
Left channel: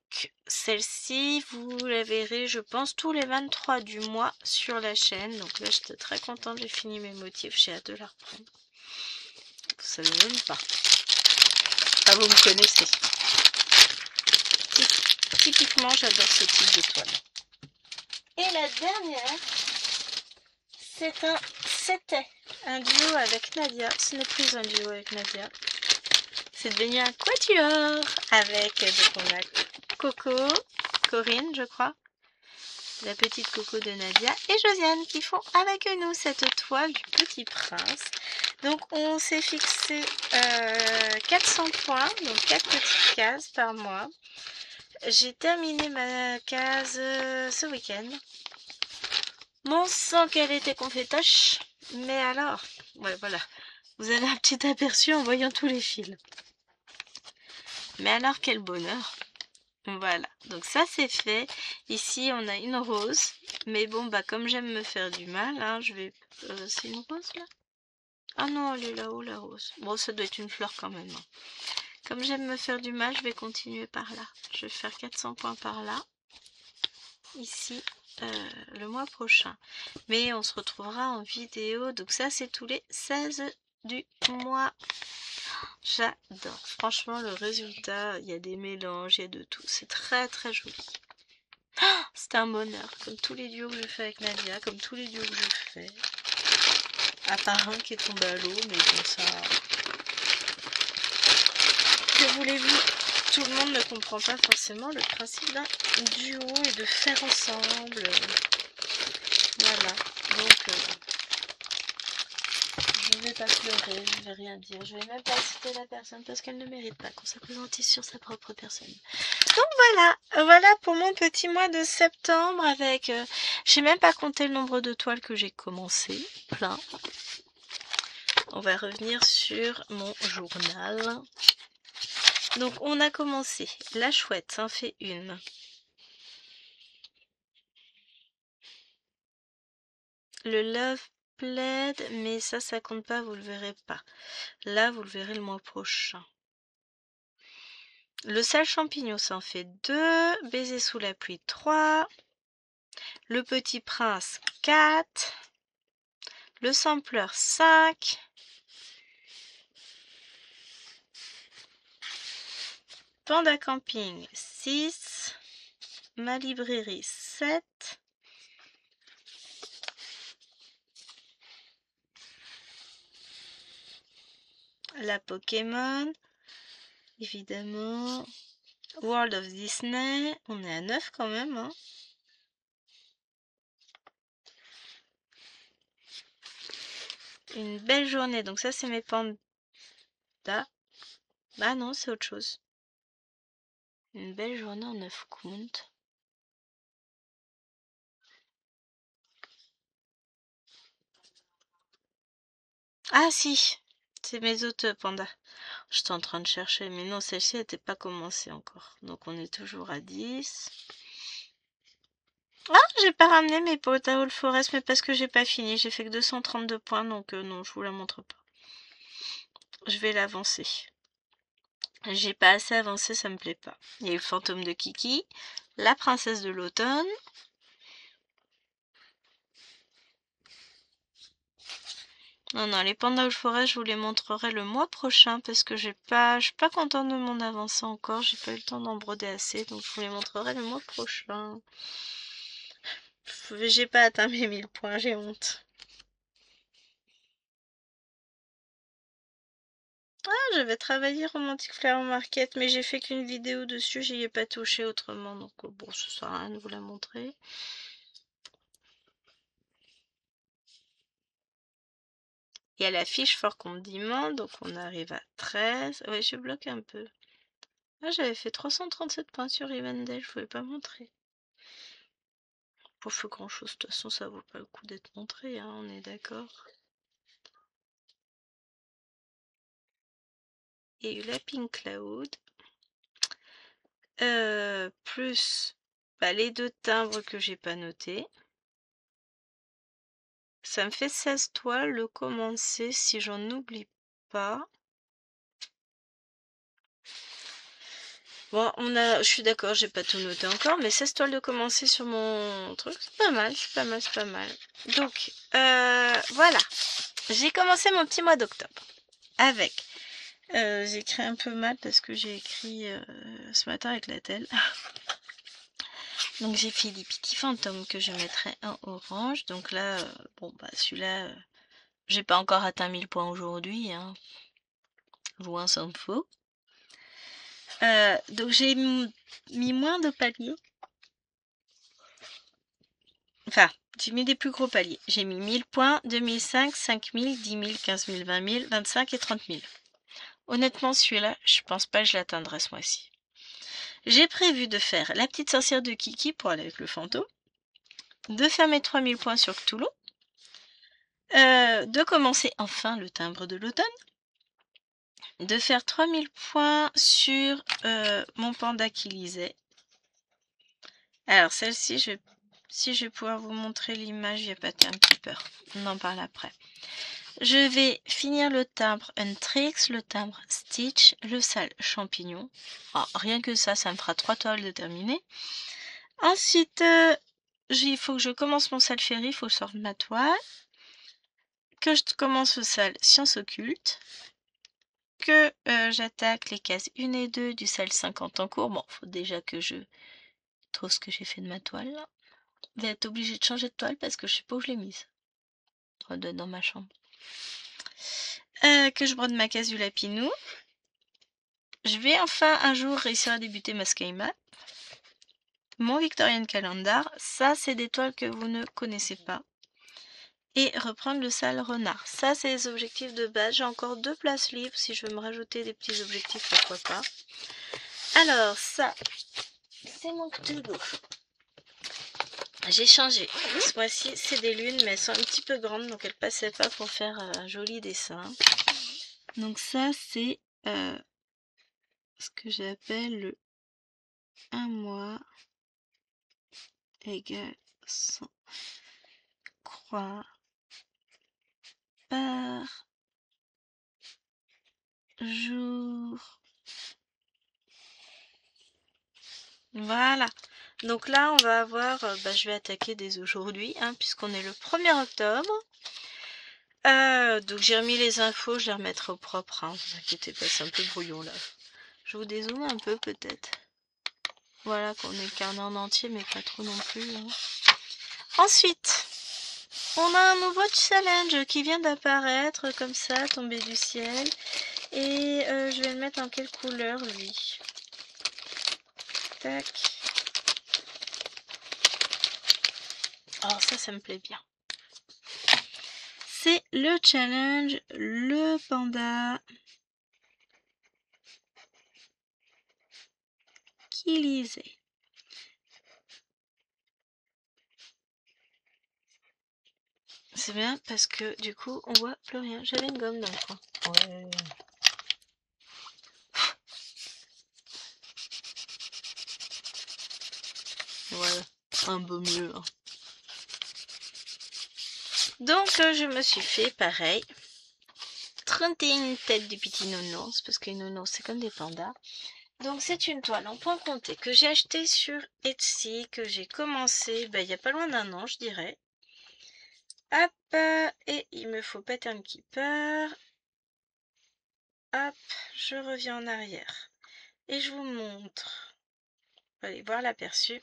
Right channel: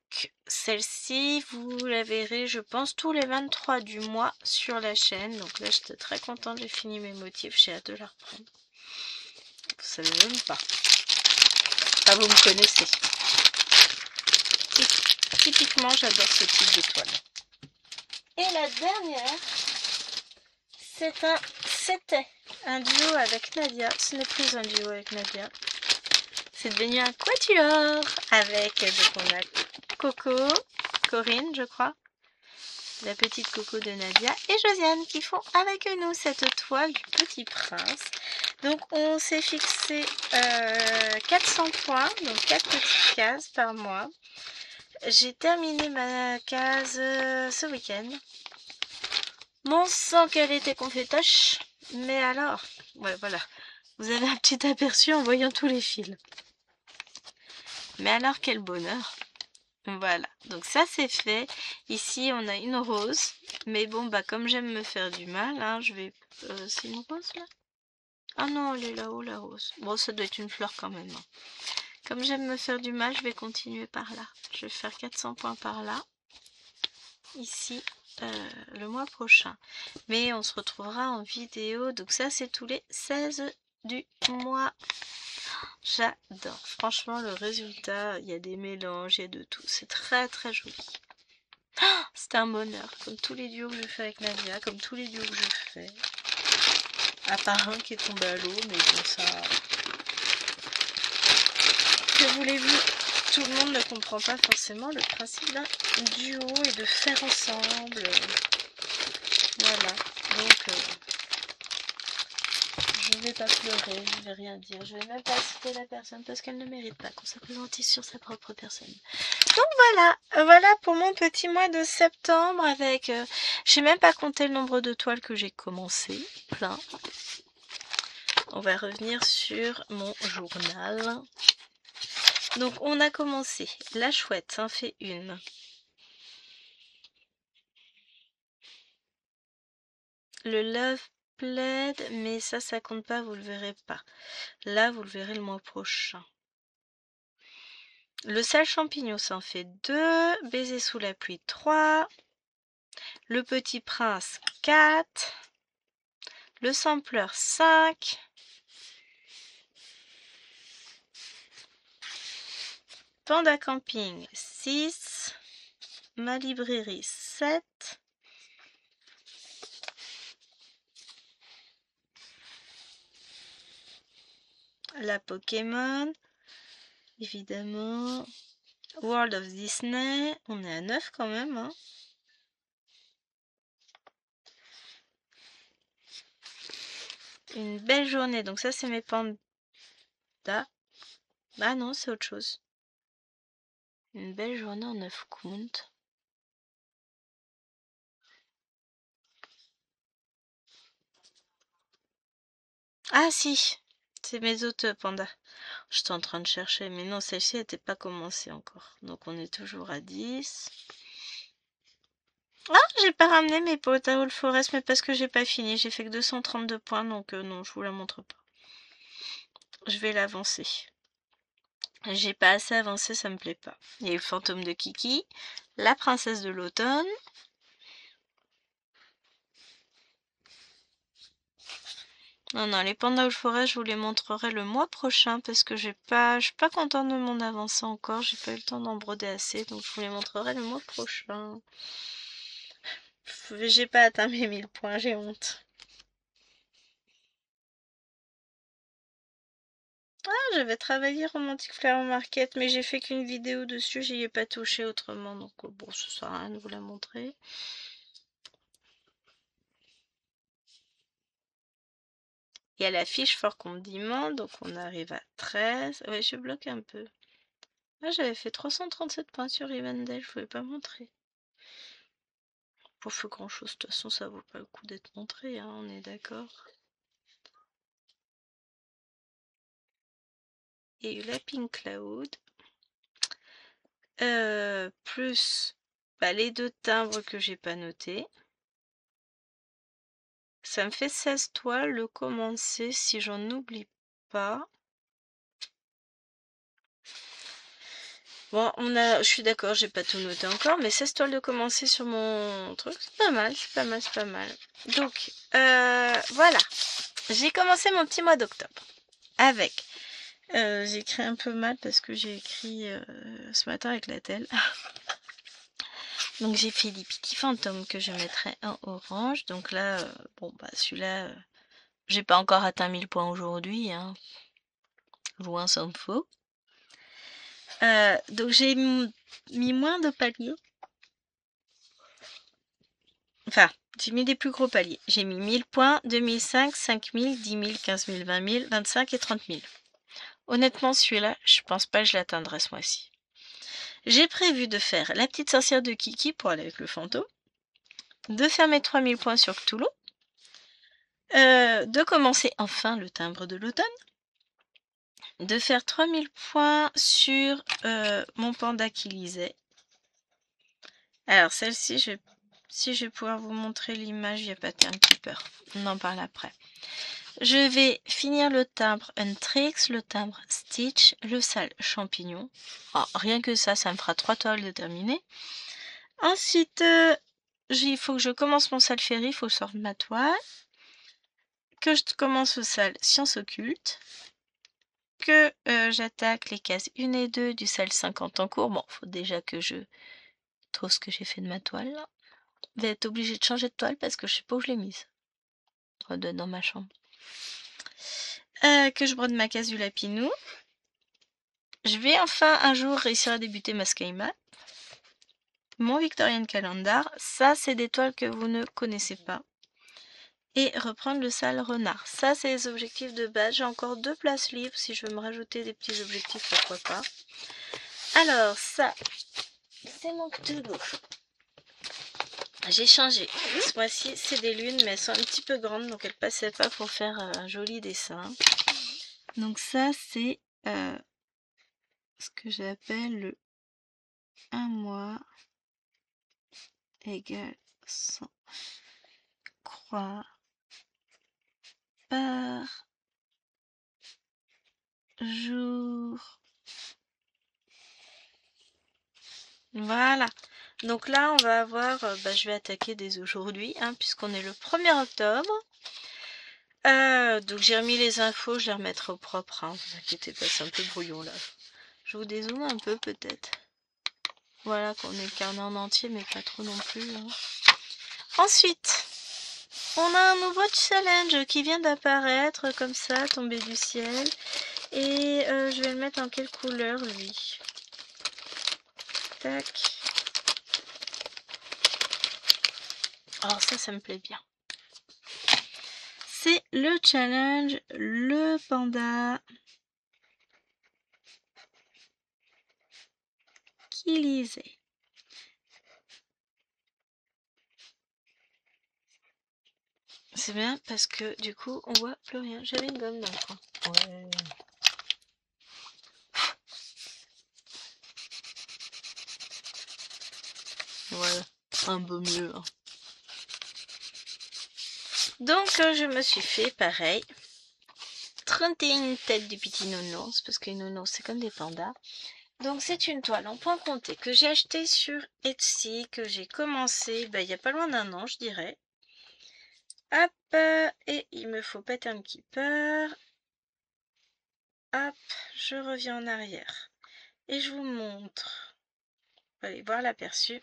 celle-ci, vous la verrez, je pense, tous les 23 du mois sur la chaîne. Donc là, j'étais très contente, j'ai fini mes motifs, j'ai hâte de la reprendre. Vous savez même pas. Ah, vous me connaissez. Et typiquement, j'adore ce type d'étoile. Et la dernière, c'était un duo avec Nadia. Ce n'est plus un duo avec Nadia. C'est devenu un quatuor avec, donc on a Coco, Corinne je crois, la petite Coco de Nadia et Josiane qui font avec nous cette toile du Petit Prince. Donc on s'est fixé 400 points, donc 4 petites cases par mois. J'ai terminé ma case ce week-end. Bon sang qu'elle était confétoche, mais alors, ouais voilà, vous avez un petit aperçu en voyant tous les fils. Mais alors quel bonheur! Voilà, donc ça c'est fait. Ici on a une rose, mais bon bah comme j'aime me faire du mal, hein, je vais... c'est une rose là? Ah non, elle est là-haut la rose. Bon, ça doit être une fleur quand même. Hein. Comme j'aime me faire du mal, je vais continuer par là. Je vais faire 400 points par là, ici, le mois prochain. Mais on se retrouvera en vidéo, donc ça c'est tous les 16 du mois. J'adore. Franchement, le résultat, il y a des mélanges, il y a de tout. C'est très très joli. C'est un bonheur, comme tous les duos que je fais avec Nadia, comme tous les duos que je fais. À part un qui est tombé à l'eau, mais bon ça... Que voulez-vous? Tout le monde ne comprend pas forcément le principe d'un duo et de faire ensemble. Voilà, donc... je vais pas pleurer, je vais rien dire, je vais même pas citer la personne parce qu'elle ne mérite pas qu'on s'appesantisse sur sa propre personne. Donc voilà pour mon petit mois de septembre avec, j'ai même pas compté le nombre de toiles que j'ai commencé, plein. On va revenir sur mon journal. Donc on a commencé, la chouette, ça en fait une. Le love plaid, mais ça compte pas, vous le verrez pas. Là, vous le verrez le mois prochain. Le sale champignon, ça en fait 2. Baiser sous la pluie, 3. Le petit prince, 4. Le sampleur, 5. Panda camping, 6. Ma librairie, 7. La Pokémon, évidemment. World of Disney, on est à 9 quand même. Hein. Une belle journée, donc ça c'est mes pandas. Ah non, c'est autre chose. Une belle journée en 9 comptes. Ah si, c'est mes autres pandas. J'étais en train de chercher, mais non, celle-ci n'était pas commencée encore. Donc on est toujours à 10. Ah, j'ai pas ramené mes Powder Forest, mais parce que j'ai pas fini. J'ai fait que 232 points, donc non, je vous la montre pas. Je vais l'avancer. J'ai pas assez avancé, ça me plaît pas. Il y a eu le fantôme de Kiki, la princesse de l'automne. Non, les pandas forêt, je vous les montrerai le mois prochain parce que je suis pas contente de mon avancée encore. J'ai pas eu le temps d'en broder assez, donc je vous les montrerai le mois prochain. J'ai pas atteint mes 1000 points, j'ai honte. Ah, j'avais travaillé Romantic Flower Market, mais j'ai fait qu'une vidéo dessus, j'y ai pas touché autrement, donc bon, ça sert à rien de vous la montrer. Il y a la fiche fort condiment, donc on arrive à 13. Ouais, je bloque un peu. Ah, j'avais fait 337 points sur Rivendell, je pouvais pas montrer. Pour faire grand chose, de toute façon, ça vaut pas le coup d'être montré, hein, on est d'accord. Il y a eu la Pink Cloud. Plus les 2 timbres que j'ai pas notés. Ça me fait 16 toiles, le commencer si j'en oublie pas. Bon, je suis d'accord, j'ai pas tout noté encore, mais 16 toiles de commencer sur mon truc, c'est pas mal, c'est pas mal, c'est pas mal. Donc, voilà. J'ai commencé mon petit mois d'octobre avec... j'ai écrit un peu mal parce que j'ai écrit ce matin avec la telle. Donc j'ai fait des petits fantômes que je mettrai en orange. Donc là, bon bah celui-là, j'ai pas encore atteint 1000 points aujourd'hui, hein. Loin s'en faut. Donc j'ai mis moins de paliers. Enfin, j'ai mis des plus gros paliers. J'ai mis 1000 points, 2005, 5000, 10 000, 15 000, 20 000, 25 et 30 000. Honnêtement, celui-là, je pense pas que je l'atteindrai ce mois-ci. J'ai prévu de faire la petite sorcière de Kiki pour aller avec le fantôme, de faire mes 3000 points sur Cthulhu, de commencer enfin le timbre de l'automne, de faire 3000 points sur mon panda qui lisait. Alors celle-ci, si je vais pouvoir vous montrer l'image, il n'y a pas un petit peur. On en parle après. Je vais finir le timbre Untrix, le timbre Stitch, le sale champignon. Oh, rien que ça me fera 3 toiles de terminer. Ensuite, il faut que je commence mon sale ferry, il faut que je sorte ma toile. Que je commence le sale science occulte. Que j'attaque les cases 1 et 2 du sale 50 en cours. Bon, faut déjà que je trouve ce que j'ai fait de ma toile. Là. Vous allez être obligé de changer de toile parce que je sais pas où je l'ai mise. Dans ma chambre. Que je brode ma case du lapinou. Je vais enfin un jour réussir à débuter ma sky map. Mon Victorian Calendar, ça c'est des toiles que vous ne connaissez pas. Et reprendre le sale renard. Ça c'est les objectifs de base. J'ai encore 2 places libres. Si je veux me rajouter des petits objectifs, pourquoi pas. Alors ça, c'est mon Cthulhu. J'ai changé. Ce mois-ci c'est des lunes mais elles sont un petit peu grandes donc elles passaient pas pour faire un joli dessin. Donc ça c'est ce que j'appelle le 1 mois égale 100 croix par jour. Voilà. Donc là, on va avoir... je vais attaquer dès aujourd'hui, hein, puisqu'on est le 1er octobre. Donc j'ai remis les infos, je les remettrai au propre. Hein, vous inquiétez pas, c'est un peu brouillon là. Je vous dézoome un peu peut-être. Voilà, qu'on est le carnet en entier, mais pas trop non plus. Hein. Ensuite, on a un nouveau challenge qui vient d'apparaître comme ça, tombé du ciel. Et je vais le mettre en quelle couleur lui? Tac. Oh ça me plaît bien. C'est le challenge, le panda qui lisait. C'est bien parce que du coup on voit plus rien. J'avais une gomme dans le coin. Ouais. Ouais, un peu mieux. Hein. Donc je me suis fait pareil. 31 têtes du petit nounours, parce que les nounours c'est comme des pandas. Donc c'est une toile en point compté que j'ai acheté sur Etsy, que j'ai commencé il y a pas loin d'un an je dirais. Hop, et il me faut Pattern Keeper. Hop, je reviens en arrière. Et je vous montre. Vous allez voir l'aperçu.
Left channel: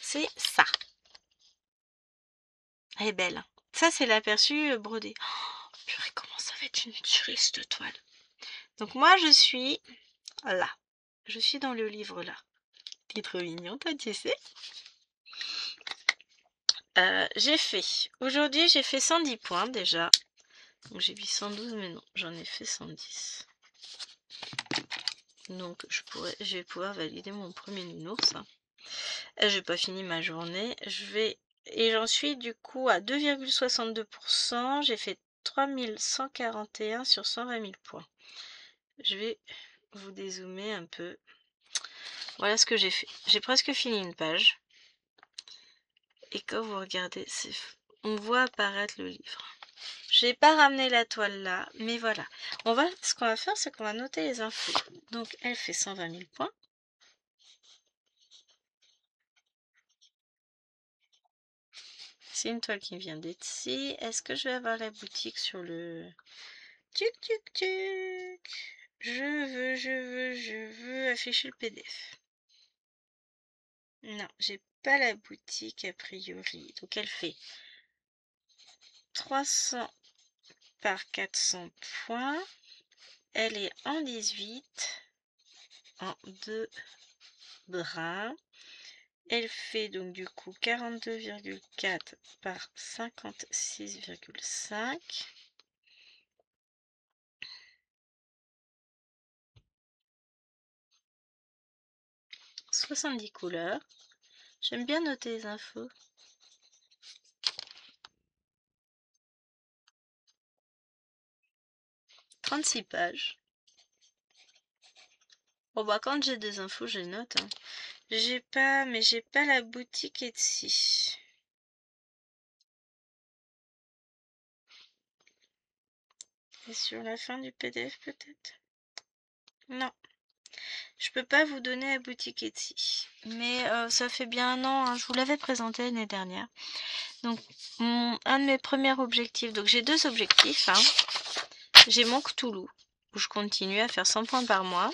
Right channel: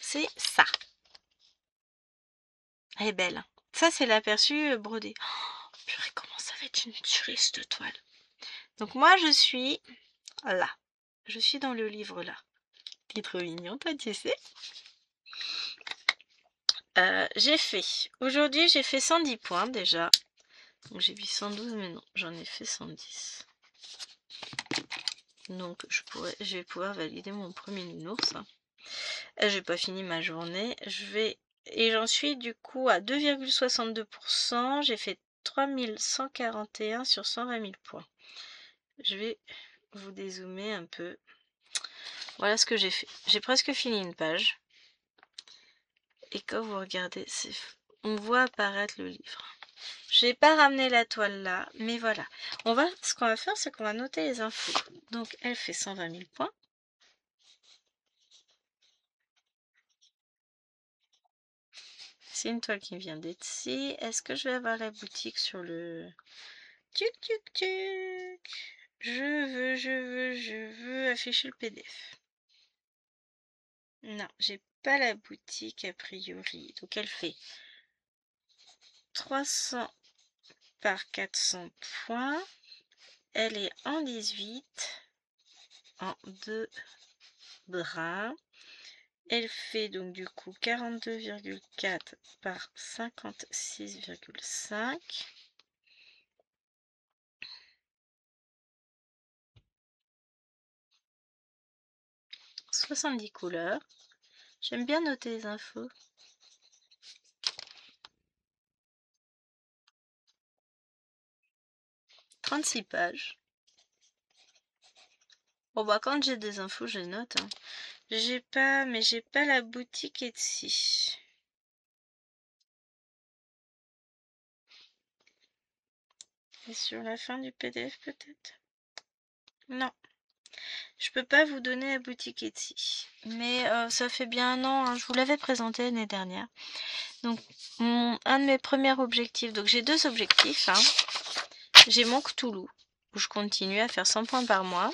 C'est ça. Elle est belle. Ça c'est l'aperçu brodé. Oh, purée, comment ça va être une tuerie cette toile. Donc moi je suis là. Je suis dans le livre là. T'es trop mignon, toi, tu sais. J'ai fait. Aujourd'hui, j'ai fait 110 points déjà. Donc j'ai mis 112, mais non, j'en ai fait 110. Donc je vais pouvoir valider mon premier nounours. J'ai pas fini ma journée. Et j'en suis du coup à 2,62%. J'ai fait 3141 sur 120 000 points. Je vais vous dézoomer un peu. Voilà ce que j'ai fait. J'ai presque fini une page. Et quand vous regardez, on voit apparaître le livre. J'ai pas ramené la toile là, mais voilà. Ce qu'on va faire, c'est qu'on va noter les infos. Donc, elle fait 120 000 points. C'est une toile qui vient d'Etsy. Est-ce que je vais avoir la boutique sur le... Tuc, tuc, tuc. Je veux afficher le PDF. Non, j'ai pas la boutique a priori. Donc elle fait 300 par 400 points. Elle est en 18, en 2 brins. Elle fait donc du coup 42,4 par 56,5. 70 couleurs. J'aime bien noter les infos. 36 pages. Bon bah quand j'ai des infos, je note. Hein. J'ai pas la boutique Etsy. Et sur la fin du PDF peut-être? Non. Je peux pas vous donner la boutique Etsy. Mais ça fait bien un an, hein, je vous l'avais présenté l'année dernière. Donc un de mes premiers objectifs, donc j'ai 2 objectifs. Hein. J'ai mon Cthulhu, où je continue à faire 100 points par mois.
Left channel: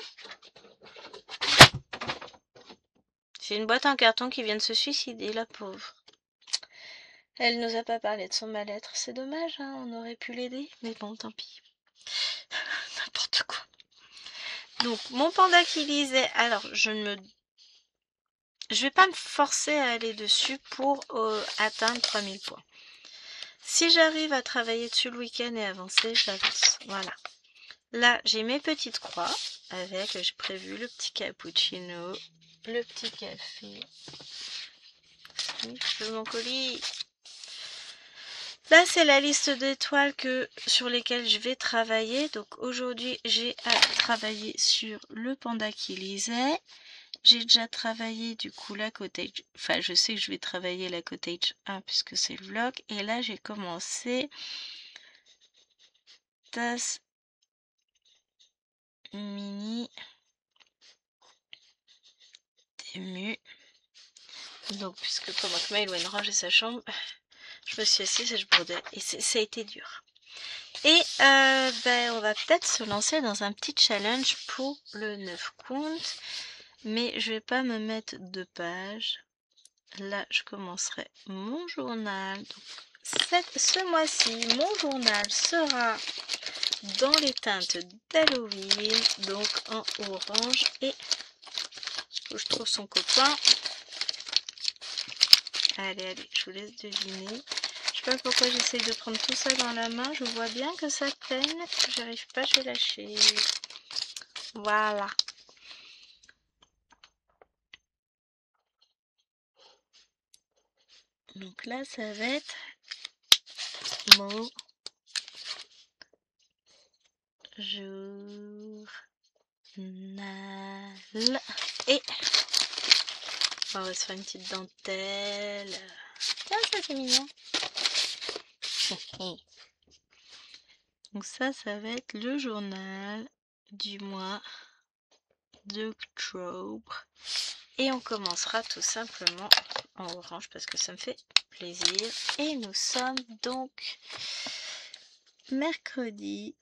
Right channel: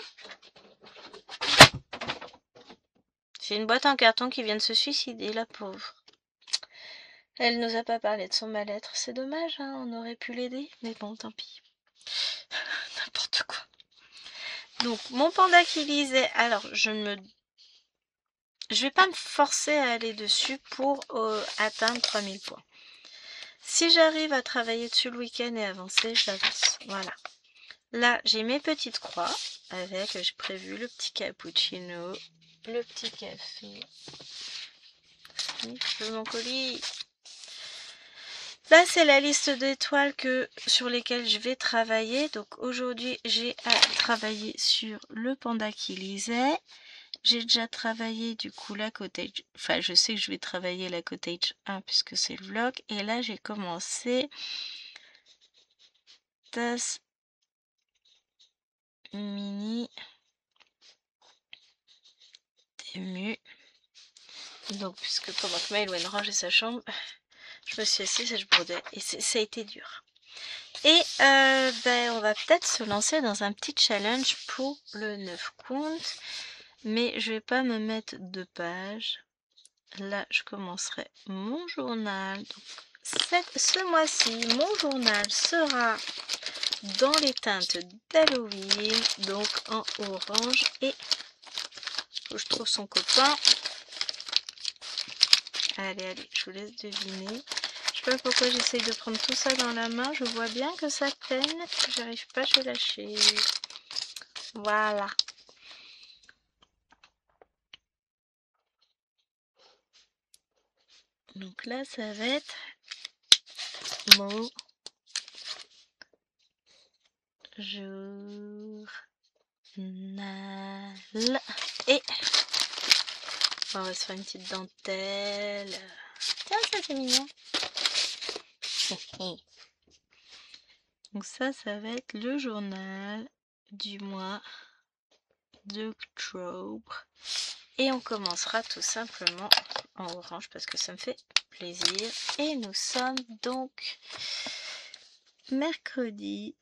J'ai une boîte en carton qui vient de se suicider, la pauvre. Elle nous a pas parlé de son mal-être. C'est dommage, hein, on aurait pu l'aider. Mais bon, tant pis. N'importe quoi. Donc, mon panda qui lisait. Alors, je vais pas me forcer à aller dessus pour atteindre 3000 points. Si j'arrive à travailler dessus le week-end et avancer, j'avance. Voilà. Là, j'ai mes petites croix avec, j'ai prévu le petit cappuccino, le petit café. Je veux mon colis. Là, c'est la liste d'étoiles sur lesquelles je vais travailler. Donc aujourd'hui, j'ai à travailler sur le panda qui lisait. J'ai déjà travaillé du coup la cottage. Enfin, je sais que je vais travailler la cottage 1 puisque c'est le vlog. Et là, j'ai commencé tasse mini ému. Donc, puisque pendant que Maëlwen rangeait sa chambre, je me suis assise et je brodais. Et ça a été dur. Et on va peut-être se lancer dans un petit challenge pour le 9 comptes. Mais je vais pas me mettre 2 pages. Là, je commencerai mon journal. Donc, ce mois-ci, mon journal sera dans les teintes d'Halloween. Donc en orange. Et faut que je trouve son copain. Allez, je vous laisse deviner. Je sais pas pourquoi j'essaye de prendre tout ça dans la main. Je vois bien que ça peine. J'arrive pas, je vais lâcher. Voilà. Donc là, ça va être mon journal. Et on va se faire une petite dentelle. Tiens, ça c'est mignon. Donc ça va être le journal du mois d'octobre. Et on commencera tout simplement en orange parce que ça me fait plaisir. Et nous sommes donc mercredi.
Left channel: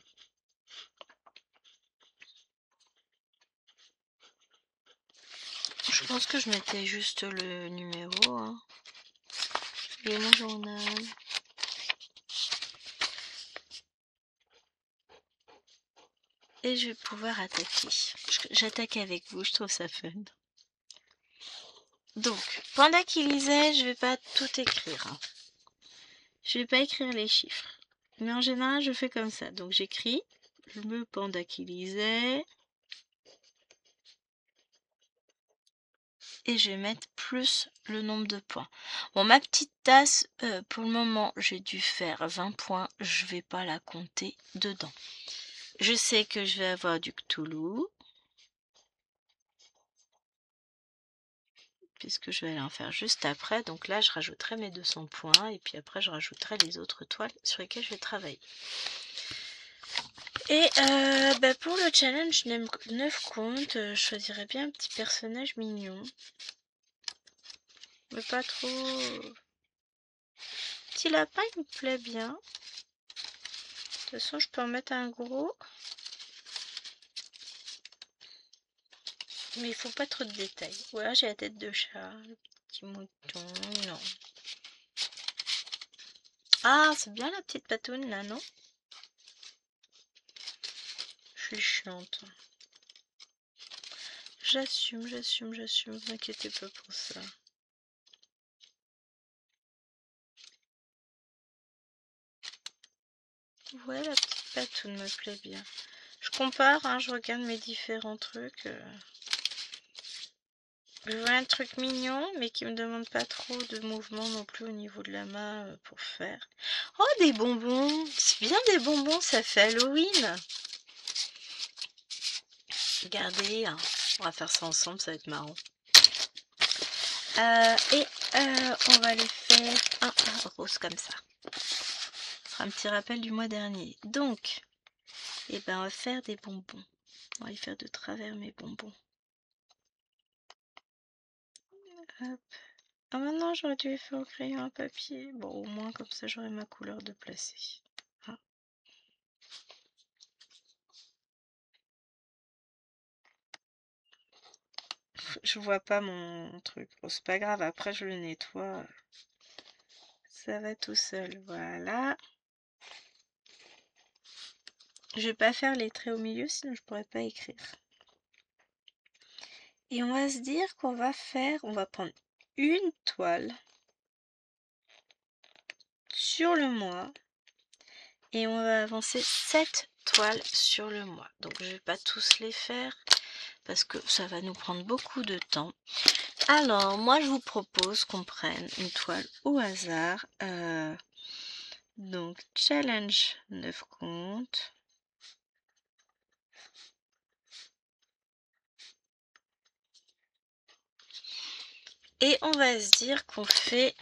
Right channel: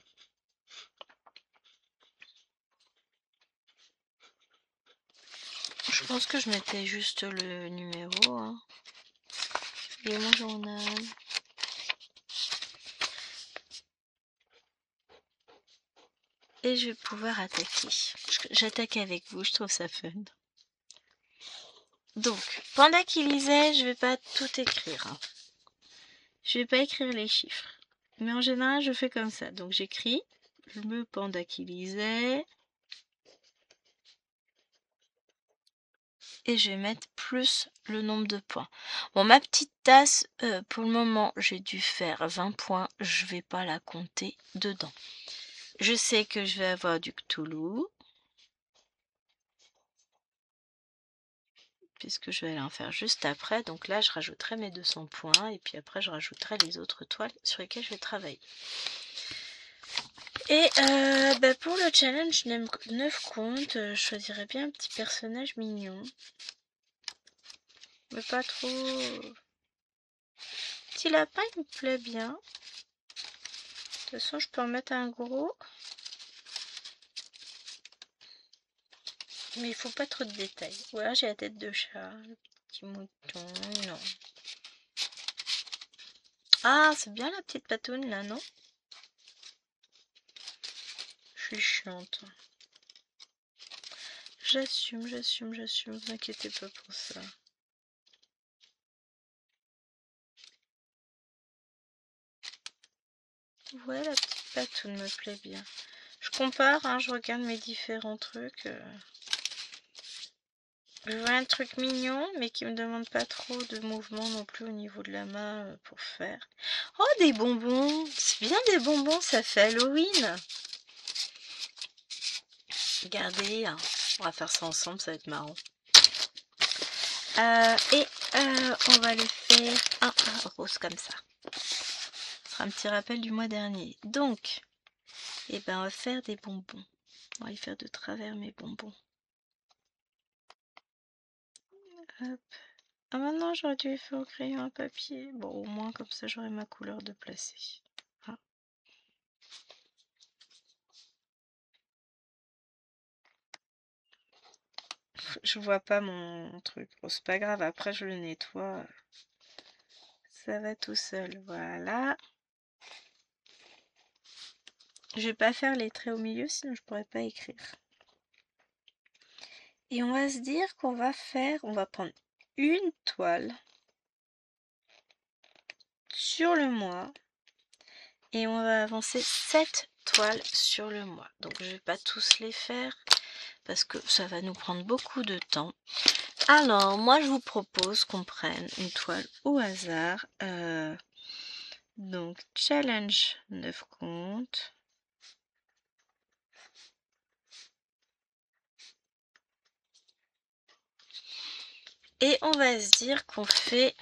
Je pense que je mettais juste le numéro. Hein. Et mon journal. Et je vais pouvoir attaquer. J'attaque avec vous, je trouve ça fun. Donc, pendant qu'il lisait, je vais pas tout écrire. Hein. Je vais pas écrire les chiffres. Mais en général, je fais comme ça. Donc, j'écris le panda qui lisait. Et je vais mettre plus le nombre de points. Bon, ma petite tasse, pour le moment, j'ai dû faire 20 points. Je vais pas la compter dedans. Je sais que je vais avoir du Cthulhu. Puisque je vais aller en faire juste après. Donc là, je rajouterai mes 200 points. Et puis après, je rajouterai les autres toiles sur lesquelles je vais travailler. Et pour le challenge 9 comptes, je choisirais bien un petit personnage mignon. Mais pas trop... Petit lapin, il me plaît bien. De toute façon, je peux en mettre un gros. Mais il faut pas trop de détails. Voilà, j'ai la tête de chat, le petit mouton, non. Ah, c'est bien la petite patoune là, non? Je suis chiante. J'assume, vous inquiétez pas pour ça. Ouais, la petite patoune me plaît bien. Je compare, hein, je regarde mes différents trucs. Je veux un truc mignon, mais qui me demande pas trop de mouvement non plus au niveau de la main pour faire. Oh, des bonbons! C'est bien des bonbons, ça fait Halloween! Regardez, hein, on va faire ça ensemble, ça va être marrant. On va les faire un rose comme ça. Ce sera un petit rappel du mois dernier. Donc, eh ben, on va faire des bonbons. On va les faire de travers mes bonbons. Hop. Ah, maintenant j'aurais dû les faire au crayon à papier. Bon, au moins comme ça j'aurai ma couleur de placer. Ah. Je vois pas mon truc. Bon, c'est pas grave, après je le nettoie. Ça va tout seul. Voilà. Je vais pas faire les traits au milieu, sinon je pourrais pas écrire. Et on va se dire qu'on va prendre une toile sur le mois et on va avancer 7 toiles sur le mois. Donc je vais pas tous les faire parce que ça va nous prendre beaucoup de temps. Alors moi je vous propose qu'on prenne une toile au hasard. Donc challenge 9 comptes. Et on va se dire qu'on fait...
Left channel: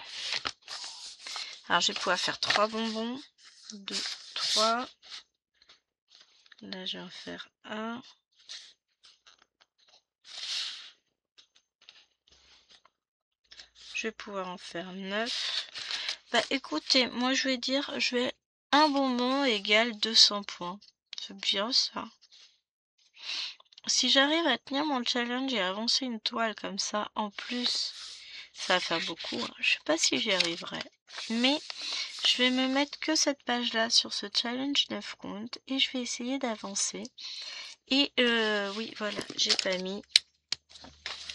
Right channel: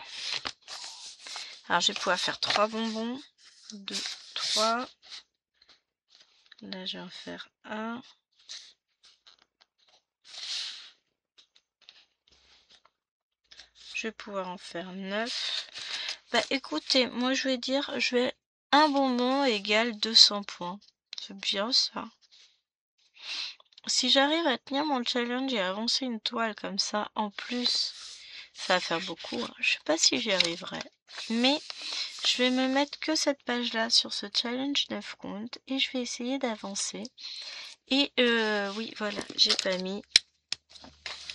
Alors je vais pouvoir faire 3 bonbons. 2, 3. Là je vais en faire 1. Je vais pouvoir en faire 9. Bah écoutez, moi je vais dire, un bonbon égale 200 points. C'est bien ça. Si j'arrive à tenir mon challenge et à avancer une toile comme ça, en plus, ça va faire beaucoup. Hein. Je sais pas si j'y arriverai. Mais je vais me mettre que cette page-là sur ce challenge 9 comptes et je vais essayer d'avancer. Et oui, voilà, j'ai pas mis.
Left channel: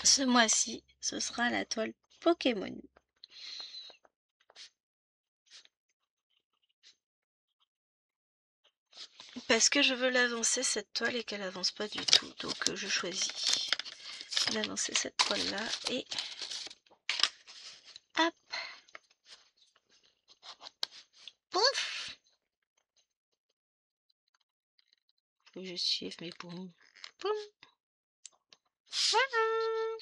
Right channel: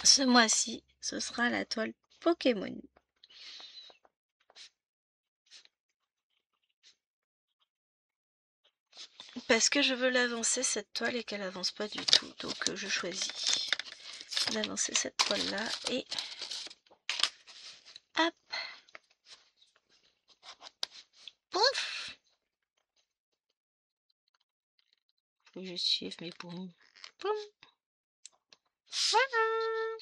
Ce mois-ci, ce sera la toile Pokémon. Parce que je veux l'avancer cette toile et qu'elle avance pas du tout. Donc je choisis d'avancer cette toile là et hop. Pouf. Faut que je suive mes poumons. Poum. Voilà.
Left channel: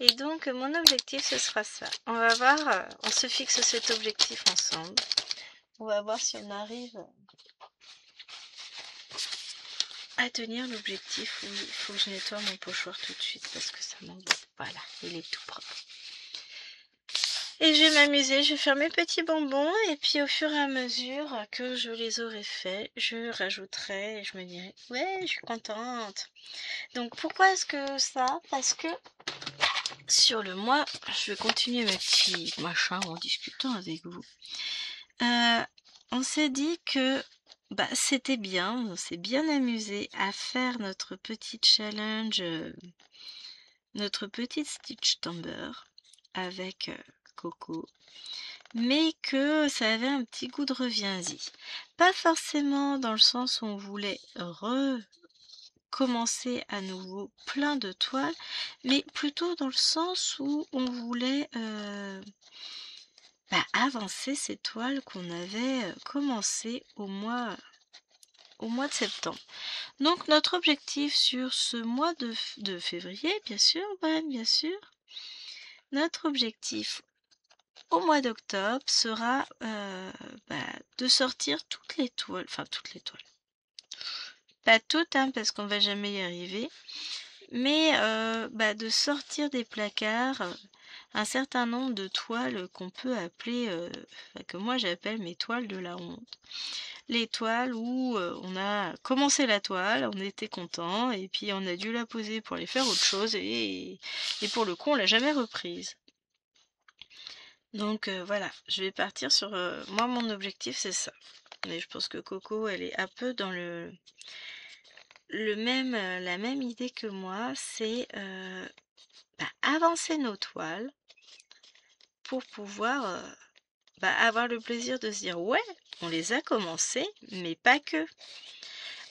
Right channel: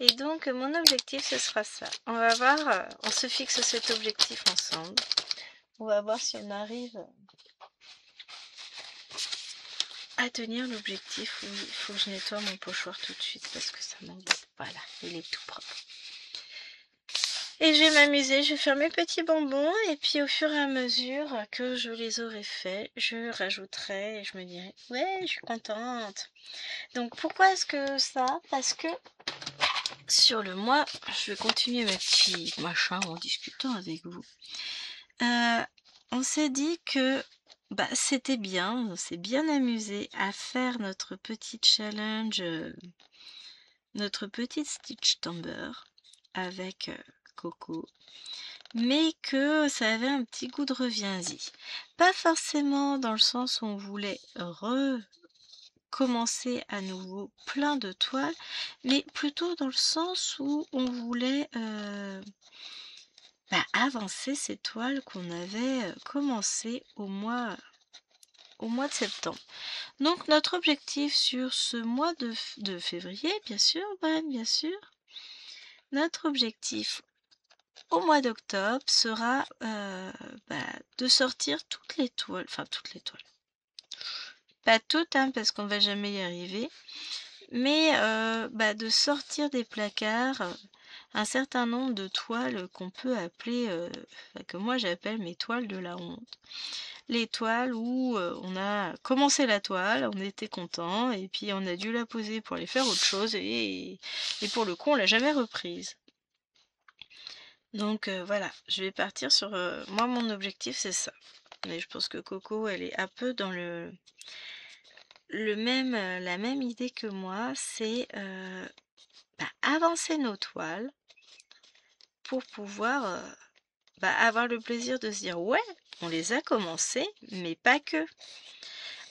Et donc mon objectif ce sera ça. On va voir, on se fixe cet objectif ensemble. On va voir si on arrive à tenir l'objectif. Oui, il faut que je nettoie mon pochoir tout de suite parce que ça m'embête. Voilà, il est tout propre. Et je vais m'amuser, je vais faire mes petits bonbons et puis au fur et à mesure que je les aurai faits, je rajouterai et je me dirai ouais, je suis contente. Donc pourquoi est-ce que ça? Parce que sur le mois, je vais continuer mes petits machins en discutant avec vous. On s'est dit que bah, c'était bien, on s'est bien amusé à faire notre petit challenge, notre petite Stitch Tomber avec Coco. Mais que ça avait un petit goût de reviens-y. Pas forcément dans le sens où on voulait recommencer à nouveau plein de toiles, mais plutôt dans le sens où on voulait avancer ces toiles qu'on avait commencé au mois de septembre. Donc notre objectif sur ce mois de février, bien sûr, bien sûr, notre objectif au mois d'octobre sera de sortir toutes les toiles, pas toutes hein, parce qu'on va jamais y arriver, mais de sortir des placards un certain nombre de toiles qu'on peut appeler, enfin, que moi j'appelle mes toiles de la honte. Les toiles où on a commencé la toile, on était content, et puis on a dû la poser pour aller faire autre chose, et pour le coup on l'a jamais reprise. Donc voilà, je vais partir sur... moi mon objectif c'est ça. Mais je pense que Coco elle est un peu dans la même idée que moi, c'est avancer nos toiles pour pouvoir avoir le plaisir de se dire ouais, on les a commencées, mais pas que.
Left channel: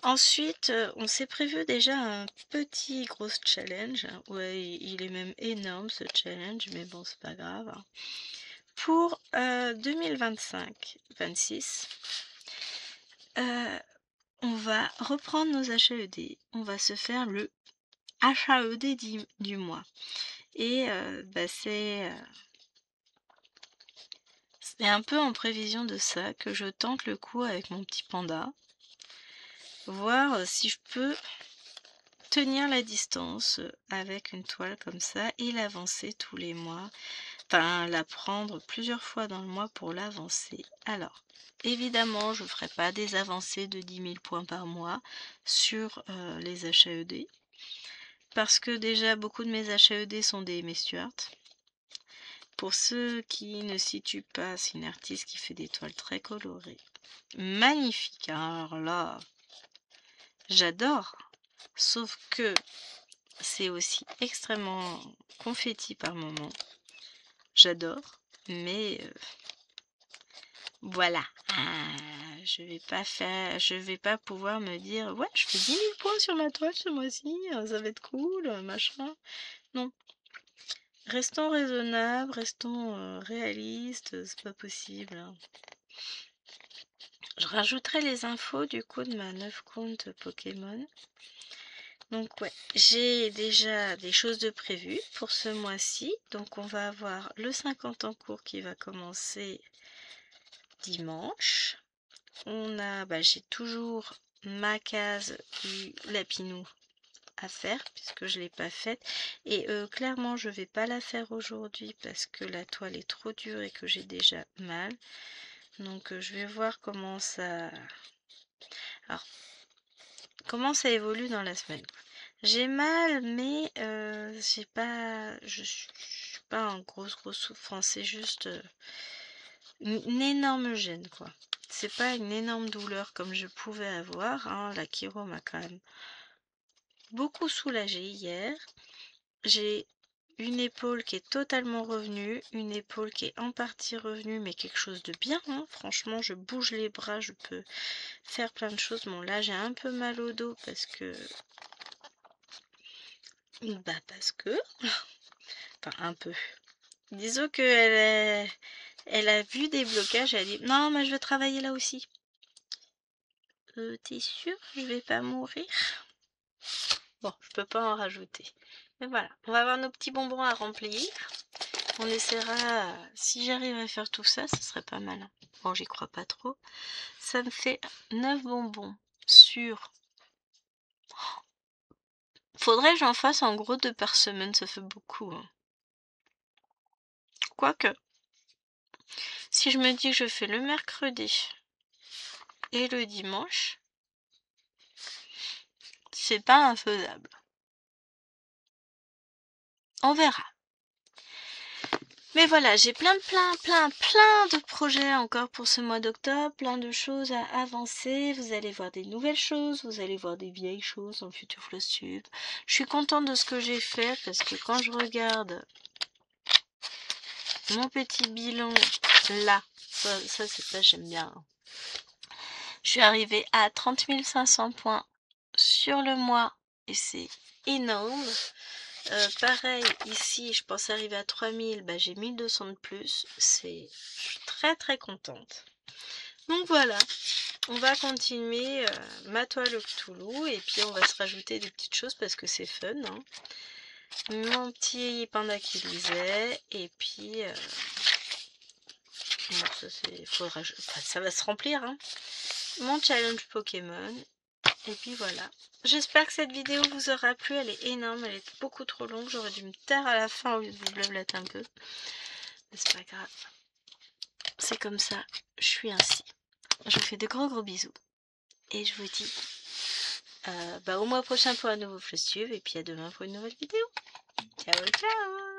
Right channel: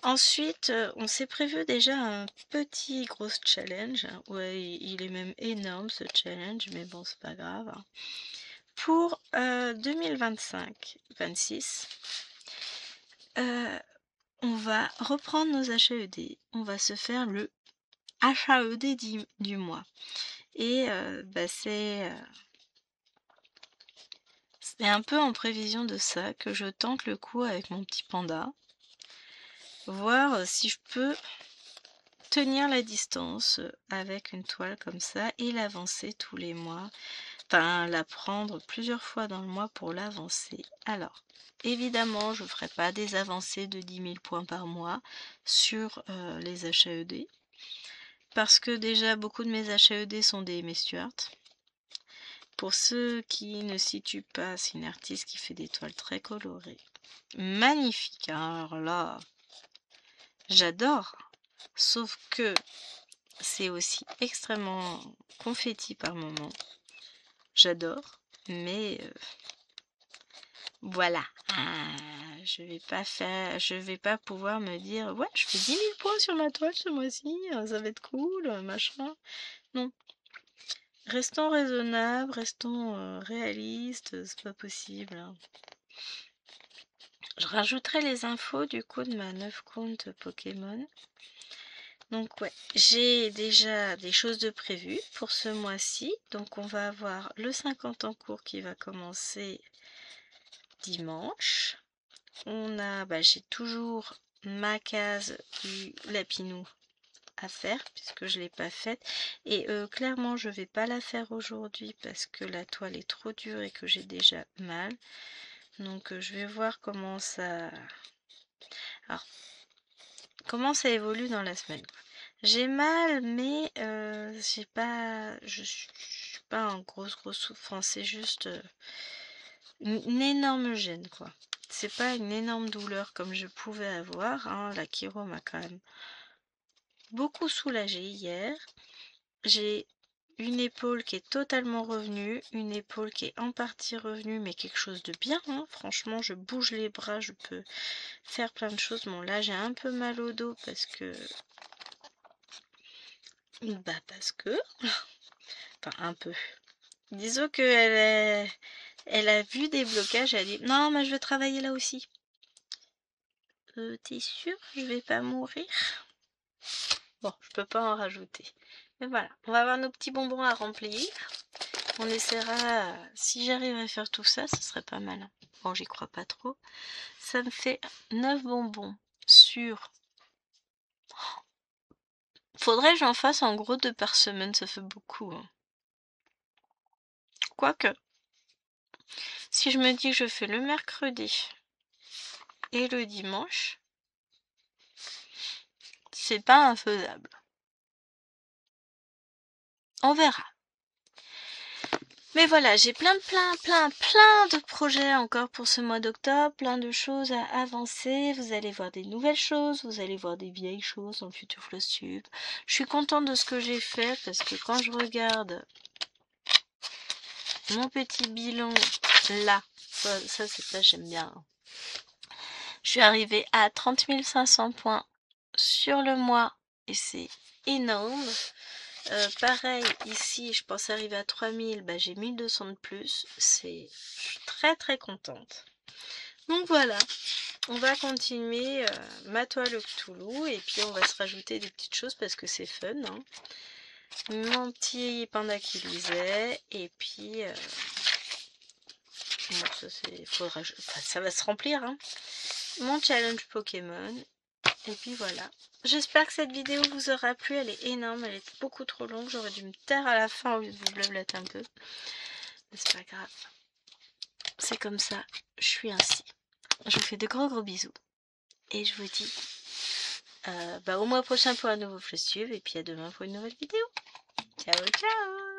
Ensuite, on s'est prévu déjà un petit gros challenge. Ouais, il est même énorme ce challenge, mais bon, c'est pas grave. Pour 2025-26, on va reprendre nos HAED. On va se faire le HAED du mois. Et c'est un peu en prévision de ça que je tente le coup avec mon petit panda. Voir si je peux tenir la distance avec une toile comme ça et l'avancer tous les mois. Enfin, la prendre plusieurs fois dans le mois pour l'avancer. Alors, évidemment, je ne ferai pas des avancées de 10 000 points par mois sur les HAED. Parce que déjà, beaucoup de mes HAED sont des Aimé Stuart. Pour ceux qui ne situent pas, c'est une artiste qui fait des toiles très colorées. Magnifique, hein. Alors là, j'adore. Sauf que c'est aussi extrêmement confetti par moment. J'adore, mais voilà. Je vais pas pouvoir me dire ouais, je fais 10 000 points sur ma toile ce mois-ci, ça va être cool, machin. Non. Restons raisonnables, restons réalistes, c'est pas possible. Je rajouterai les infos du coup de ma 9 compte Pokémon. Donc ouais, j'ai déjà des choses de prévues pour ce mois-ci. Donc on va avoir le 50 en cours qui va commencer dimanche. J'ai toujours ma case du lapinou à faire puisque je ne l'ai pas faite. Et clairement, je vais pas la faire aujourd'hui parce que la toile est trop dure et que j'ai déjà mal. Donc je vais voir comment ça... Alors, comment ça évolue dans la semaine. J'ai mal, mais je suis pas en grosse souffrance. C'est juste une énorme gêne, quoi. C'est pas une énorme douleur comme je pouvais avoir. Hein. La chiro m'a quand même beaucoup soulagée hier. J'ai une épaule qui est totalement revenue, une épaule qui est en partie revenue, mais quelque chose de bien. Hein. Franchement, je bouge les bras, je peux faire plein de choses. Bon, là, j'ai un peu mal au dos parce que... Enfin, un peu. Disons qu'elle elle a vu des blocages, elle a dit non, mais je vais travailler là aussi. T'es sûr, je vais pas mourir? Bon, je peux pas en rajouter. Mais voilà, on va avoir nos petits bonbons à remplir. On essaiera, si j'arrive à faire tout ça, ce serait pas mal. Bon, j'y crois pas trop. Ça me fait 9 bonbons sur... Faudrait que j'en fasse en gros 2 par semaine, ça fait beaucoup. Hein. Quoique, si je me dis que je fais le mercredi et le dimanche, c'est pas infaisable. On verra. Mais voilà, j'ai plein de projets encore pour ce mois d'octobre, plein de choses à avancer. Vous allez voir des nouvelles choses, vous allez voir des vieilles choses dans le futur Flosstube. Je suis contente de ce que j'ai fait parce que quand je regarde mon petit bilan là, ça j'aime bien. Je suis arrivée à 30 500 points sur le mois et c'est énorme. Pareil, ici, je pense arriver à 3000, j'ai 1200 de plus. Je suis très contente. Donc voilà, on va continuer ma toile au Cthulhu et puis on va se rajouter des petites choses parce que c'est fun. Hein. Mon petit panda qui lisait et puis... bon, ça va se remplir. Hein. Mon challenge Pokémon et puis voilà. j'espère que cette vidéo vous aura plu. Elle est énorme, elle est beaucoup trop longue. J'aurais dû me taire à la fin au lieu de vous blablater un peu. Mais c'est pas grave. C'est comme ça, je suis ainsi. Je vous fais de gros bisous. Et je vous dis au mois prochain pour un nouveau Floss Tube. Et puis à demain pour une nouvelle vidéo. Ciao, ciao!